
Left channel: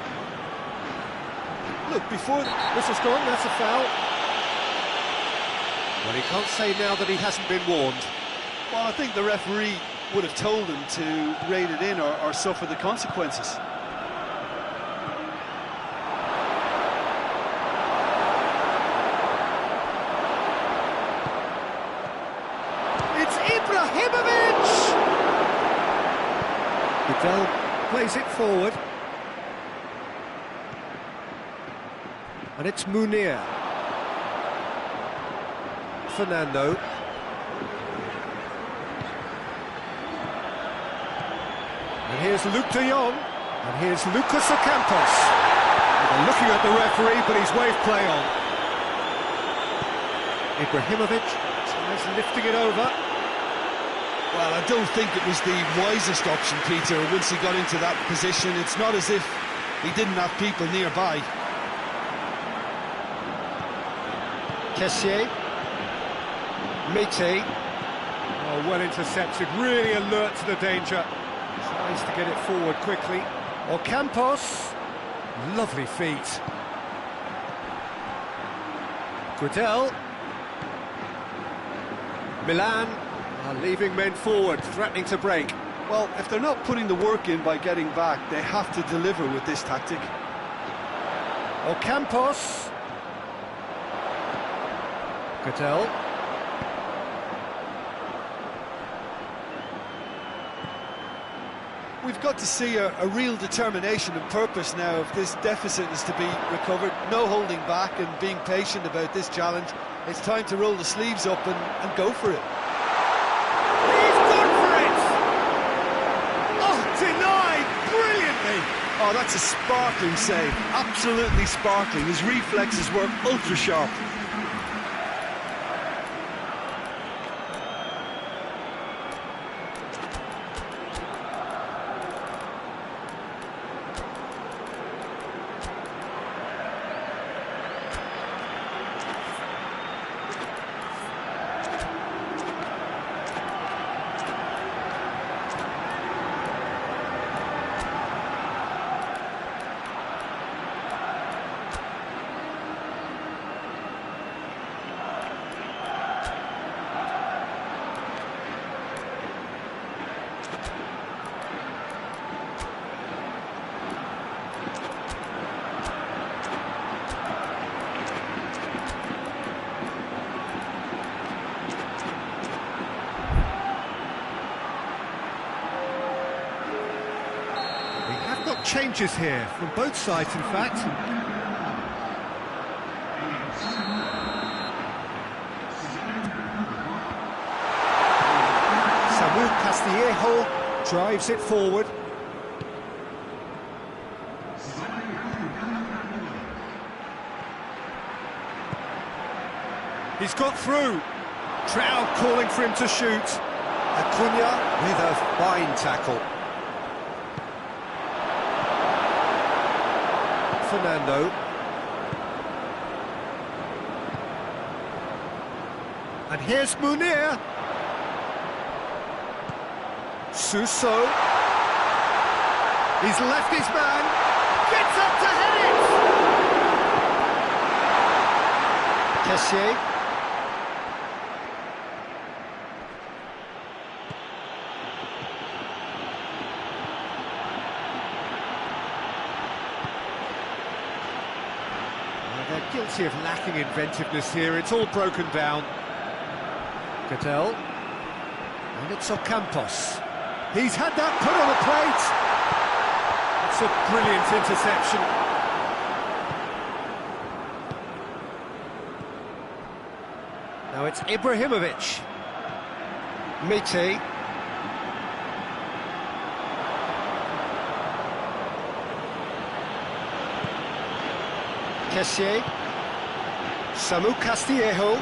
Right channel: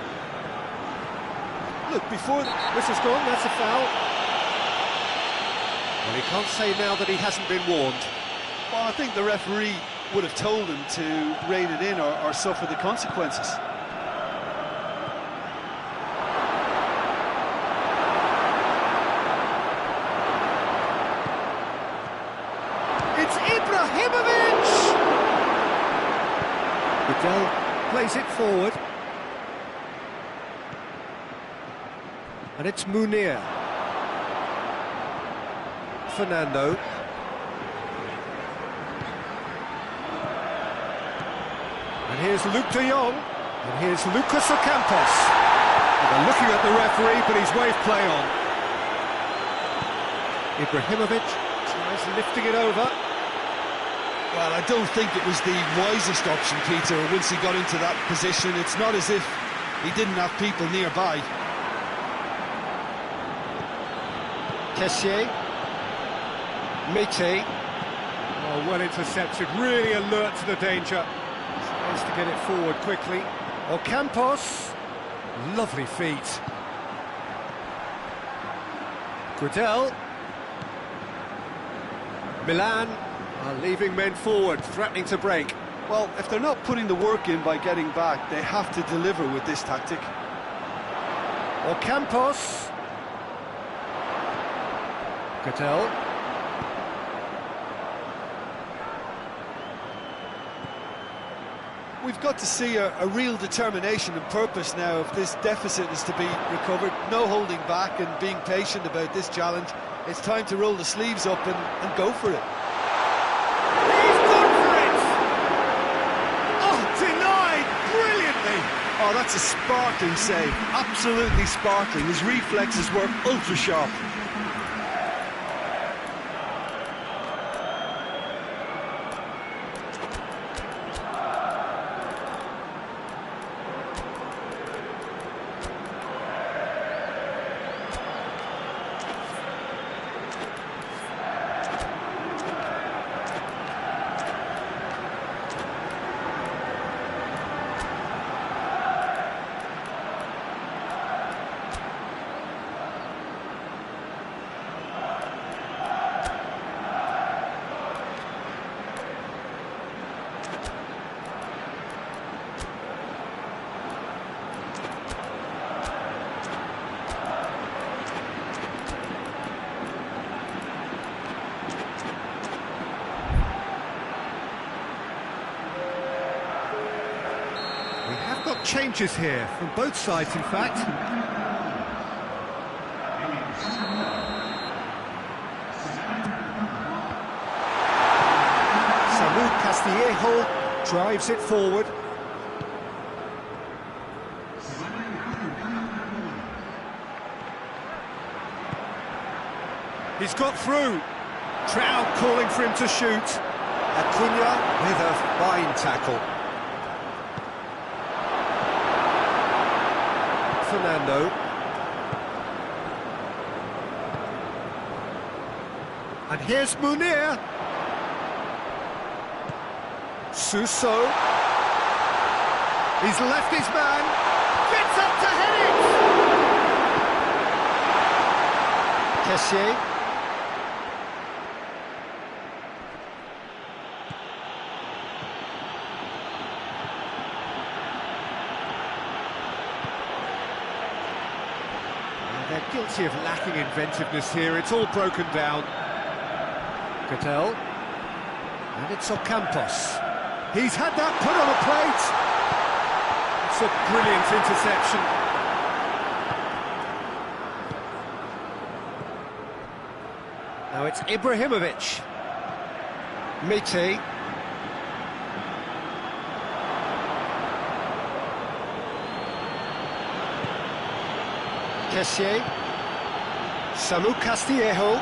Look, before the whistle's gone, that's a foul. Well, he can't say now that he hasn't been warned. Well, I think the referee would have told him to rein it in or suffer the consequences. It's Ibrahimovic! Cadell plays it forward. And it's Munir. Fernando. And here's Luke de Jong. And here's Lucas Ocampos. They're looking at the referee, but he's waved play on. Ibrahimovic tries lifting it over. Well, I don't think it was the wisest option, Peter, once he got into that position. It's not as if he didn't have people nearby. Kessié. Mété. Oh, well intercepted, really alert to the danger. Tries to get it forward quickly. Ocampos. Lovely feet. Guedel. Milan are leaving men forward, threatening to break. Well, if they're not putting the work in by getting back, they have to deliver with this tactic. Ocampos. Guedel. We've got to see a real determination and purpose now if this deficit is to be recovered. No holding back and being patient about this challenge. It's time to roll the sleeves up and go for it. He's gone for it! Oh, denied brilliantly! Oh, that's a sparkling save. Absolutely sparkling. His reflexes were ultra sharp. We have got changes here, from both sides in fact. Samu Castillejo drives it forward. He's got through. Crowd calling for him to shoot. Acuna with a fine tackle. Fernando. And here's Munir. Suso. He's left his man. Gets up to head it. Kessié. They're guilty of lacking inventiveness here. It's all broken down. Cadell. And it's Ocampos. He's had that put on a plate. It's a brilliant interception. Now it's Ibrahimovic. Mite. Kessié. Samu Castillejo.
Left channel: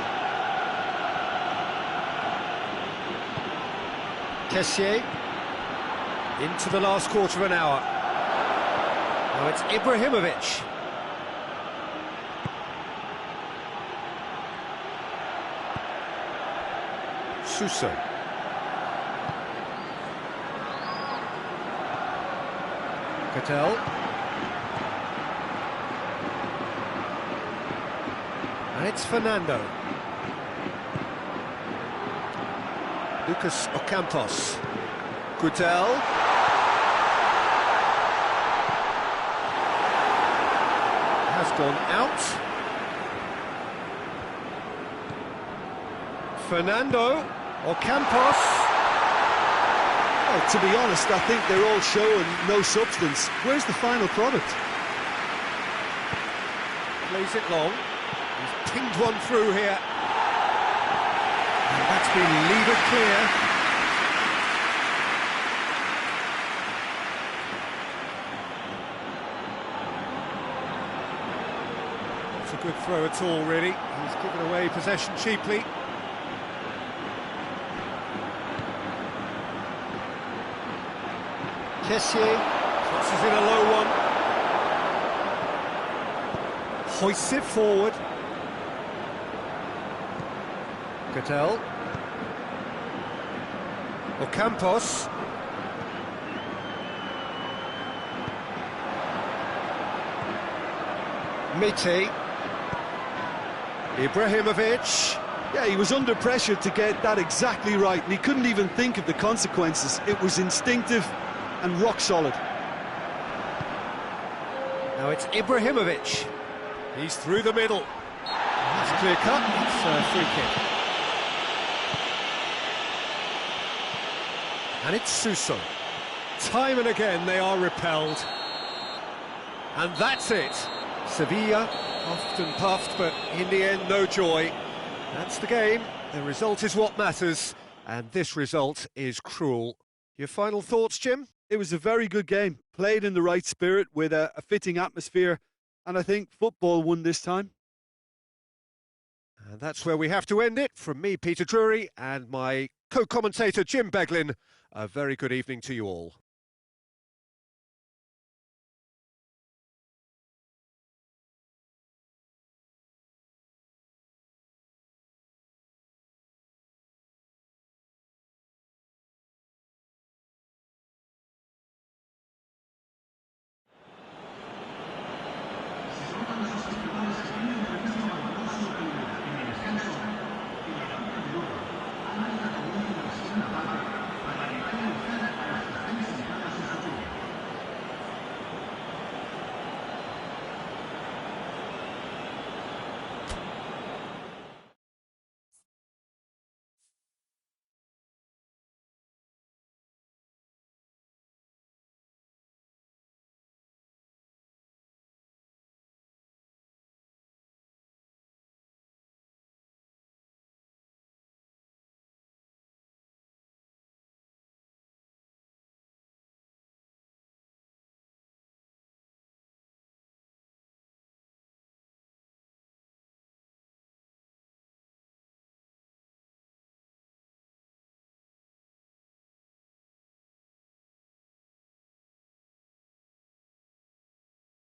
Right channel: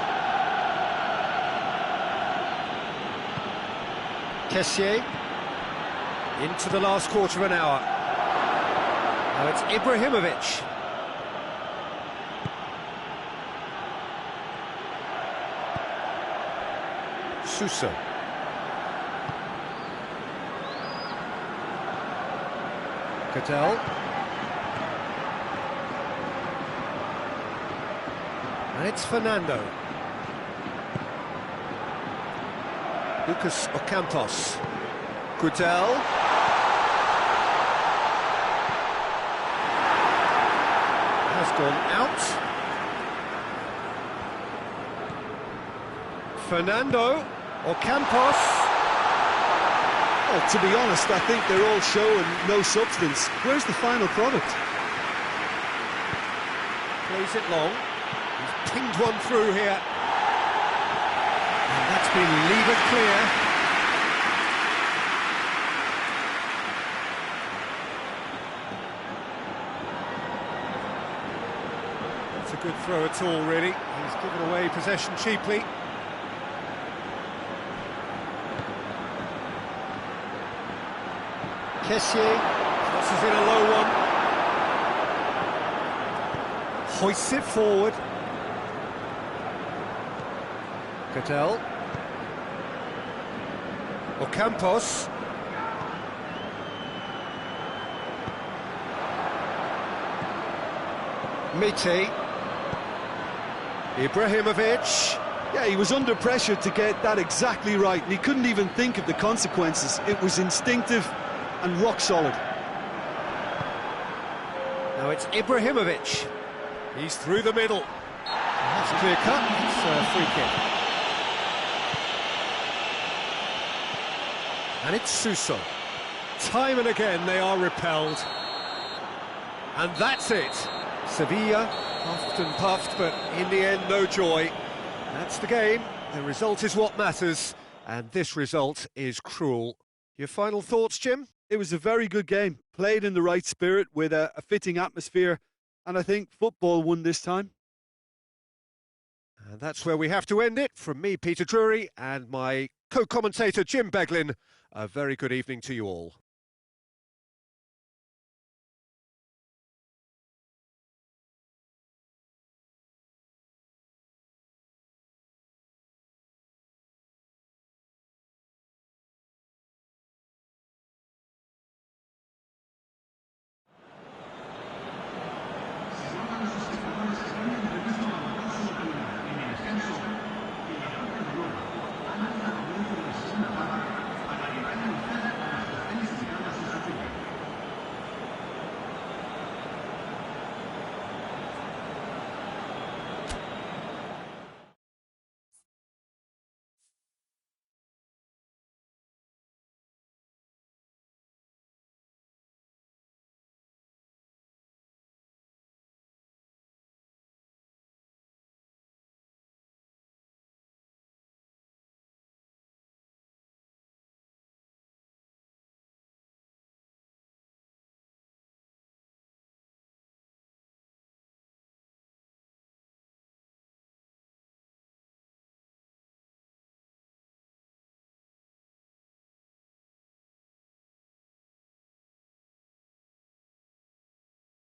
Kessié. Into the last quarter of an hour. Now it's Ibrahimovic. Suso. Cadell. And it's Fernando. Lucas Ocampos. Cadell. Has gone out. Fernando. Ocampos. Oh, to be honest, I think they're all show and no substance. Where's the final product? Plays it long. He's pinged one through here. And that's been levered clear. That's a good throw at all, really. He's given away possession cheaply. Kessié crosses in a low one. Hoists it forward. Cadell. Ocampos. Mite. Ibrahimovic. Yeah, he was under pressure to get that exactly right, and he couldn't even think of the consequences. It was instinctive and rock solid. Now it's Ibrahimovic. He's through the middle. That's clear cut. It's a free kick. And it's Suso. Time and again they are repelled. And that's it. Sevilla puffed and puffed, but in the end no joy. That's the game. The result is what matters, and this result is cruel. Your final thoughts, Jim? It was a very good game, played in the right spirit with a fitting atmosphere, and I think football won this time. And that's where we have to end it. From me, Peter Drury, and my co-commentator, Jim Beglin, a very good evening to you all.